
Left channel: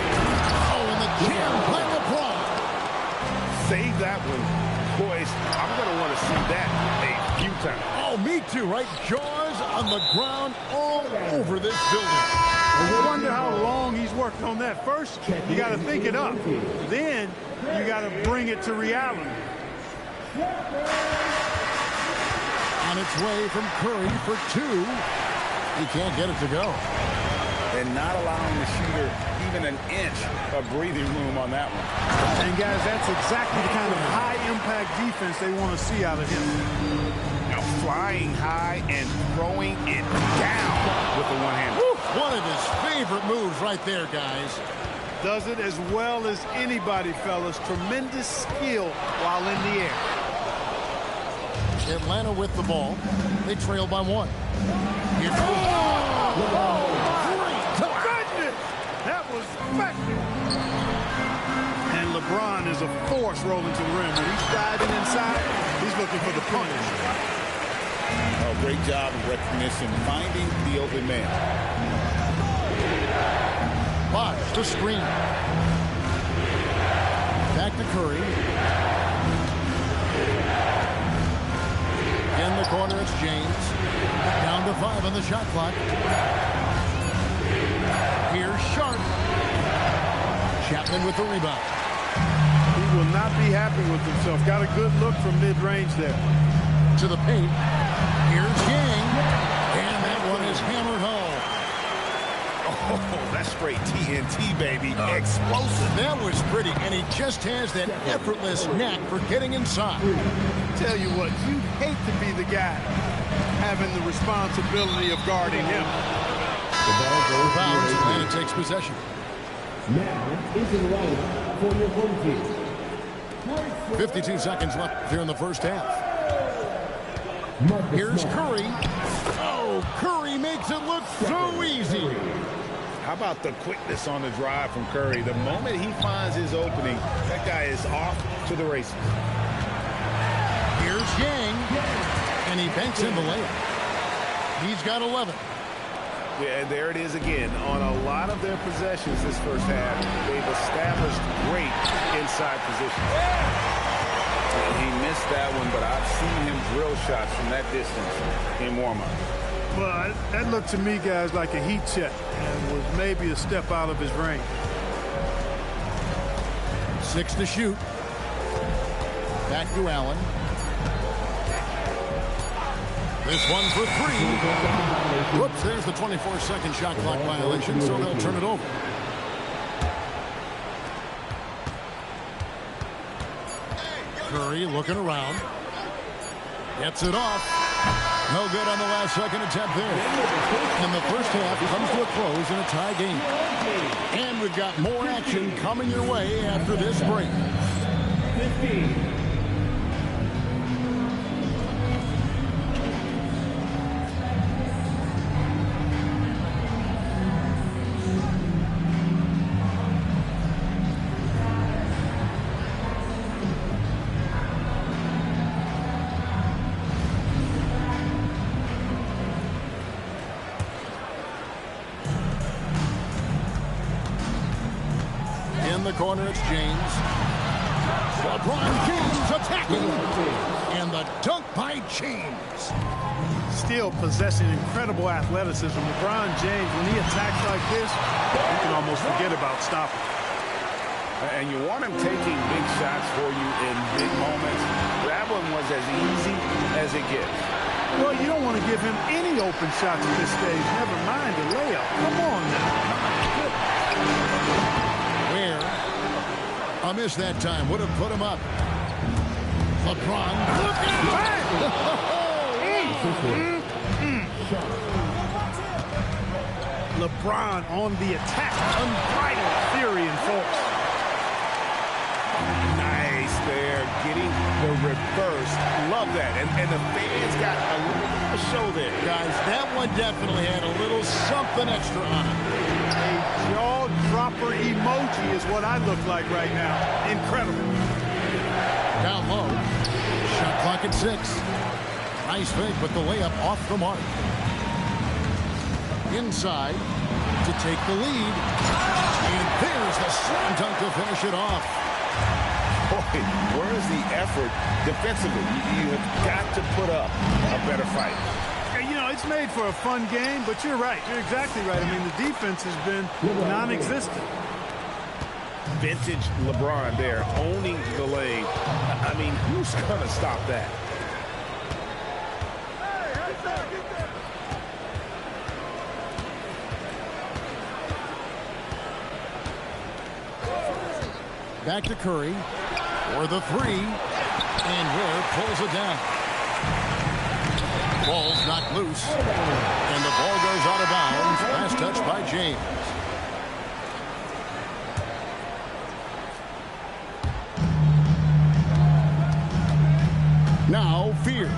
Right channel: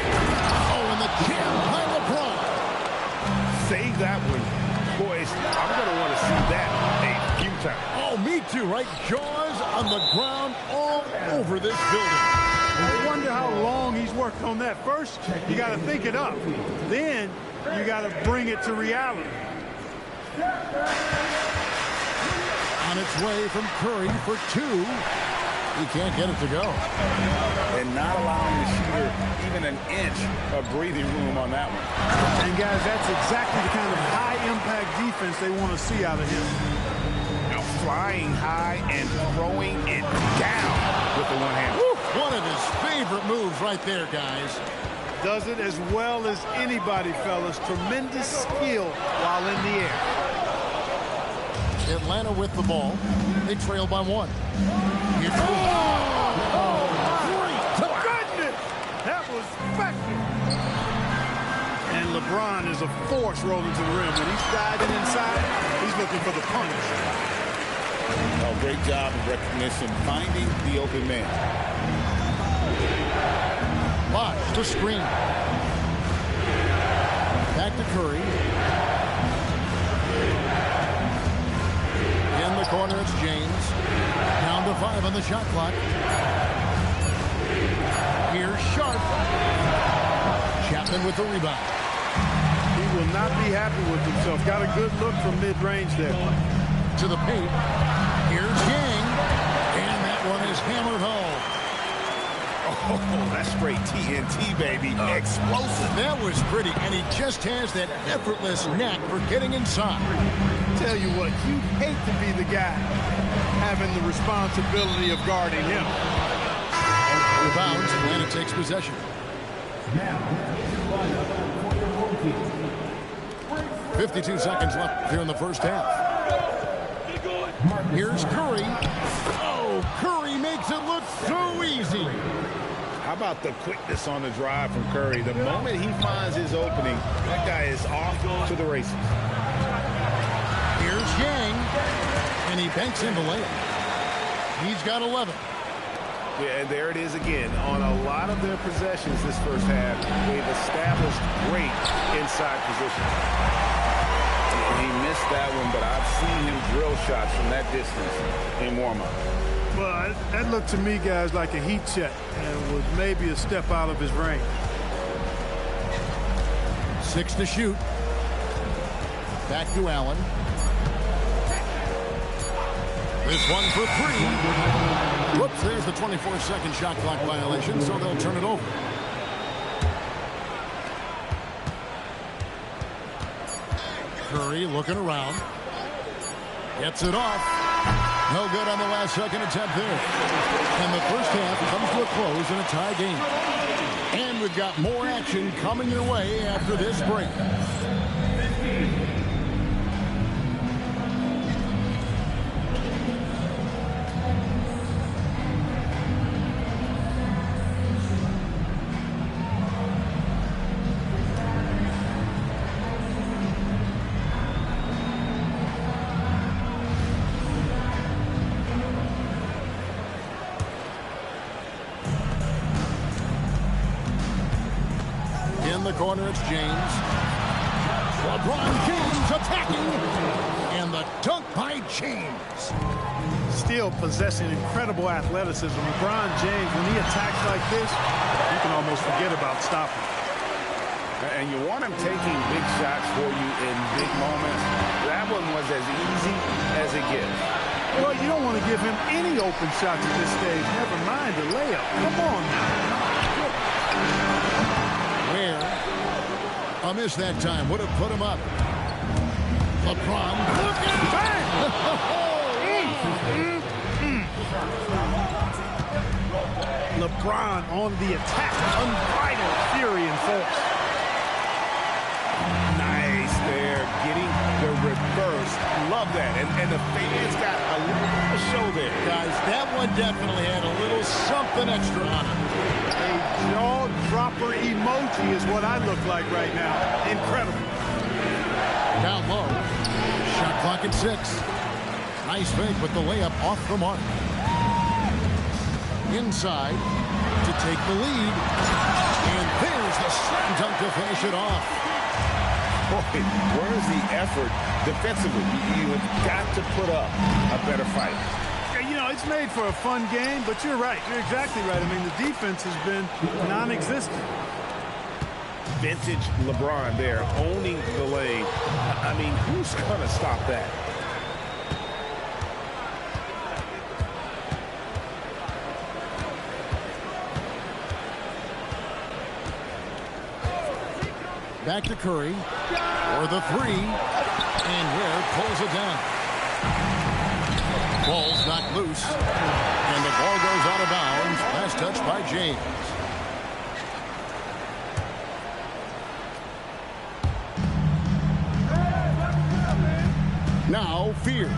Oh, and the jam by LeBron. Save that one. Boys, I'm going to want to see that a few times. Oh, me too, right? Jaws on the ground all over this building. You wonder how long he's worked on that. First, you got to think it up. Then, you got to bring it to reality. On its way from Curry for 2. He can't get it to go. And not allowing the shooter even an inch of breathing room on that one. And, guys, that's exactly the kind of high-impact defense they want to see out of him. Now flying high and throwing it down with the one-hand. One of his favorite moves right there, guys. Does it as well as anybody, fellas. Tremendous skill while in the air. Atlanta with the ball. They trail by 1. Oh, my goodness! That was special. And LeBron is a force rolling to the rim. When he's driving inside, he's looking for the punch. Oh, great job of recognition, finding the open man. Bosch, the screen. Back to Curry. In the corner, it's James. Down to 5 on the shot clock. Here's Sharp. Chapman with the rebound. He will not be happy with himself. Got a good look from mid-range there. To the paint. Here's Yang. And that one is hammered home. Oh, that's straight TNT, baby. Explosive. That was pretty, and he just has that effortless knack for getting inside. Tell you what, you'd hate to be the guy having the responsibility of guarding him. Rebounds, Atlanta takes possession. Now into the lineup for your home team. 52 seconds left here in the first half. Here's Curry. Oh, Curry makes it look so easy. How about the quickness on the drive from Curry? The moment he finds his opening, that guy is off to the races. Here's Yang, and he banks in the layup. He's got 11. Yeah, and there it is again. On a lot of their possessions this first half, they've established great inside positions. He missed that one, but I've seen him drill shots from that distance in warm-up. Well, that looked to me, guys, like a heat check and was maybe a step out of his range. 6 to shoot. Back to Allen. This one for 3. Whoops, there's the 24-second shot clock violation, so they'll turn it over. Curry looking around. Gets it off. No good on the last second attempt there. And the first half comes to a close in a tie game. And we've got more action coming your way after this break. In the corner, it's James. LeBron James attacking. And the dunk by James. Still possessing incredible athleticism. LeBron James, when he attacks like this, you can almost forget about stopping. And you want him taking big shots for you in big moments. That one was as easy as it gets. Well, you don't want to give him any open shots at this stage. Never mind the layup. Come on now. My goodness. Where a miss that time would have put him up. LeBron. Look at LeBron on the attack. Unbridled fury and force. Nice there. Getting the reverse. Love that. And the fans got a little bit of a show there. Guys, that one definitely had a little something extra on it. A jaw-dropper emoji is what I look like right now. Incredible. Down low. Shot clock at 6. Nice fake, but the layup off the mark. Inside to take the lead. And there's the slam dunk to finish it off. Boy, where's the effort defensively? You have got to put up a better fight. You know, it's made for a fun game, but you're right. You're exactly right. I mean, the defense has been non-existent. Vintage LeBron there, owning the lane. I mean, who's going to stop that? Back to Curry for the 3. And Ware pulls it down. Ball's knocked loose, and the ball goes out of bounds. Last touch by James. Now Fears.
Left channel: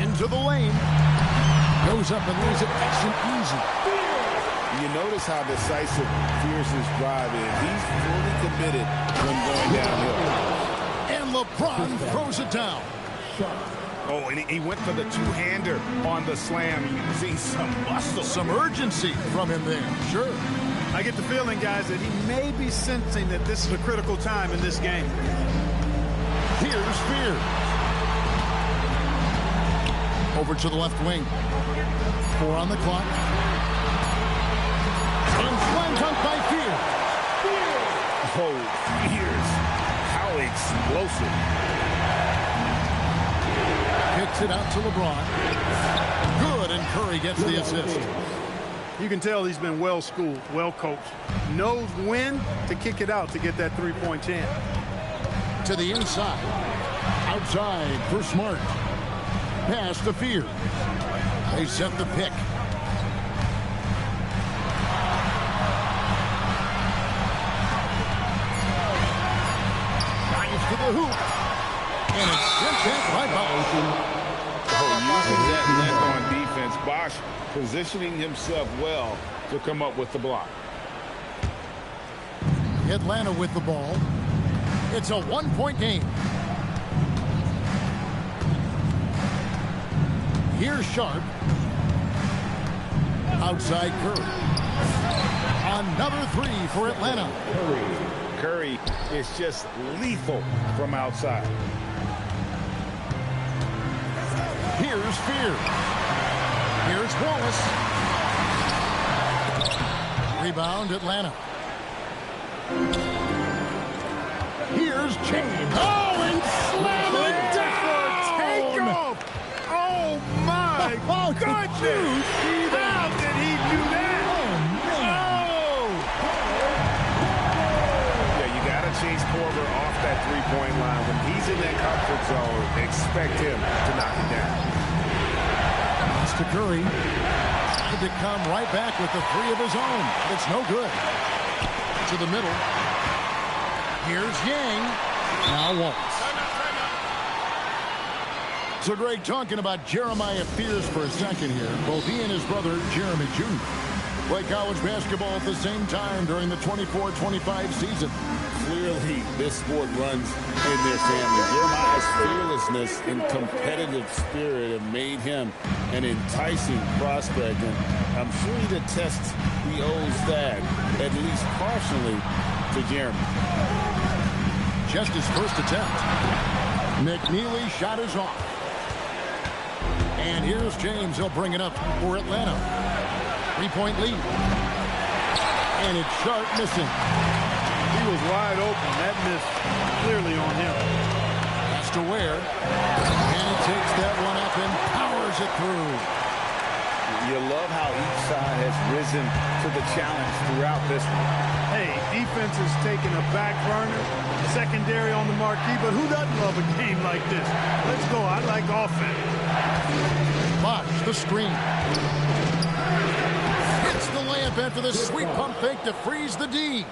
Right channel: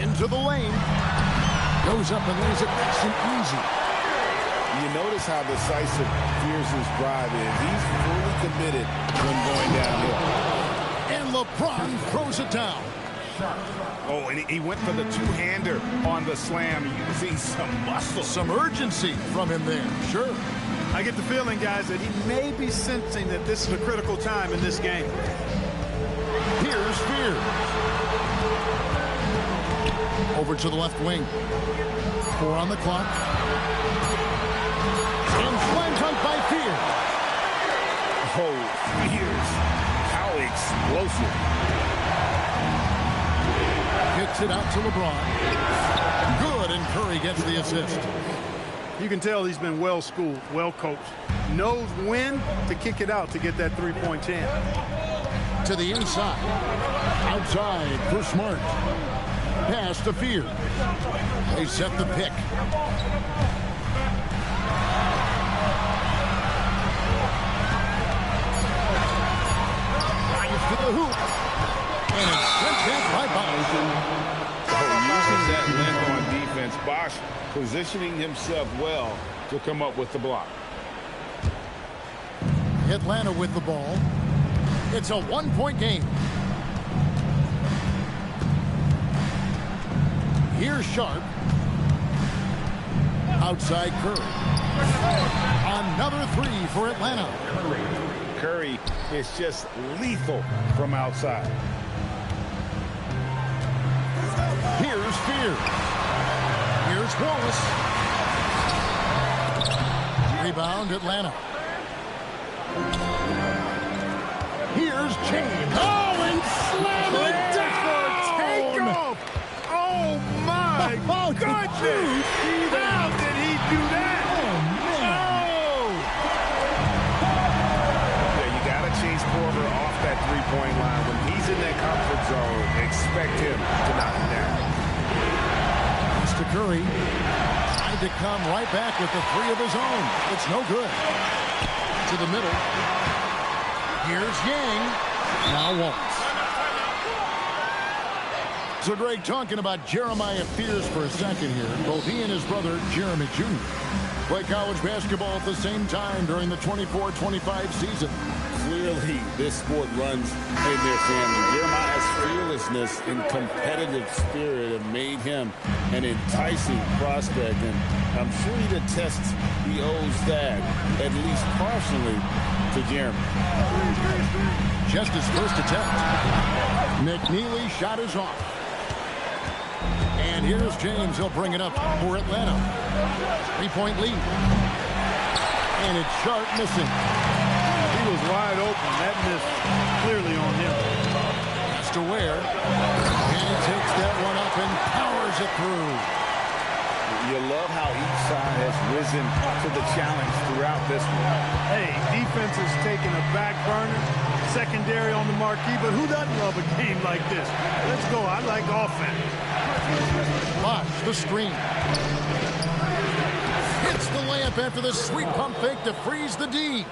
Into the lane. Goes up and lays it nice and easy. You notice how decisive Fears' drive is. He's fully committed when going downhill. And LeBron throws it down. Oh, and he went for the two-hander on the slam, using some muscle. Some urgency from him there, sure. I get the feeling, guys, that he may be sensing that this is a critical time in this game. Here's Fears. Over to the left wing. 4 on the clock. And slam dunk by Fears. Oh, Fears. How explosive. Kicks it out to LeBron. Good, and Curry gets the assist. You can tell he's been well schooled, well coached. Knows when to kick it out to get that three-point chance. To the inside. Outside for Smart. Pass to Fears. They set the pick. To the hoop. And it's sent back by Bosch. Using that length on defense. Bosch positioning himself well to come up with the block. Atlanta with the ball. It's a one-point game. Here's Sharp. Outside Curry. Another 3 for Atlanta. Curry is just lethal from outside. Here's Fears. Here's Wallace. Rebound, Atlanta. Here's James. Oh, and slam it down! Takeoff! Oh, my goodness! How did he do that? Oh, man. Oh! Yeah, you got to chase Korver off that three-point line. When he's in that comfort zone, expect him to knock it down. Mr. Curry tried to come right back with the three of his own. It's no good. To the middle. Here's Yang. Now Wallace. So, Greg, talking about Jeremiah Fears for a second here. Both he and his brother, Jeremy Jr., play college basketball at the same time during the 24-25 season. Clearly, this sport runs in their family. Jeremiah's fearlessness and competitive spirit have made him an enticing prospect, and I'm sure he attests he owes that, at least partially, to Jeremy. Just his first attempt. McNeely shot is off. And here's James. He'll bring it up for Atlanta. 3-point lead. And it's Sharp missing. He was wide open. That missed clearly on him. Has to Ware. And he takes that one up and powers it through. You love how each side has risen to the challenge throughout this one. Hey, defense is taking a back burner, secondary on the marquee, but who doesn't love a game like this? Let's go. I like offense. Bosh, the screen. Hits the layup after the sweet pump fake to freeze the D.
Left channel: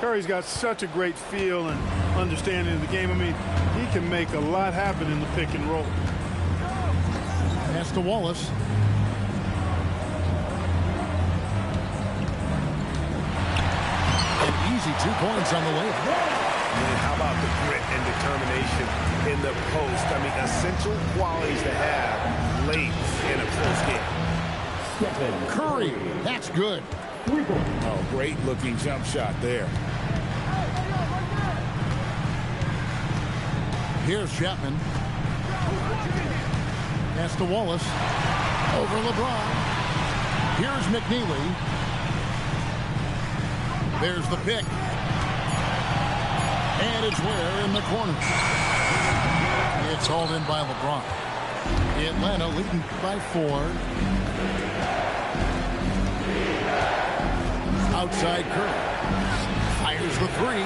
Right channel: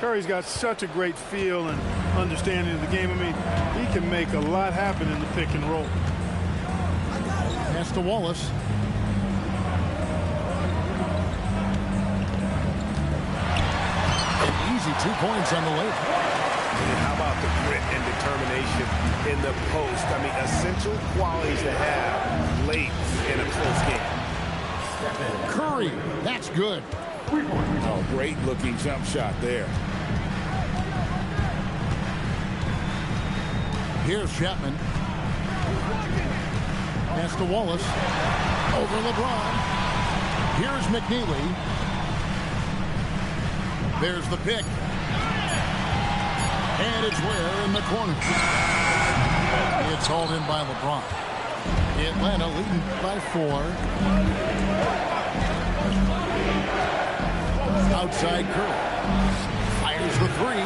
Curry's got such a great feel and understanding of the game. I mean, he can make a lot happen in the pick and roll. Pass to Wallace. An easy 2 points on the layup. And how about the grit and determination in the post? I mean, essential qualities to have late in a close game. Curry, that's good. Oh, great looking jump shot there. Here's Chapman. Pass to Wallace. Over LeBron. Here's McNeely. There's the pick. And it's Ware in the corner. It's hauled in by LeBron. Atlanta leading by 4. Outside Curry. Fires the 3.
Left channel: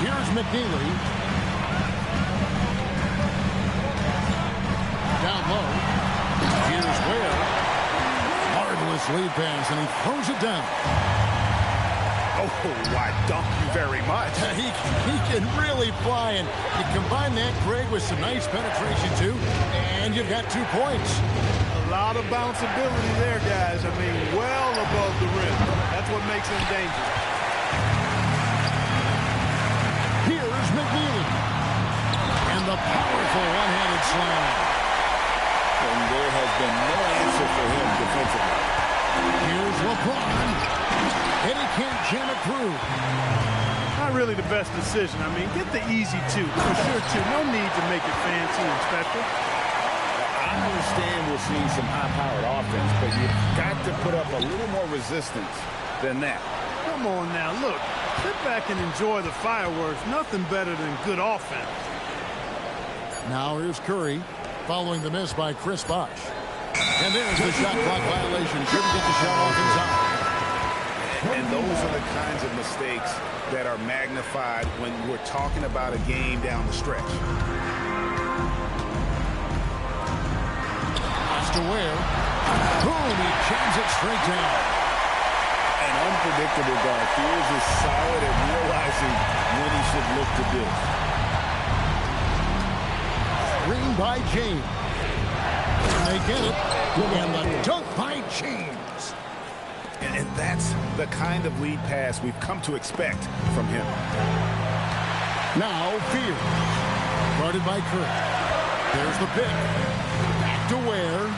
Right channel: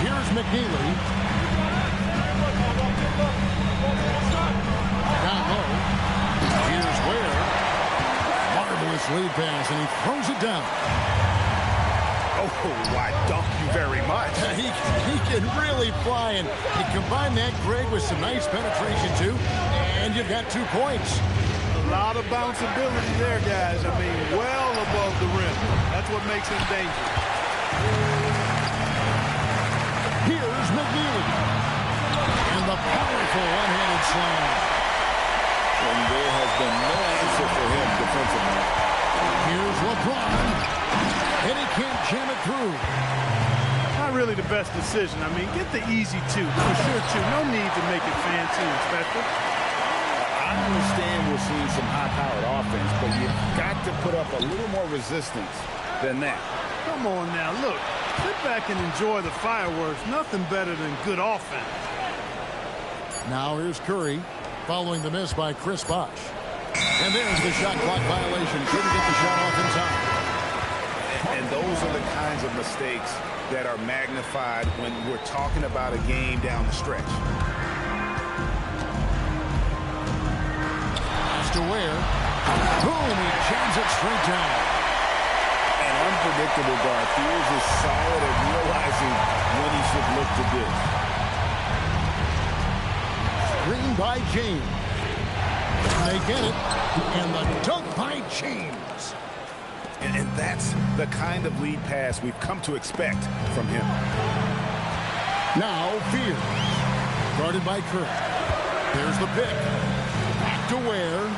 Here's McNeely. Down low. Here's Ware. Marvelous lead pass, and he throws it down. Oh, why, dunk you very much. He can really fly, and you combine that, Greg, with some nice penetration, too, and you've got 2 points. A lot of bounceability there, guys. I mean, well above the rim. That's what makes him dangerous. Here's McNeely. And the powerful one-handed slam. And there has been no answer for him defensively. Here's LeBron. And he can't jam it through. Not really the best decision. I mean, get the easy 2, for sure, 2. No need to make it fancy and special. I understand we're seeing some high-powered offense, but you've got to put up a little more resistance than that. Come on now, look. Sit back and enjoy the fireworks. Nothing better than good offense. Now here's Curry, following the miss by Chris Bosh. And there's the shot clock violation. Couldn't get the shot off in time. And those are the kinds of mistakes that are magnified when we're talking about a game down the stretch. Has to Ware. Boom, he jams it straight down. An unpredictable guard. Fears is solid at realizing when he should look to dish. Screen by James. And they get it. And the dunk by James. And that's the kind of lead pass we've come to expect from him. Now Fears. Guarded by Curry. There's the pick. Back to Ware.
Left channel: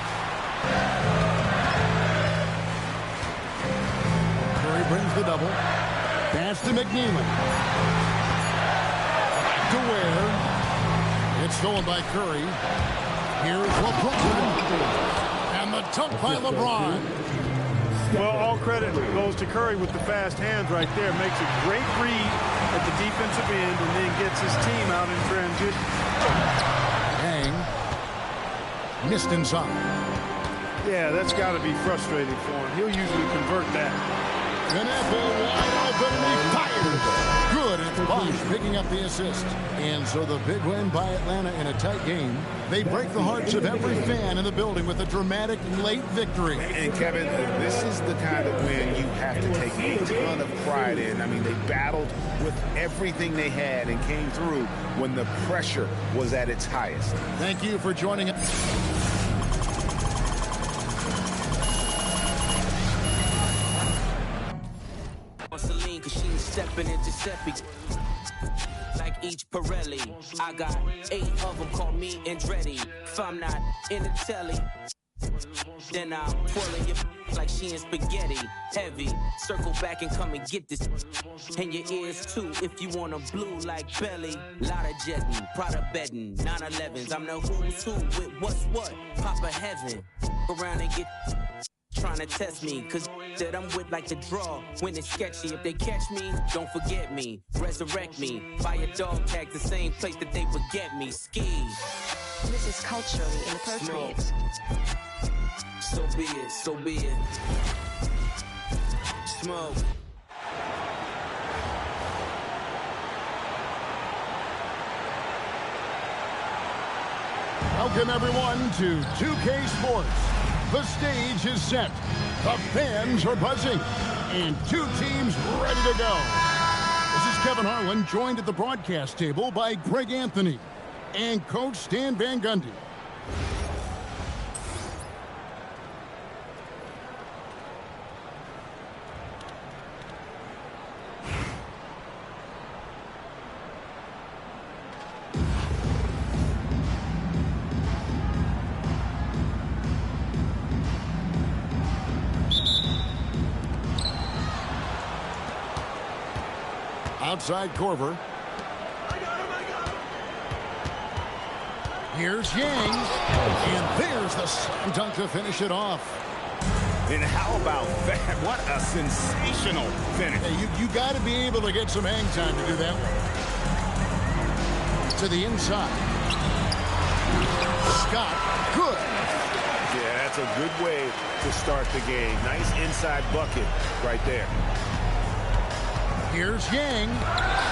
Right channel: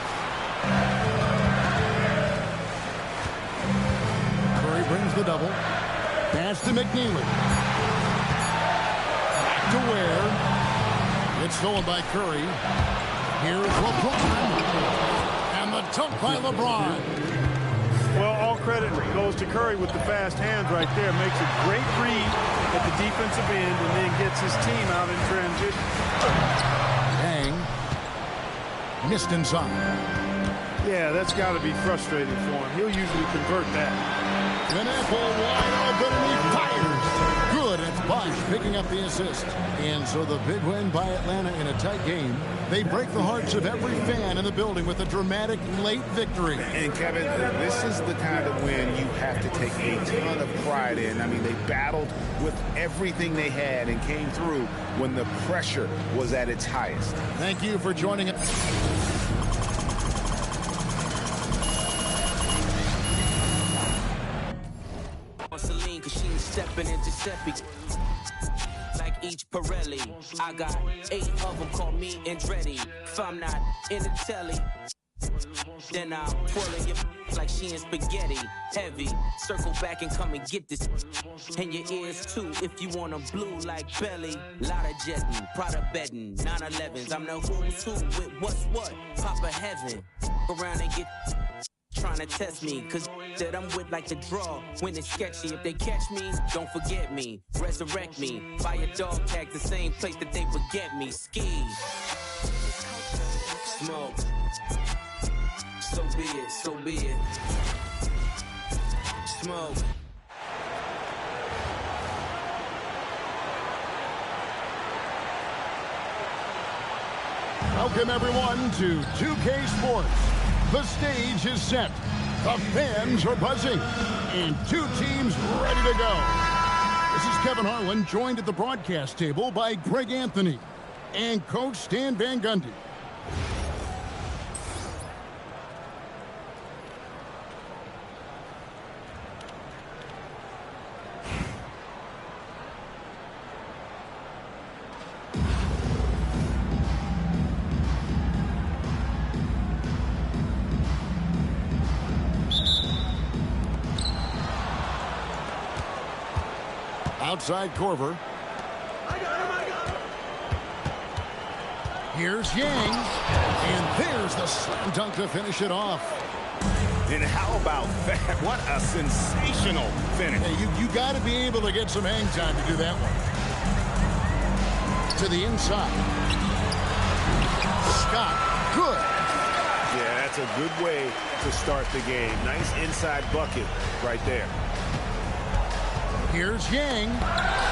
Curry brings the double. Pass to McNeely. Back to Ware. It's stolen by Curry. Here's LeBron. And the dunk by LeBron. Well, all credit goes to Curry with the fast hands right there. Makes a great read at the defensive end and then gets his team out in transition. Yang missed inside. Yeah, that's got to be frustrating for him. He'll usually convert that. An apple wide open and he fires. Good. It's Bosh picking up the assist. And so the big win by Atlanta in a tight game. They break the hearts of every fan in the building with a dramatic late victory. And Kevin, this is the kind of win you have to take a ton of pride in. I mean, they battled with everything they had and came through when the pressure was at its highest. Thank you for joining us. Celine, cause she stepping into Giuseppe like each Pirelli. I got 8 of them, call me Andretti. If I'm not in the telly, then I'm twirling your like she in spaghetti. Heavy, circle back and come and get this. And your ears too, if you want 'em blue like belly. Lot of jetting, Prada bedding, 911s. I'm the who's who with what's what. Papa heaven, around and get trying to test me, cause that I'm with like the draw when it's sketchy. If they catch me, don't forget me. Resurrect me, buy a dog tag the same place that they would get me. Ski. This is culture Smoke. So be it, so be it. Smoke. Welcome everyone to 2K Sports. The stage is set. The fans are buzzing. And 2 teams ready to go. This is Kevin Harlan, joined at the broadcast table by Greg Anthony and Coach Stan Van Gundy. Outside Korver. I got him. Here's Yang. And there's the slam dunk to finish it off. And how about that? What a sensational finish. Hey, you got to be able to get some hang time to do that one. To the inside. Scott, good. Yeah, that's a good way to start the game. Nice inside bucket right there. Here's Yang,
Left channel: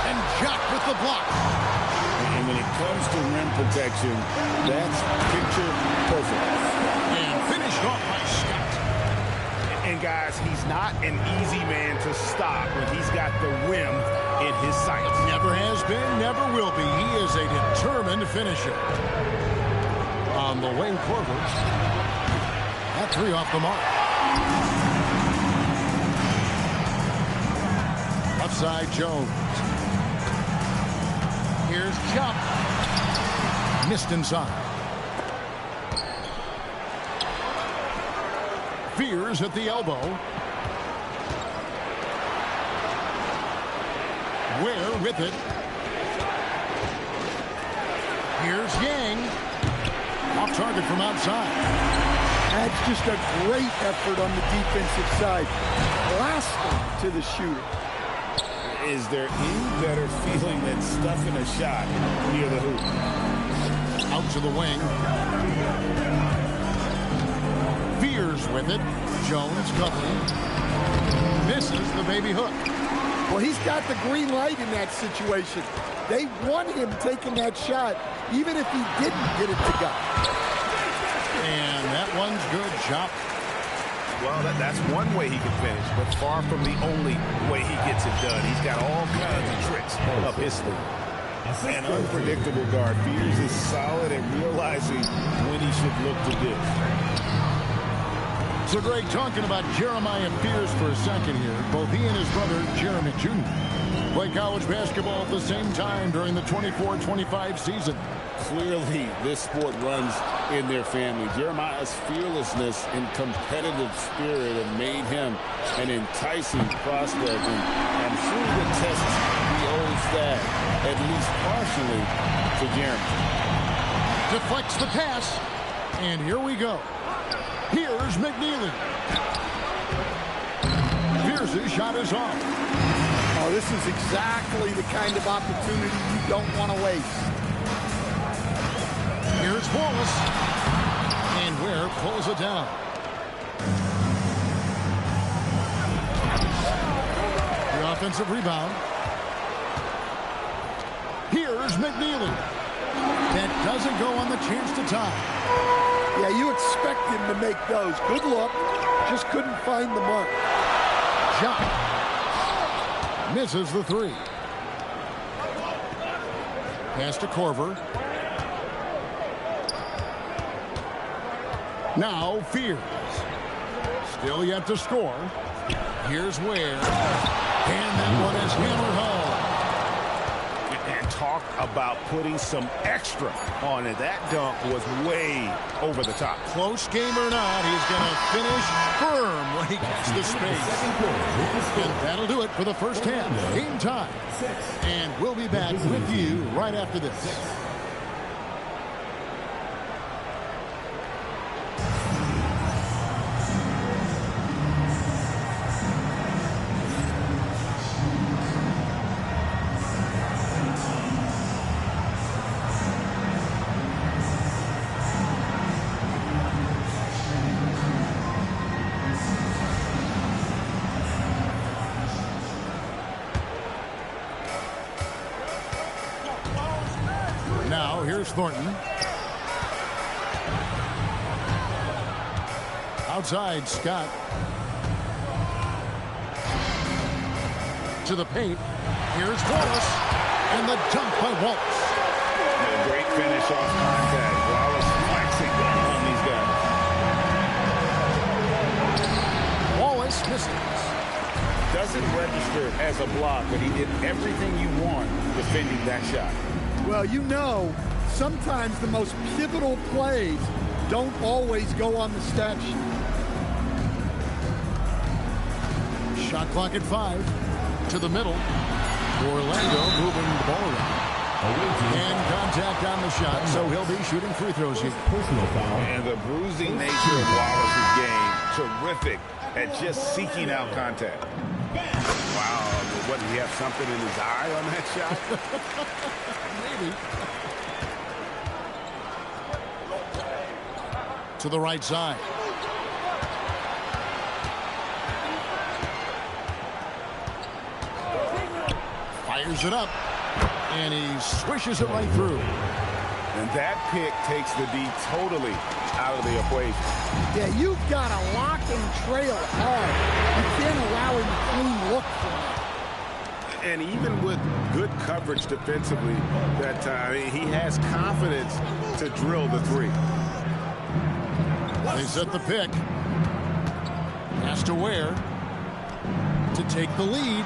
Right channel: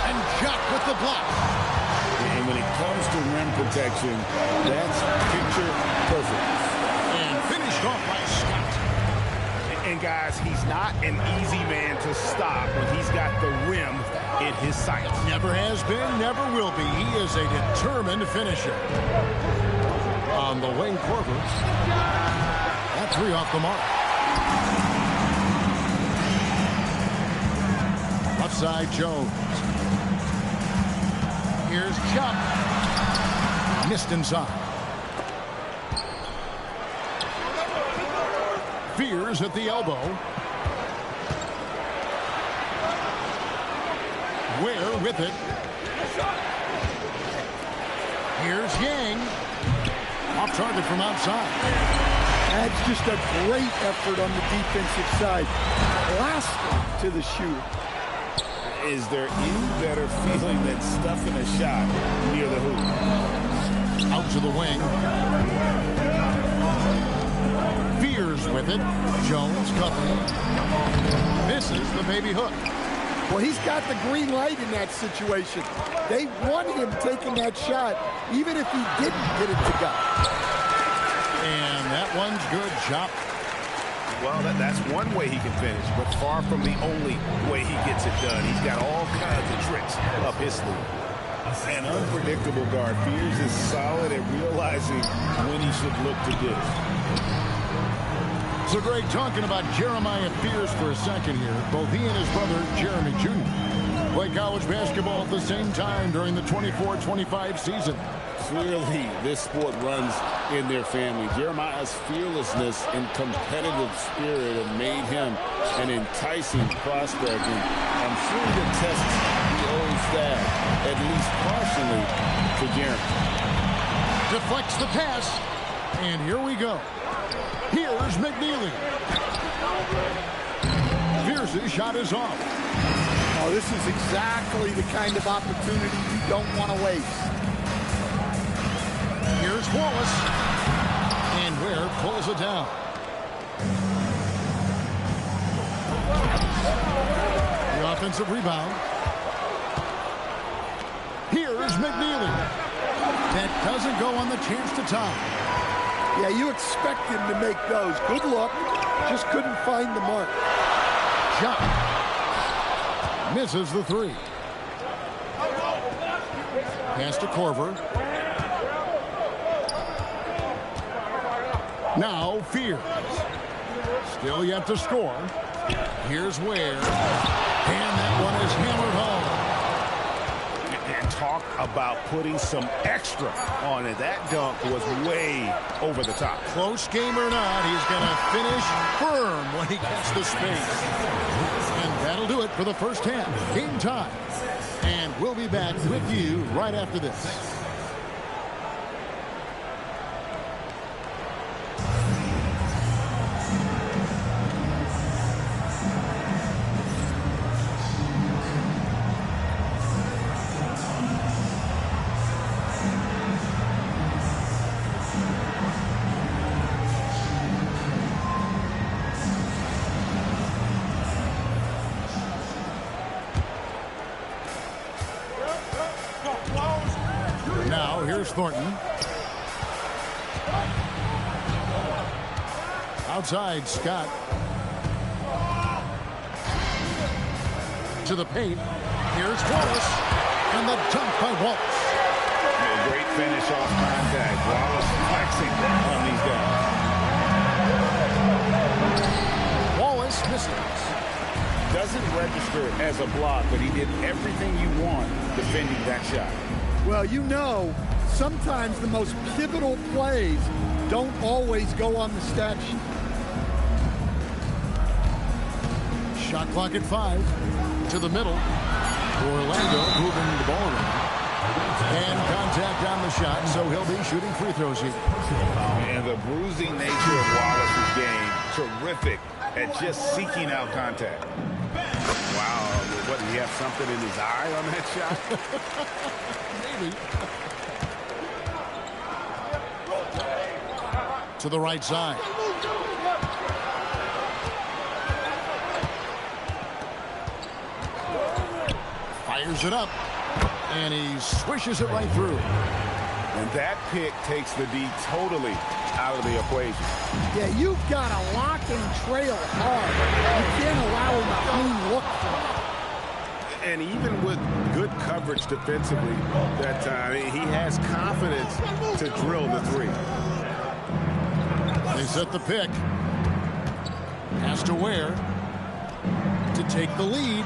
and Jock with the block. And when it comes to rim protection, that's picture perfect. And finished off by Scott. And guys, he's not an easy man to stop when he's got the rim in his sights. Never has been, never will be. He is a determined finisher. On the wing, Korver. That 3 off the mark. Left side, Jones. Here's Chop. Missed inside. Fears at the elbow. Ware with it. Here's Yang. Off target from outside. That's just a great effort on the defensive side. Blasting to the shooter. Is there any better feeling than stuffing a shot near the hoop? Out to the wing. Fears with it. Jones covering. Misses the baby hook. Well, he's got the green light in that situation. They want him taking that shot, even if he didn't get it to go. And that one's good. Chop. Well, that's one way he can finish, but far from the only way he gets it done. He's got all kinds of tricks up his sleeve. An unpredictable guard. Fears is solid at realizing when he should look to dish. So, Greg, talking about Jeremiah Fears for a second here. Both he and his brother, Jeremy Jr., play college basketball at the same time during the 24-25 season. Clearly, this sport runs in their family. Jeremiah's fearlessness and competitive spirit have made him an enticing prospect, and I'm sure the test he owes that, at least partially, to Jeremy. Deflects the pass, and here we go. Here's McNeely. Pierce's shot is off. Oh, this is exactly the kind of opportunity you don't want to waste. Here's Wallace. And Ware pulls it down. The offensive rebound. Here's McNeely. That doesn't go on the chance to tie. Yeah, you expect him to make those. Good look. Just couldn't find the mark. Shot. Misses the three. Pass to Korver. Now Fears. Still yet to score. Here's Ware. And that one is hammered home. And talk about putting some extra on it. That dunk was way over the top. Close game or not, he's going to finish firm when he gets the space. And that'll do it for the first half. Game time. And we'll be back with you right after this. Now here's Thornton. Outside, Scott. To the paint. Here's Wallace. And the dunk by Wallace. A great finish off contact. Wallace flexing on these guys. Wallace misses. Doesn't register as a block, but he did everything you want defending that shot. Well, you know, sometimes the most pivotal plays don't always go on the stat sheet. Shot clock at 5. To the middle. Orlando moving the ball around. And contact on the shot, so he'll be shooting free throws here. And the bruising nature of Wallace's game, terrific at just seeking out contact. Wow, what, did he have something in his eye on that shot? Maybe. To the right side. Fires it up. And he swishes it right through. And that pick takes the D totally out of the equation. Yeah, you've got to lock and trail hard. You can't allow him a clean look from that. And even with good coverage defensively that time, he has confidence to drill the three. They set the pick. Pass to Ware to take the lead.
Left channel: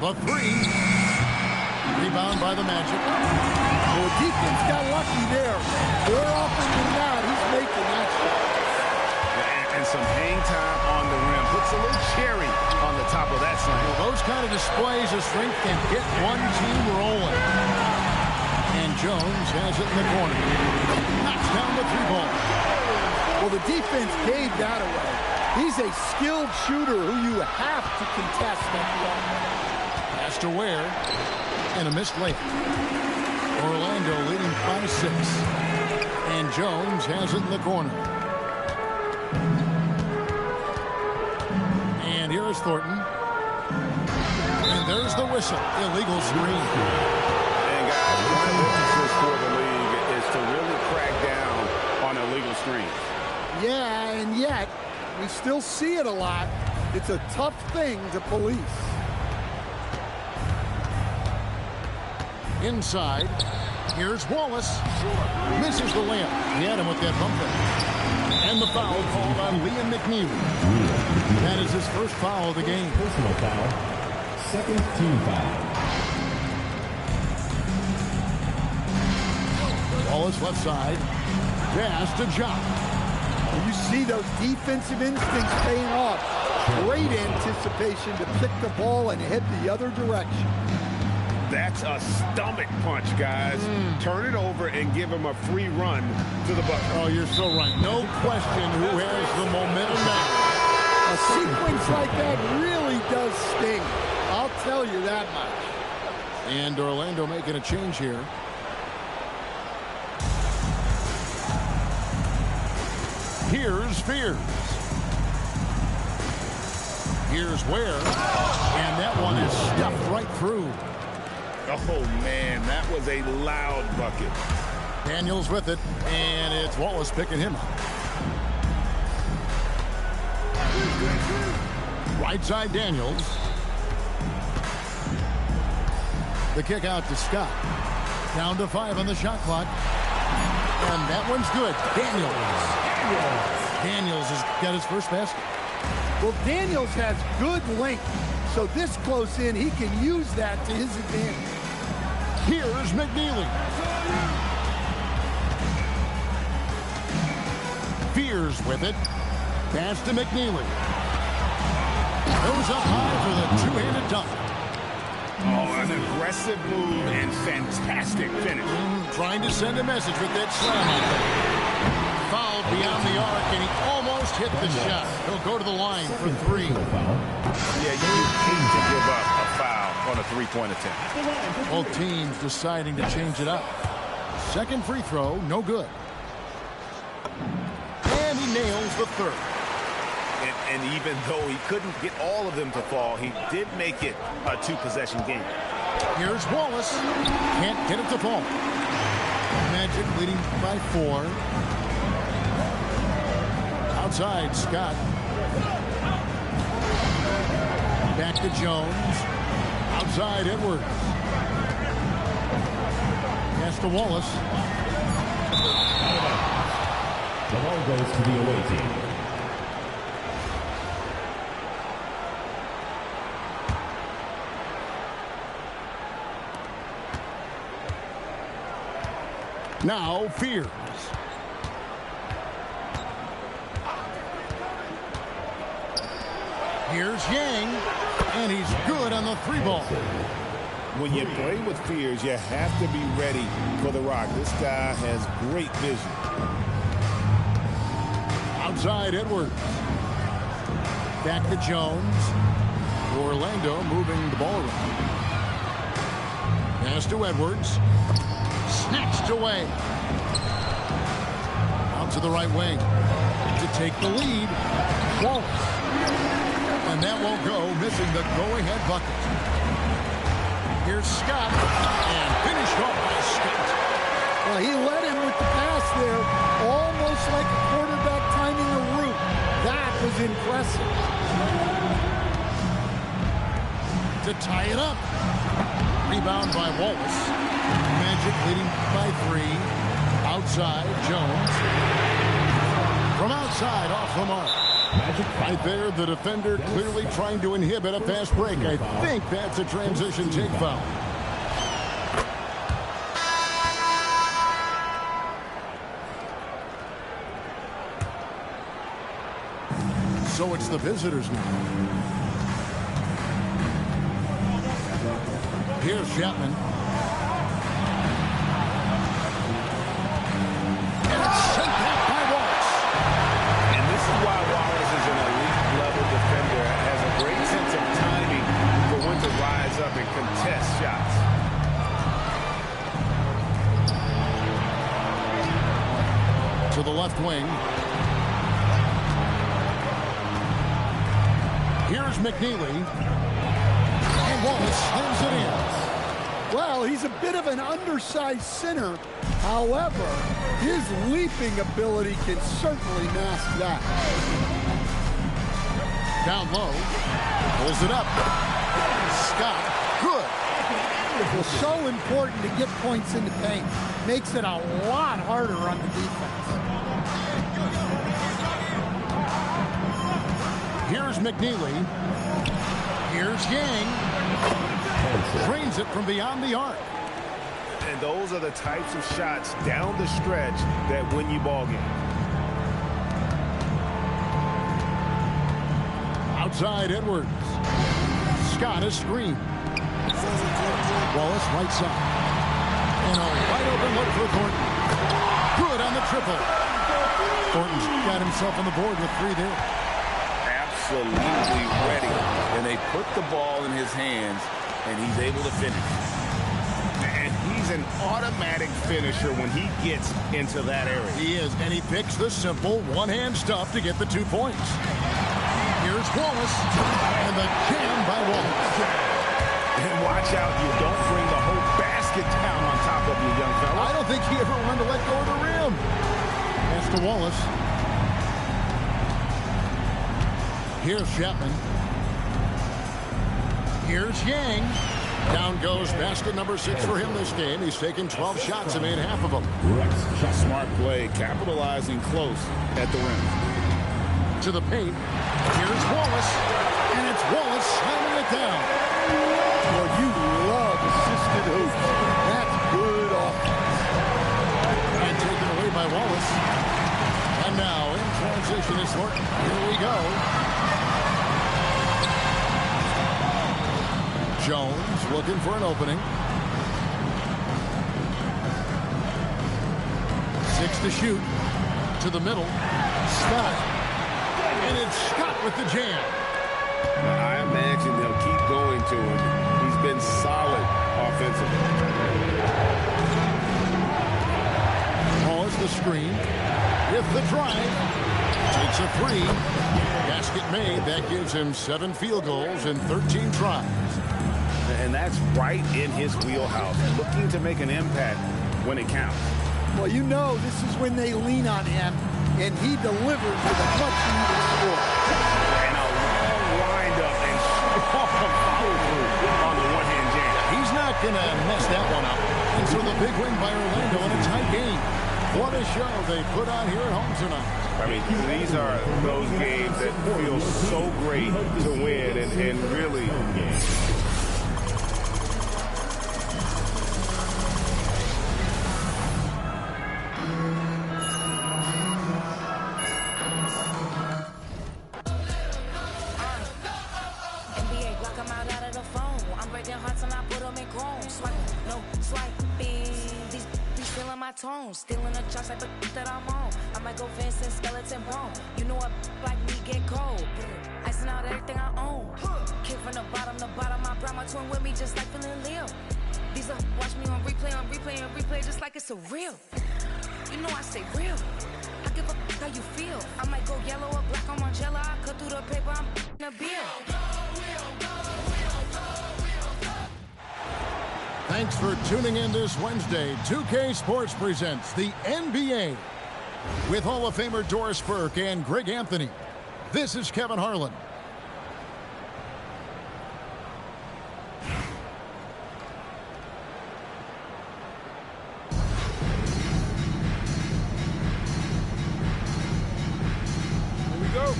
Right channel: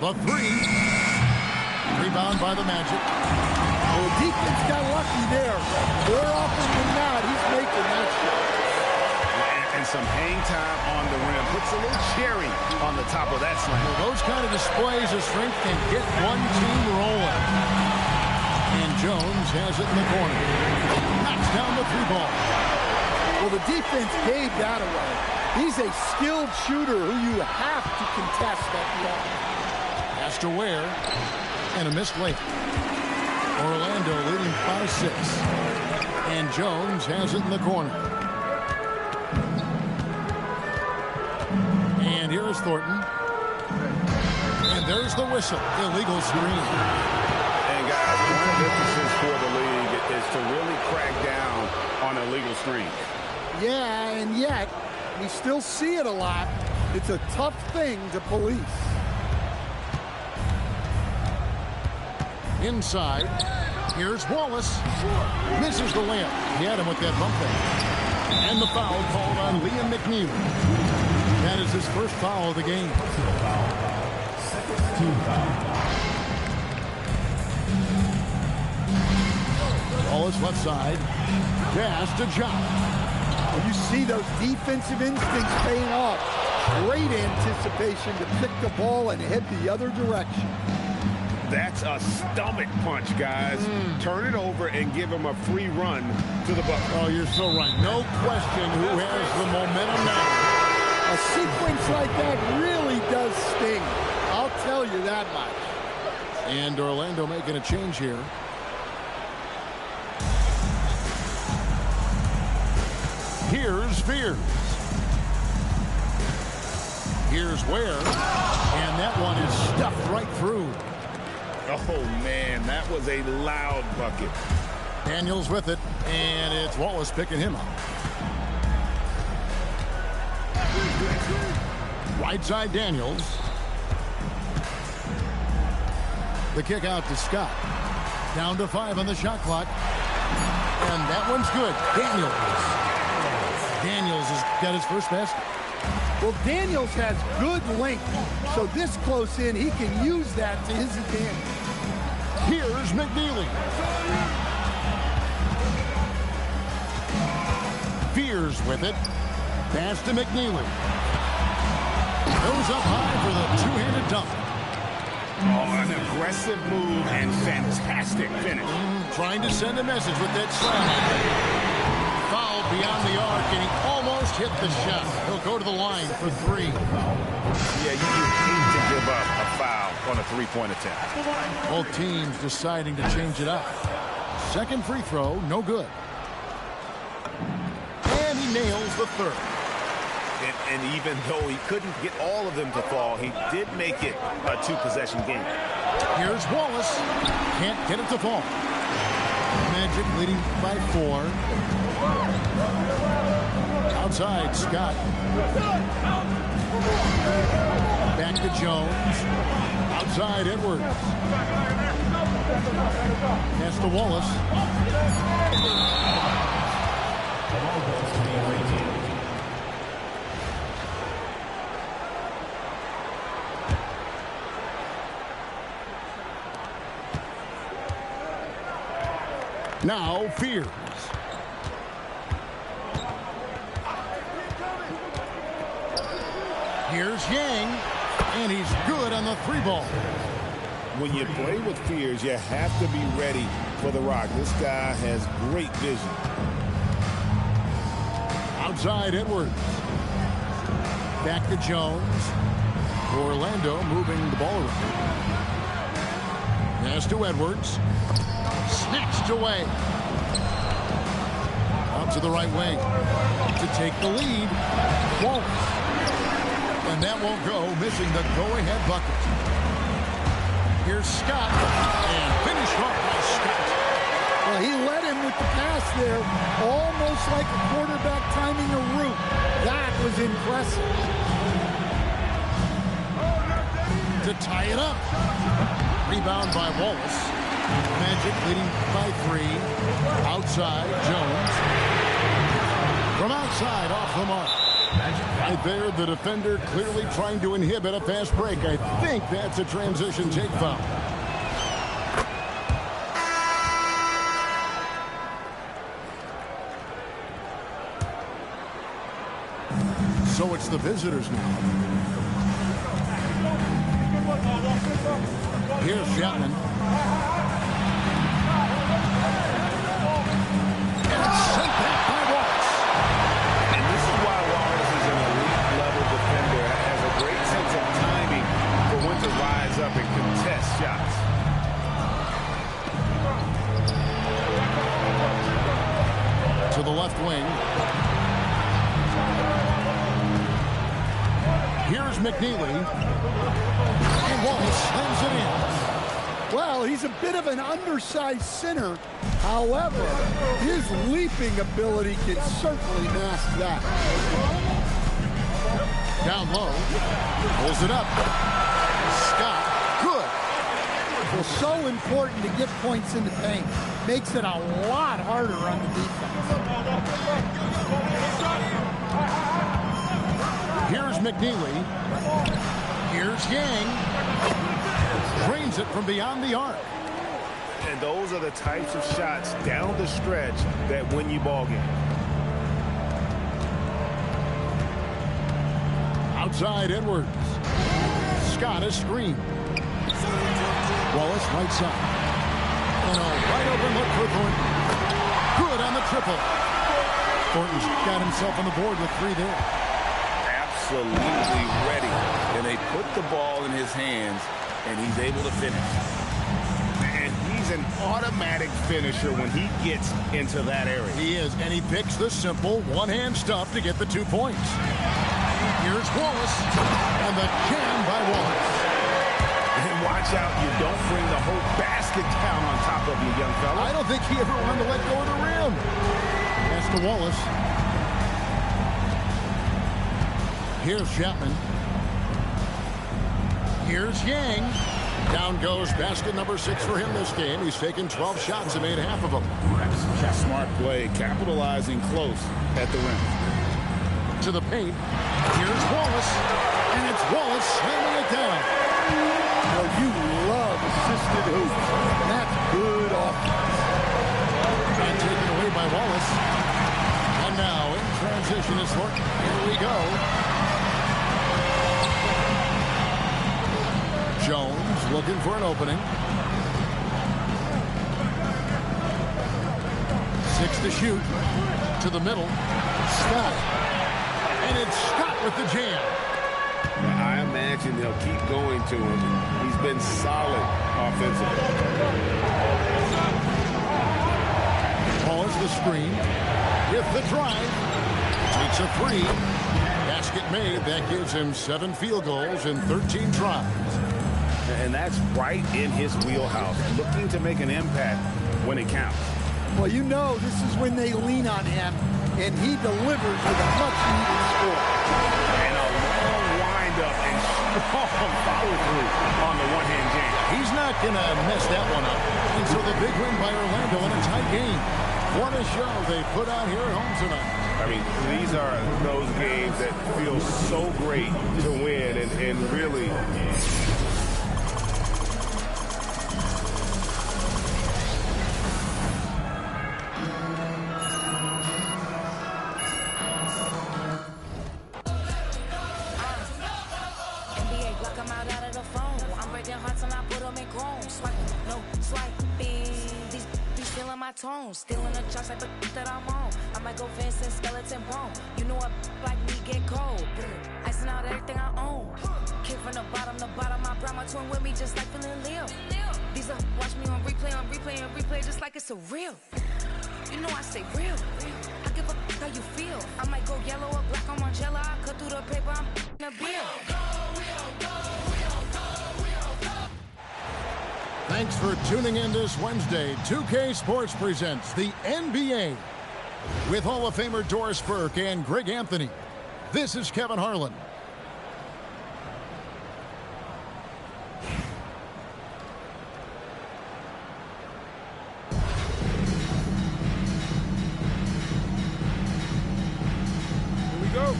The three. Rebound by the Magic. Well, defense got lucky there. More often than not, he's making that shot. And some hang time on the rim. Puts a little cherry on the top of that slam. Well, those kind of displays of strength can get one team rolling. And Jones has it in the corner. Knocks down the three ball. Well, the defense gave that away. He's a skilled shooter who you have to contest at the offense. Pass to Ware. And a missed layup. Orlando leading by 6. And Jones has it in the corner. And here is Thornton. And there's the whistle. Illegal screen. And guys, one of the emphasis for the league is to really crack down on illegal screens. Yeah, and yet we still see it a lot. It's a tough thing to police. Inside. Here's Wallace. Misses the layup. He had him with that bump fake. And the foul called on Liam McNeely. That is his first foul of the game. Personal foul. Second team foul. Wallace left side. Pass to John. You see those defensive instincts paying off. Great anticipation to pick the ball and head the other direction. That's a stomach punch, guys. Turn it over and give him a free run to the bucket. Oh, you're so right. No question who has the momentum now. A sequence like that really does sting. I'll tell you that much. And Orlando making a change here. Here's Fears. Here's Ware. And that one is stuffed right through. Oh, man, that was a loud bucket. Daniels with it, and it's Wallace picking him up. Right side Daniels. The kick out to Scott. Down to 5 on the shot clock. And that one's good. Daniels has got his first basket. Well, Daniels has good length, so this close in, he can use that to his advantage. Here's McNeely. Fears with it. Pass to McNeely. Goes up high for the two-handed dunk. Oh, an aggressive move and fantastic finish. Trying to send a message with that slam, I think. Fouled beyond the arc, and he almost hit the shot. He'll go to the line for 3. Yeah, you hate to give up a foul on a three-point attempt. Both teams deciding to change it up. Second free throw, no good. And he nails the third. And even though he couldn't get all of them to fall, he did make it a 2-possession game. Here's Wallace. Can't get it to fall. Magic leading by 4. Outside, Scott. Back to Jones. Outside, Edwards. Pass to Wallace. The ball goes to the away team. Now Fears. Here's Yang, and he's good on the 3-ball. When you play with Fears, you have to be ready for the rock. This guy has great vision. Outside Edwards. Back to Jones. Orlando moving the ball around. Pass to Edwards. Snatched away. Out to the right wing. To take the lead. Wallace. And that won't go, missing the go-ahead bucket. Here's Scott. And finished off by Scott. Well, he led him with the pass there, almost like a quarterback timing a route. That was impressive. To tie it up. Rebound by Wallace. Magic leading by 3. Outside, Jones. From outside, off the mark. Magic right there, the defender clearly trying to inhibit a fast break. I think that's a transition take foul. So it's the visitors now. Here's Chapman. And it's sent back by Wallace. And this is why Wallace is an elite-level defender. Has a great sense of timing for when to rise up and contest shots. To the left wing. Here's McNeely. And Wallace slams it in. Well, he's a bit of an undersized center. However, his leaping ability can certainly mask that. Down low. Pulls it up. Scott, good. Well, so important to get points in the paint. Makes it a lot harder on the defense. Here's McNeely. Here's Yang. Drains it from beyond the arc. And those are the types of shots down the stretch that win you ball games. Outside Edwards. Scott is screened. Wallace right side. And a wide open look for Thornton. Good on the triple. Thornton's got himself on the board with 3 there. Absolutely ready. And they put the ball in his hands, and he's able to finish. And he's an automatic finisher when he gets into that area. He is, and he picks the simple one-hand stuff to get the 2 points. Here's Wallace, and the jam by Wallace. And watch out, you don't bring the whole basket down on top of you, young fella. I don't think he ever wanted to let go of the rim. Pass to Wallace. Here's Chapman. Here's Yang. Down goes basket number 6 for him this game. He's taken 12 shots and made half of them. Smart play, capitalizing close at the rim. To the paint. Here's Wallace. And it's Wallace slamming it down. Well, you love assisted hoops. That's good offense. And taken away by Wallace. And now in transition is Thornton. Here we go. Jones looking for an opening. 6 to shoot. To the middle. Scott. And it's Scott with the jam. I imagine they'll keep going to him. He's been solid offensively. Calls the screen. With the drive. Takes a 3. Basket made. That gives him 7 field goals in 13 tries. And that's right in his wheelhouse. Looking to make an impact when it counts. Well, you know this is when they lean on him, and he delivers with a much-needed score. And a long wind-up and strong follow-through on the one-hand jam. He's not going to mess that one up. And so the big win by Orlando in a tight game. What a show they put on here at home tonight. I mean, these are those games that feel so great to win and really... Still in the charts like the that I'm on. I might go fence and skeleton bone. You know a like me get cold. Icing out everything I own. Kick from the bottom to bottom. I brought my twin with me just like feeling Leo. These are watch me on replay, just like it's a real. You know I stay real. I give a how you feel. I might go yellow or black on Margiela. I cut through the paper, I'm in a bill. Thanks for tuning in this Wednesday. 2K Sports presents the NBA with Hall of Famer Doris Burke and Greg Anthony. This is Kevin Harlan. Here we go.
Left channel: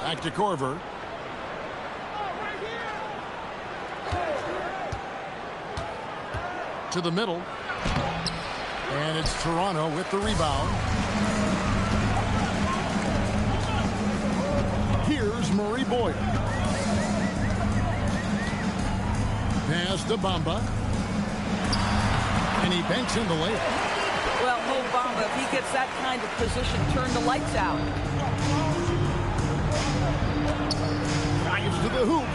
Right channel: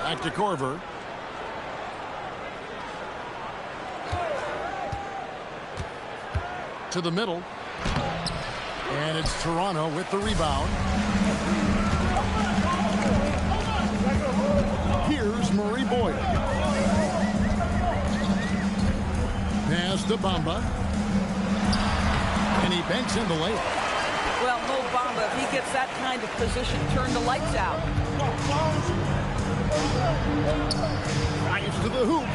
Back to Korver. To the middle. And it's Toronto with the rebound. Here's Murray Boyd. Pass to Bamba. And he banks in the layup. Well, Mo Bamba, if he gets that kind of position, turn the lights out. Drives to the hoop.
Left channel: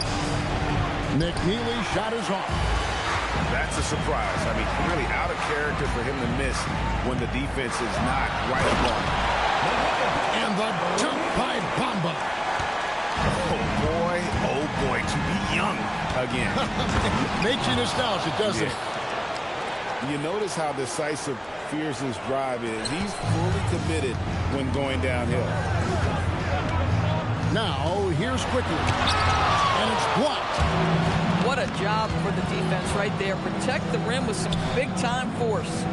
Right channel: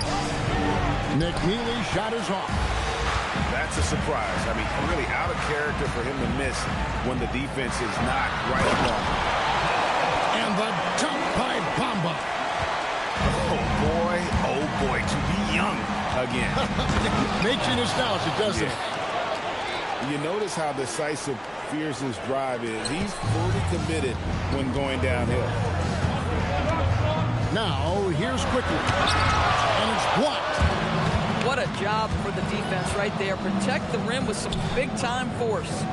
McNeely shot is off. That's a surprise. I mean, really out of character for him to miss when the defense is not right up on him. And the jump by Bamba. Oh boy, to be young again. Makes you nostalgic, doesn't it? You notice how decisive Fears's drive is. He's fully committed when going downhill. Now, here's Quickly. And it's blocked. What a job for the defense right there. Protect the rim with some big-time force.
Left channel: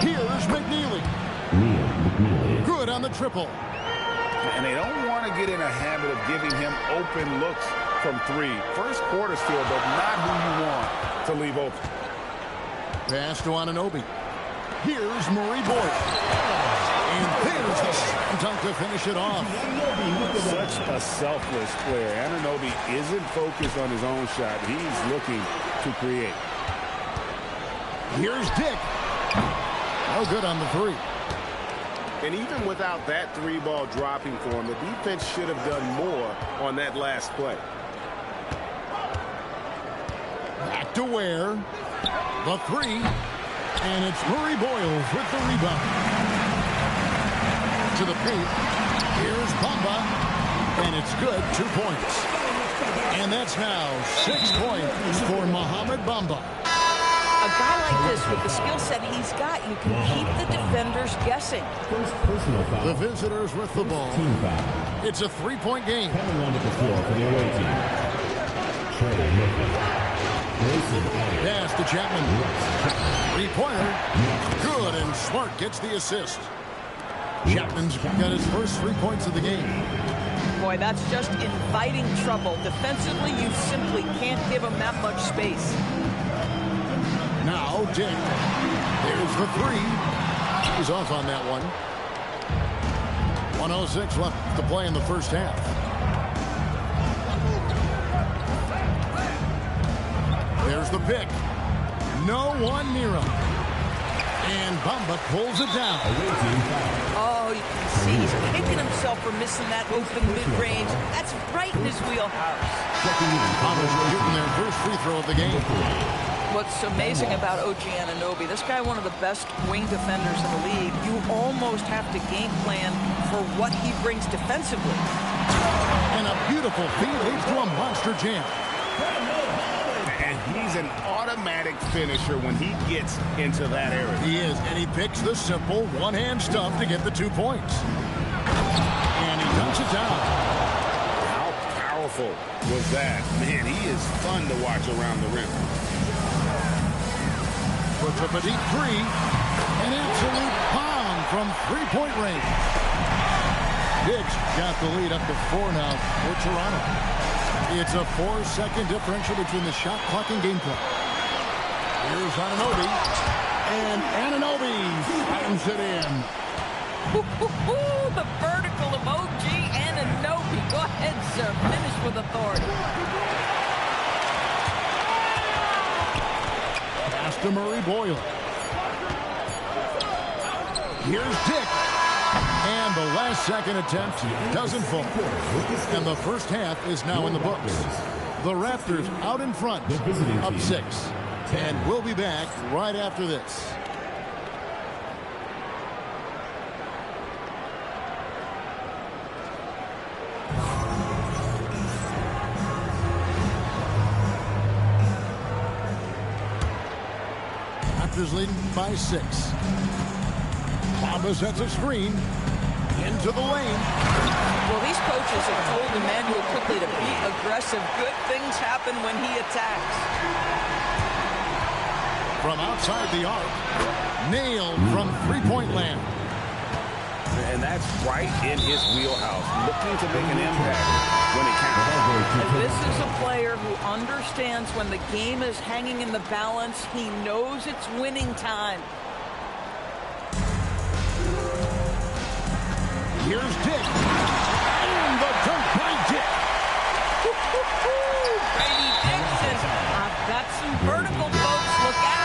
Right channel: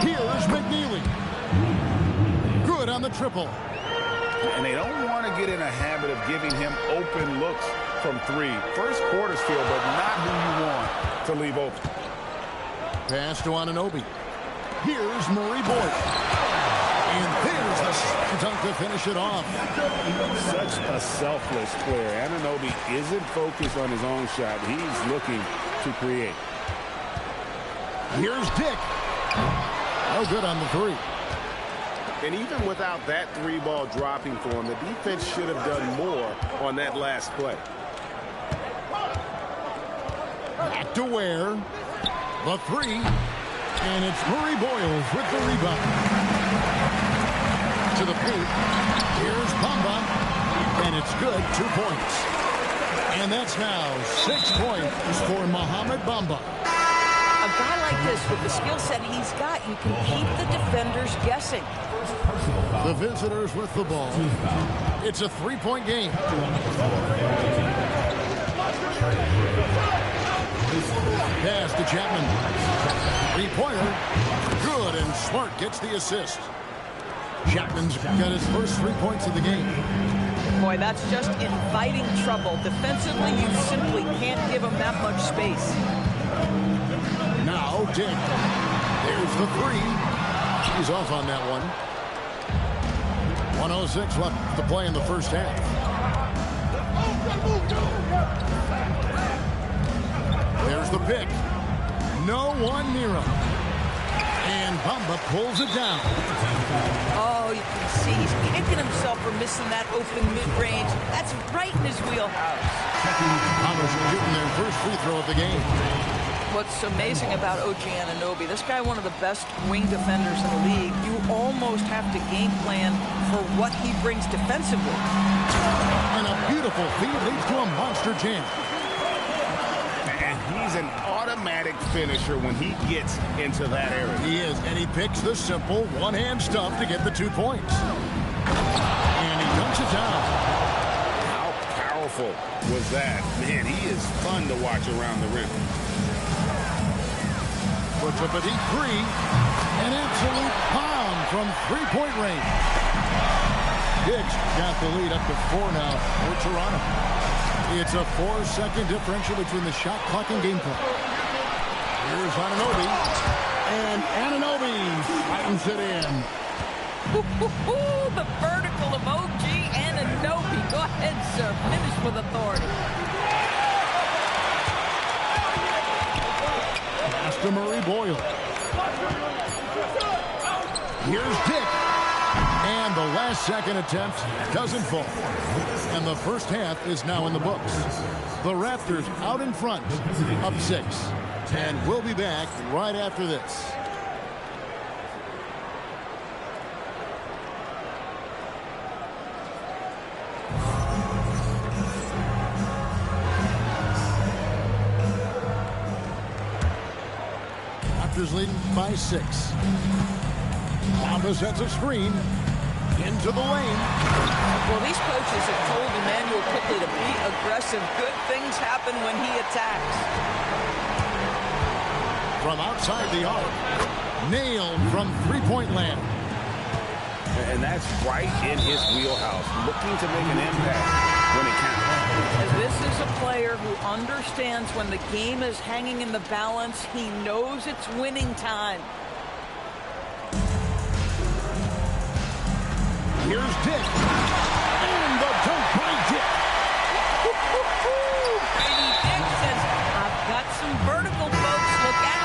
Here's McNeely. Good on the triple. And they don't want to get in a habit of giving him open looks from three. First quarter's field, but not who you want to leave open. Pass to Anunoby. Here's Murray Boyd. And there's the slam dunk to finish it off. Such a selfless player. Anunoby isn't focused on his own shot. He's looking to create. Here's Dick. No good on the three. And even without that three ball dropping for him, the defense should have done more on that last play. Back to Ware. The three. And it's Murray Boyles with the rebound. To the paint. Here's Bamba. And it's good. 2 points. And that's now 6 points for Mohamed Bamba. A guy like this, with the skill set he's got, you can keep the defenders guessing. The visitors with the ball. It's a 3-point game. Pass to Chapman. 3-pointer. Good, and Smart gets the assist. Chapman's got his first 3 points of the game. Boy, that's just inviting trouble. Defensively, you simply can't give him that much space. Now Dick. There's the three. He's off on that one. 1:06 left to play in the first half. There's the pick. No one near him. And Bamba pulls it down. Oh, you can see he's kicking himself for missing that open mid-range. That's right in his wheelhouse. Bamba's shooting their first free throw of the game. What's amazing about OG Anunoby, this guy one of the best wing defenders in the league. You almost have to game plan for what he brings defensively. And a beautiful feed leads to a monster jam. And he's an automatic finisher when he gets into that area. He is, and he picks the simple one-hand stuff to get the 2 points. And he dunks it down. How powerful was that? Man, he is fun to watch around the rim. Puts up a deep three. An absolute bomb from 3-point range. Diggs got the lead up to 4 now for Toronto. It's a 4-second differential between the shot clock and game clock. Here's Anunoby. And Anunoby slams it in. The vertical of OG Anunoby. Go ahead, sir. Finish with authority. Pass to Murray Boyle. Here's Dick. And the last second attempt doesn't fall. And the first half is now in the books. The Raptors out in front, up 6. And we'll be back right after this. Raptors leading by 6. Bamba sets a screen into the lane. Well, these coaches have told Emmanuel quickly to be aggressive. Good things happen when he attacks. From outside the arc, nailed from 3-point land. And that's right in his wheelhouse, looking to make an impact when it counts. And this is a player who understands when the game is hanging in the balance. He knows it's winning time. Here's Dick. And the dunk by Dick. Brady Dick says, I've got some vertical, folks. Look out.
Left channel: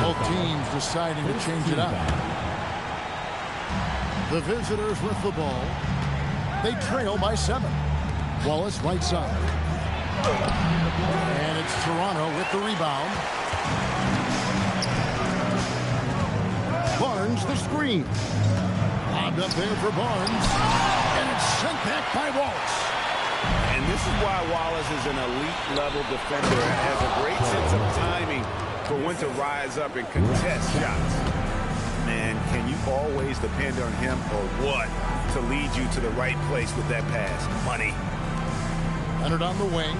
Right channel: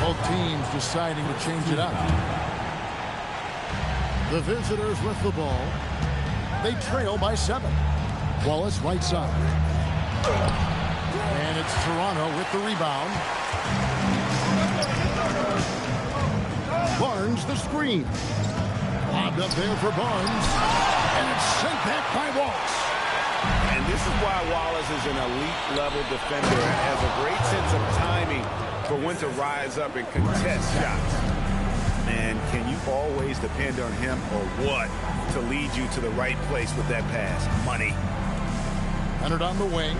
Both teams deciding to change it up. The visitors with the ball. They trail by 7. Wallace right side. And it's Toronto with the rebound. Barnes the screen. Lobbed up there for Barnes. And it's sent back by Wallace. And this is why Wallace is an elite level defender and has a great sense of timing for when to rise up and contest shots. Man, can you always depend on him or what to lead you to the right place with that pass? Money. Leonard on the wing.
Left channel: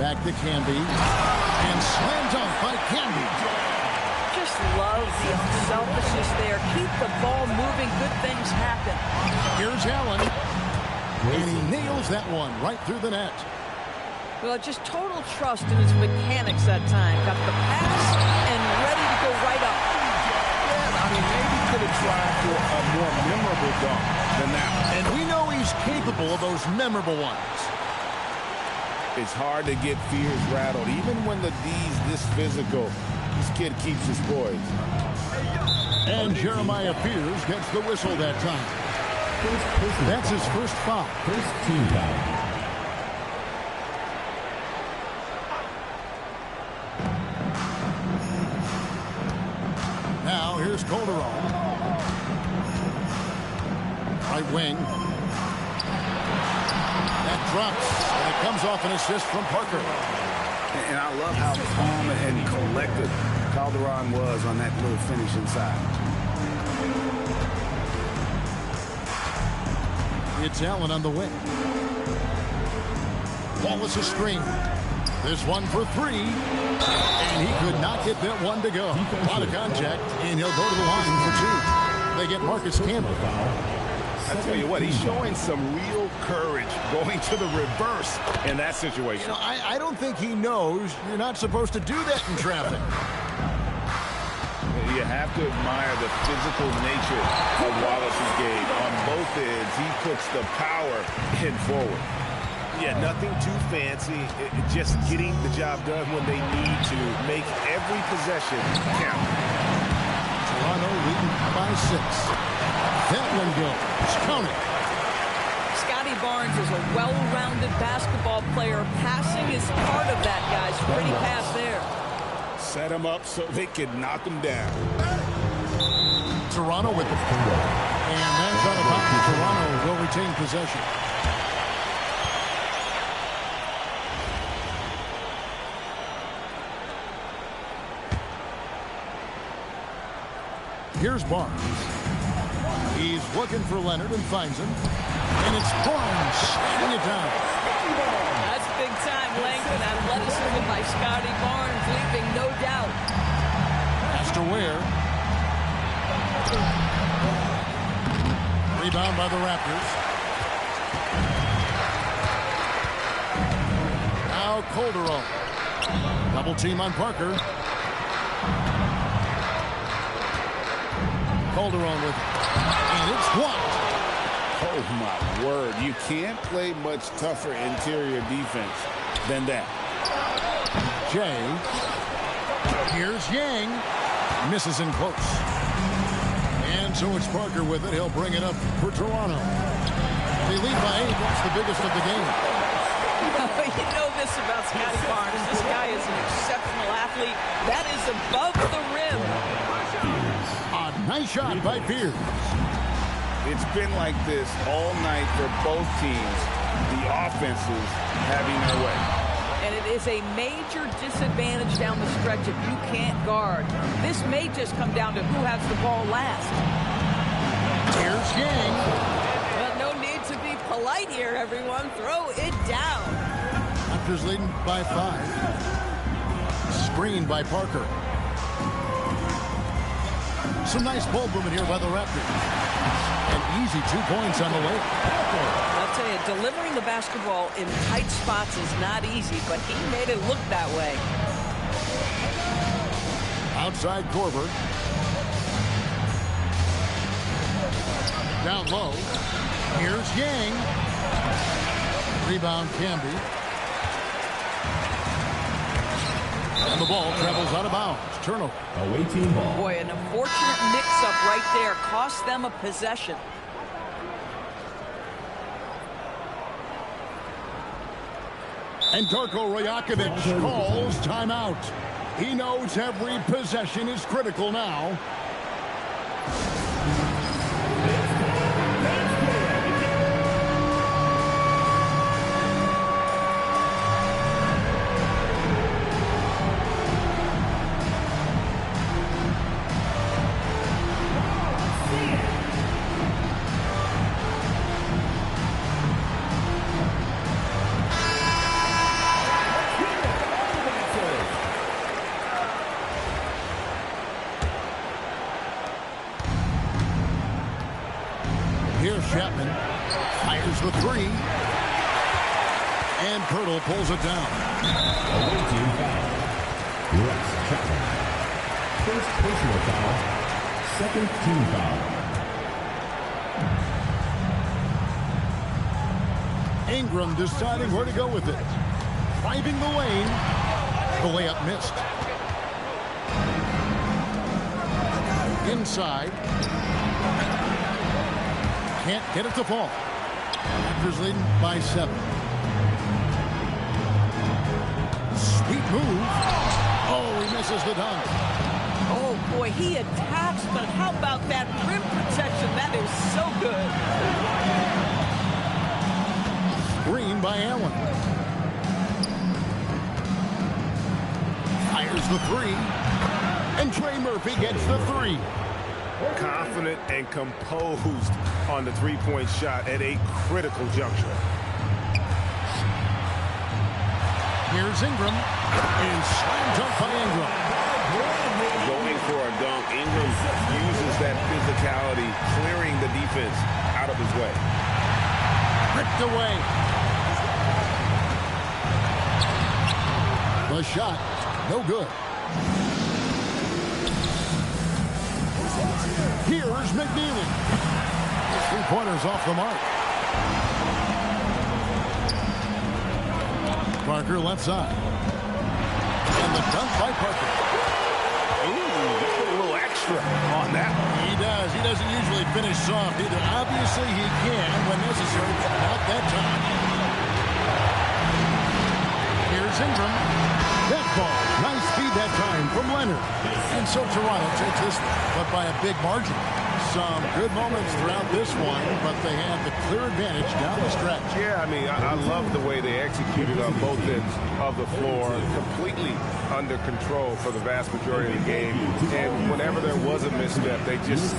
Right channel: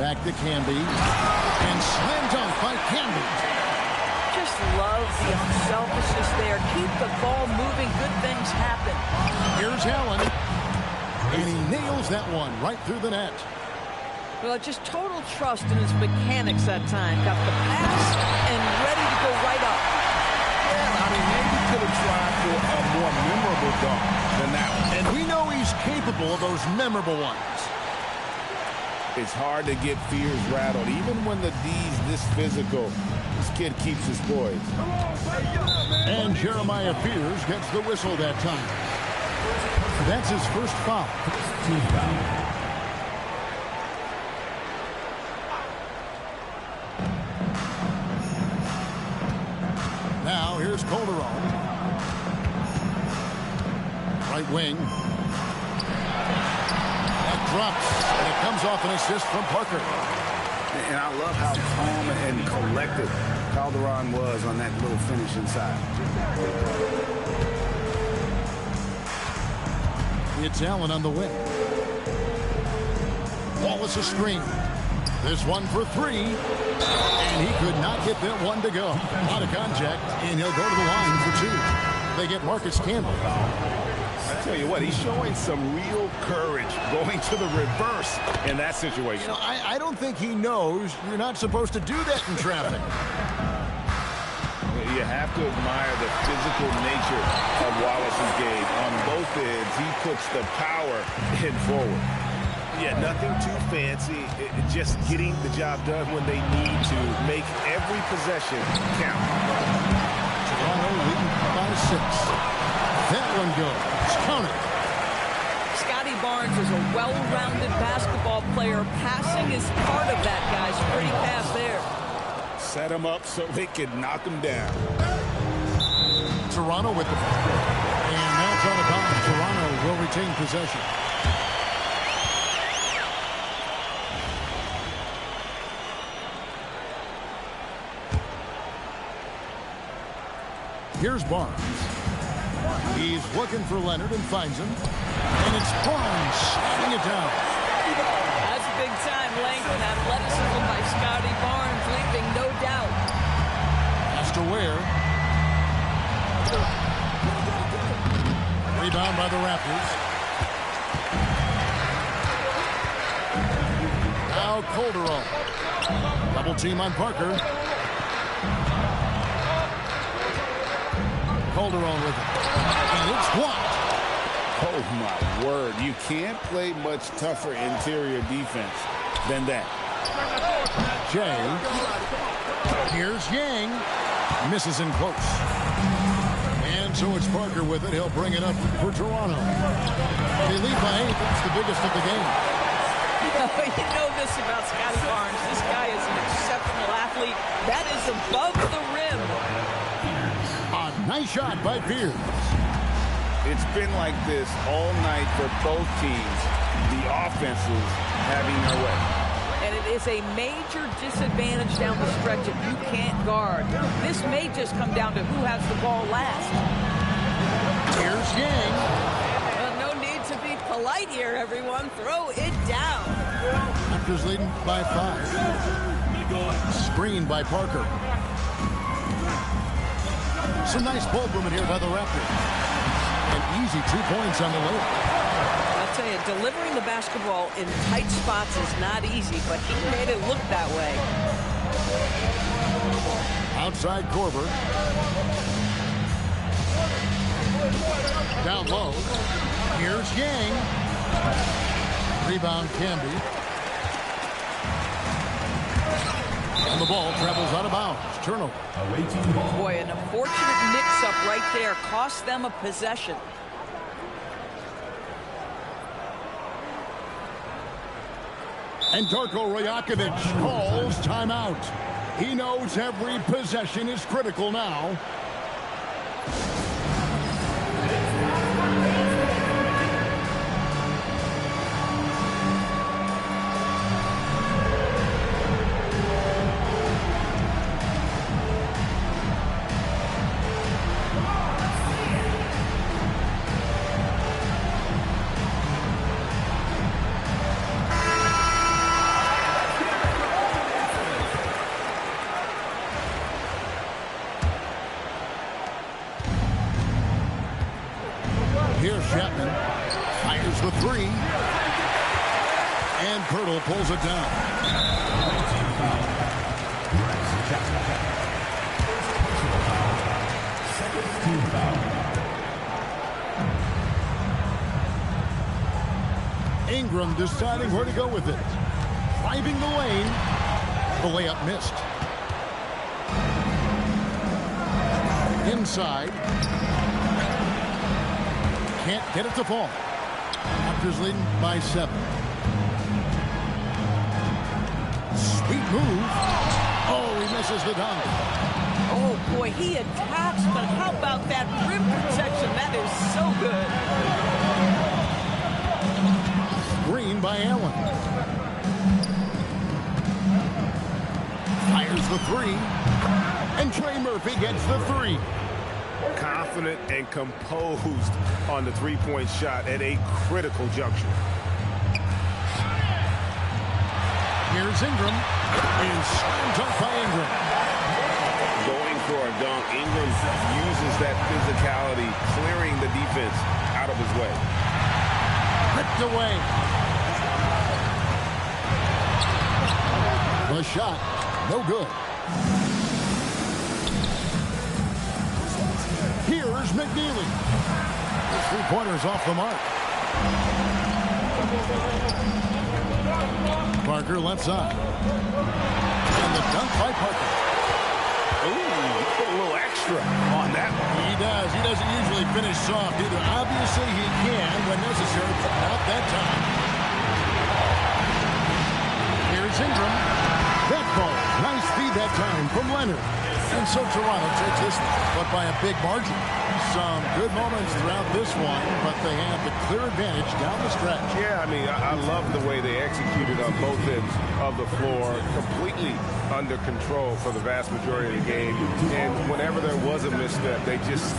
Back to Canby. And slam dunk by Canby. Just love the unselfishness there. Keep the ball moving. Good things happen. Here's Allen. And he nails that one right through the net. Well, just total trust in his mechanics that time. Got the pass and ready to go right up. Yeah, I mean, maybe could have tried for a more memorable dunk than that one. And we know he's capable of those memorable ones. It's hard to get fears rattled. Even when the D's this physical, this kid keeps his poise. And Jeremiah Fears gets the whistle that time. That's his first foul. First team foul. Now here's Calderon. Right wing. That drops, and it comes off an assist from Parker. And I love how calm and collected Calderon was on that little finish inside. It's Allen on the wing. Wallace a screen. This one for three. And he could not get that one to go. A lot of contact, and he'll go to the line for two. They get Marcus Campbell. I tell you what, he's showing some real courage going to the reverse in that situation. You know, I don't think he knows you're not supposed to do that in traffic. You have to admire the physical nature of Wallace's game. On both ends, he puts the power in forward. Yeah, nothing too fancy. Just getting the job done when they need to. Make every possession count. Toronto leading by 6. That one goes. Count it. Scotty Barnes is a well-rounded basketball player. Passing is part of that, guys. Pretty pass there. Set him up so they can knock him down. Toronto with the ball. And that's out of bounds. Toronto will retain possession. Here's Barnes. He's looking for Leonard and finds him. And it's Barnes slamming it down. That's big time length and athleticism by Scotty Barnes, leaving no doubt. Pass to Ware. Rebound by the Raptors. Now Calderon. Double team on Parker. Calderon with it. And it's blocked. Oh, my word. You can't play much tougher interior defense than that. Jay. Here's Yang. Misses in close. And so it's Parker with it. He'll bring it up for Toronto. They lead by 8. That's the biggest of the game. You know this about Scotty Barnes. This guy is an exceptional athlete. That is above the rim. A nice shot by Fears. It's been like this all night for both teams. The offenses having their way. And it is a major disadvantage down the stretch if you can't guard. This may just come down to who has the ball last. Here's Yang. Well, no need to be polite here, everyone. Throw it down. Raptors leading by 5. Screen by Parker. Some nice ball movement here by the Raptors. An easy 2 points on the layup. I'll tell you, delivering the basketball in tight spots is not easy, but he made it look that way. Outside Korver. Down low. Here's Yang. Rebound Canby. And the ball travels out of bounds. Turnover. Away team ball. Boy, an unfortunate mix-up right there cost them a possession. And Darko Rajakovic calls timeout. He knows every possession is critical now. Here's Chapman. Fires the three. And Pirtle pulls it down. Away team foul. Rex Chapman. First personal foul. Second team foul. Ingram deciding where to go with it. Driving the lane. The layup missed. Inside. Can't get it to fall. Raptors leading by 7. Sweet move. Oh, he misses the dunk. Oh, boy, he attacks, but how about that rim protection? That is so good. Screen by Allen. Fires the three. And Trey Murphy gets the three. Confident and composed on the three-point shot at a critical juncture. Here's Ingram. And slam dunk by Ingram. Going for a dunk, Ingram uses that physicality, clearing the defense out of his way. Ripped away. The shot, no good. Here's McNeely. His three-pointers off the mark. Parker left side. And the dunk by Parker. Ooh, he put a little extra on that one. He does. He doesn't usually finish soft either. Obviously, he can when necessary, but not that time. Here's Ingram. That ball. Nice feed that time from Leonard. And so Toronto takes this one, but by a big margin. Some good moments throughout this one, but they have the clear advantage down the stretch. Yeah, I mean, I love the way they executed on both ends of the floor. Completely under control for the vast majority of the game. And whenever there was a misstep, they just...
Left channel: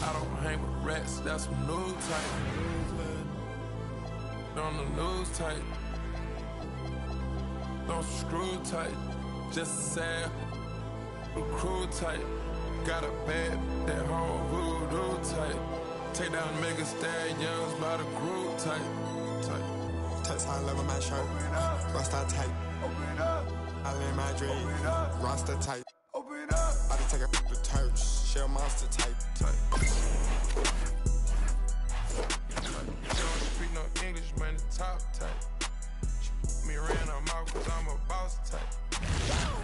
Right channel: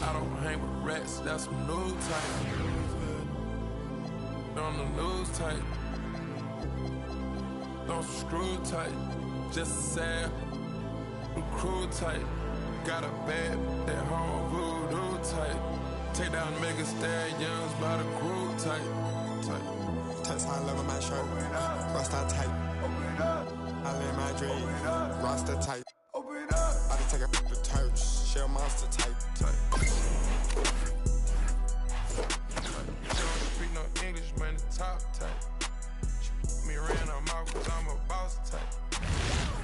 I don't hang with rats, that's some new type. On the news type. Don't screw tight. Just a sad crew type. Got a bad, that home voodoo type. Take down mega stallions by the group type. Touch high level my shirt. Rasta type. I live my dream. Rasta type. I just take a the church. Shell monster type. She don't speak no English, man, the top type. She me around her mouth cause I'm a boss type.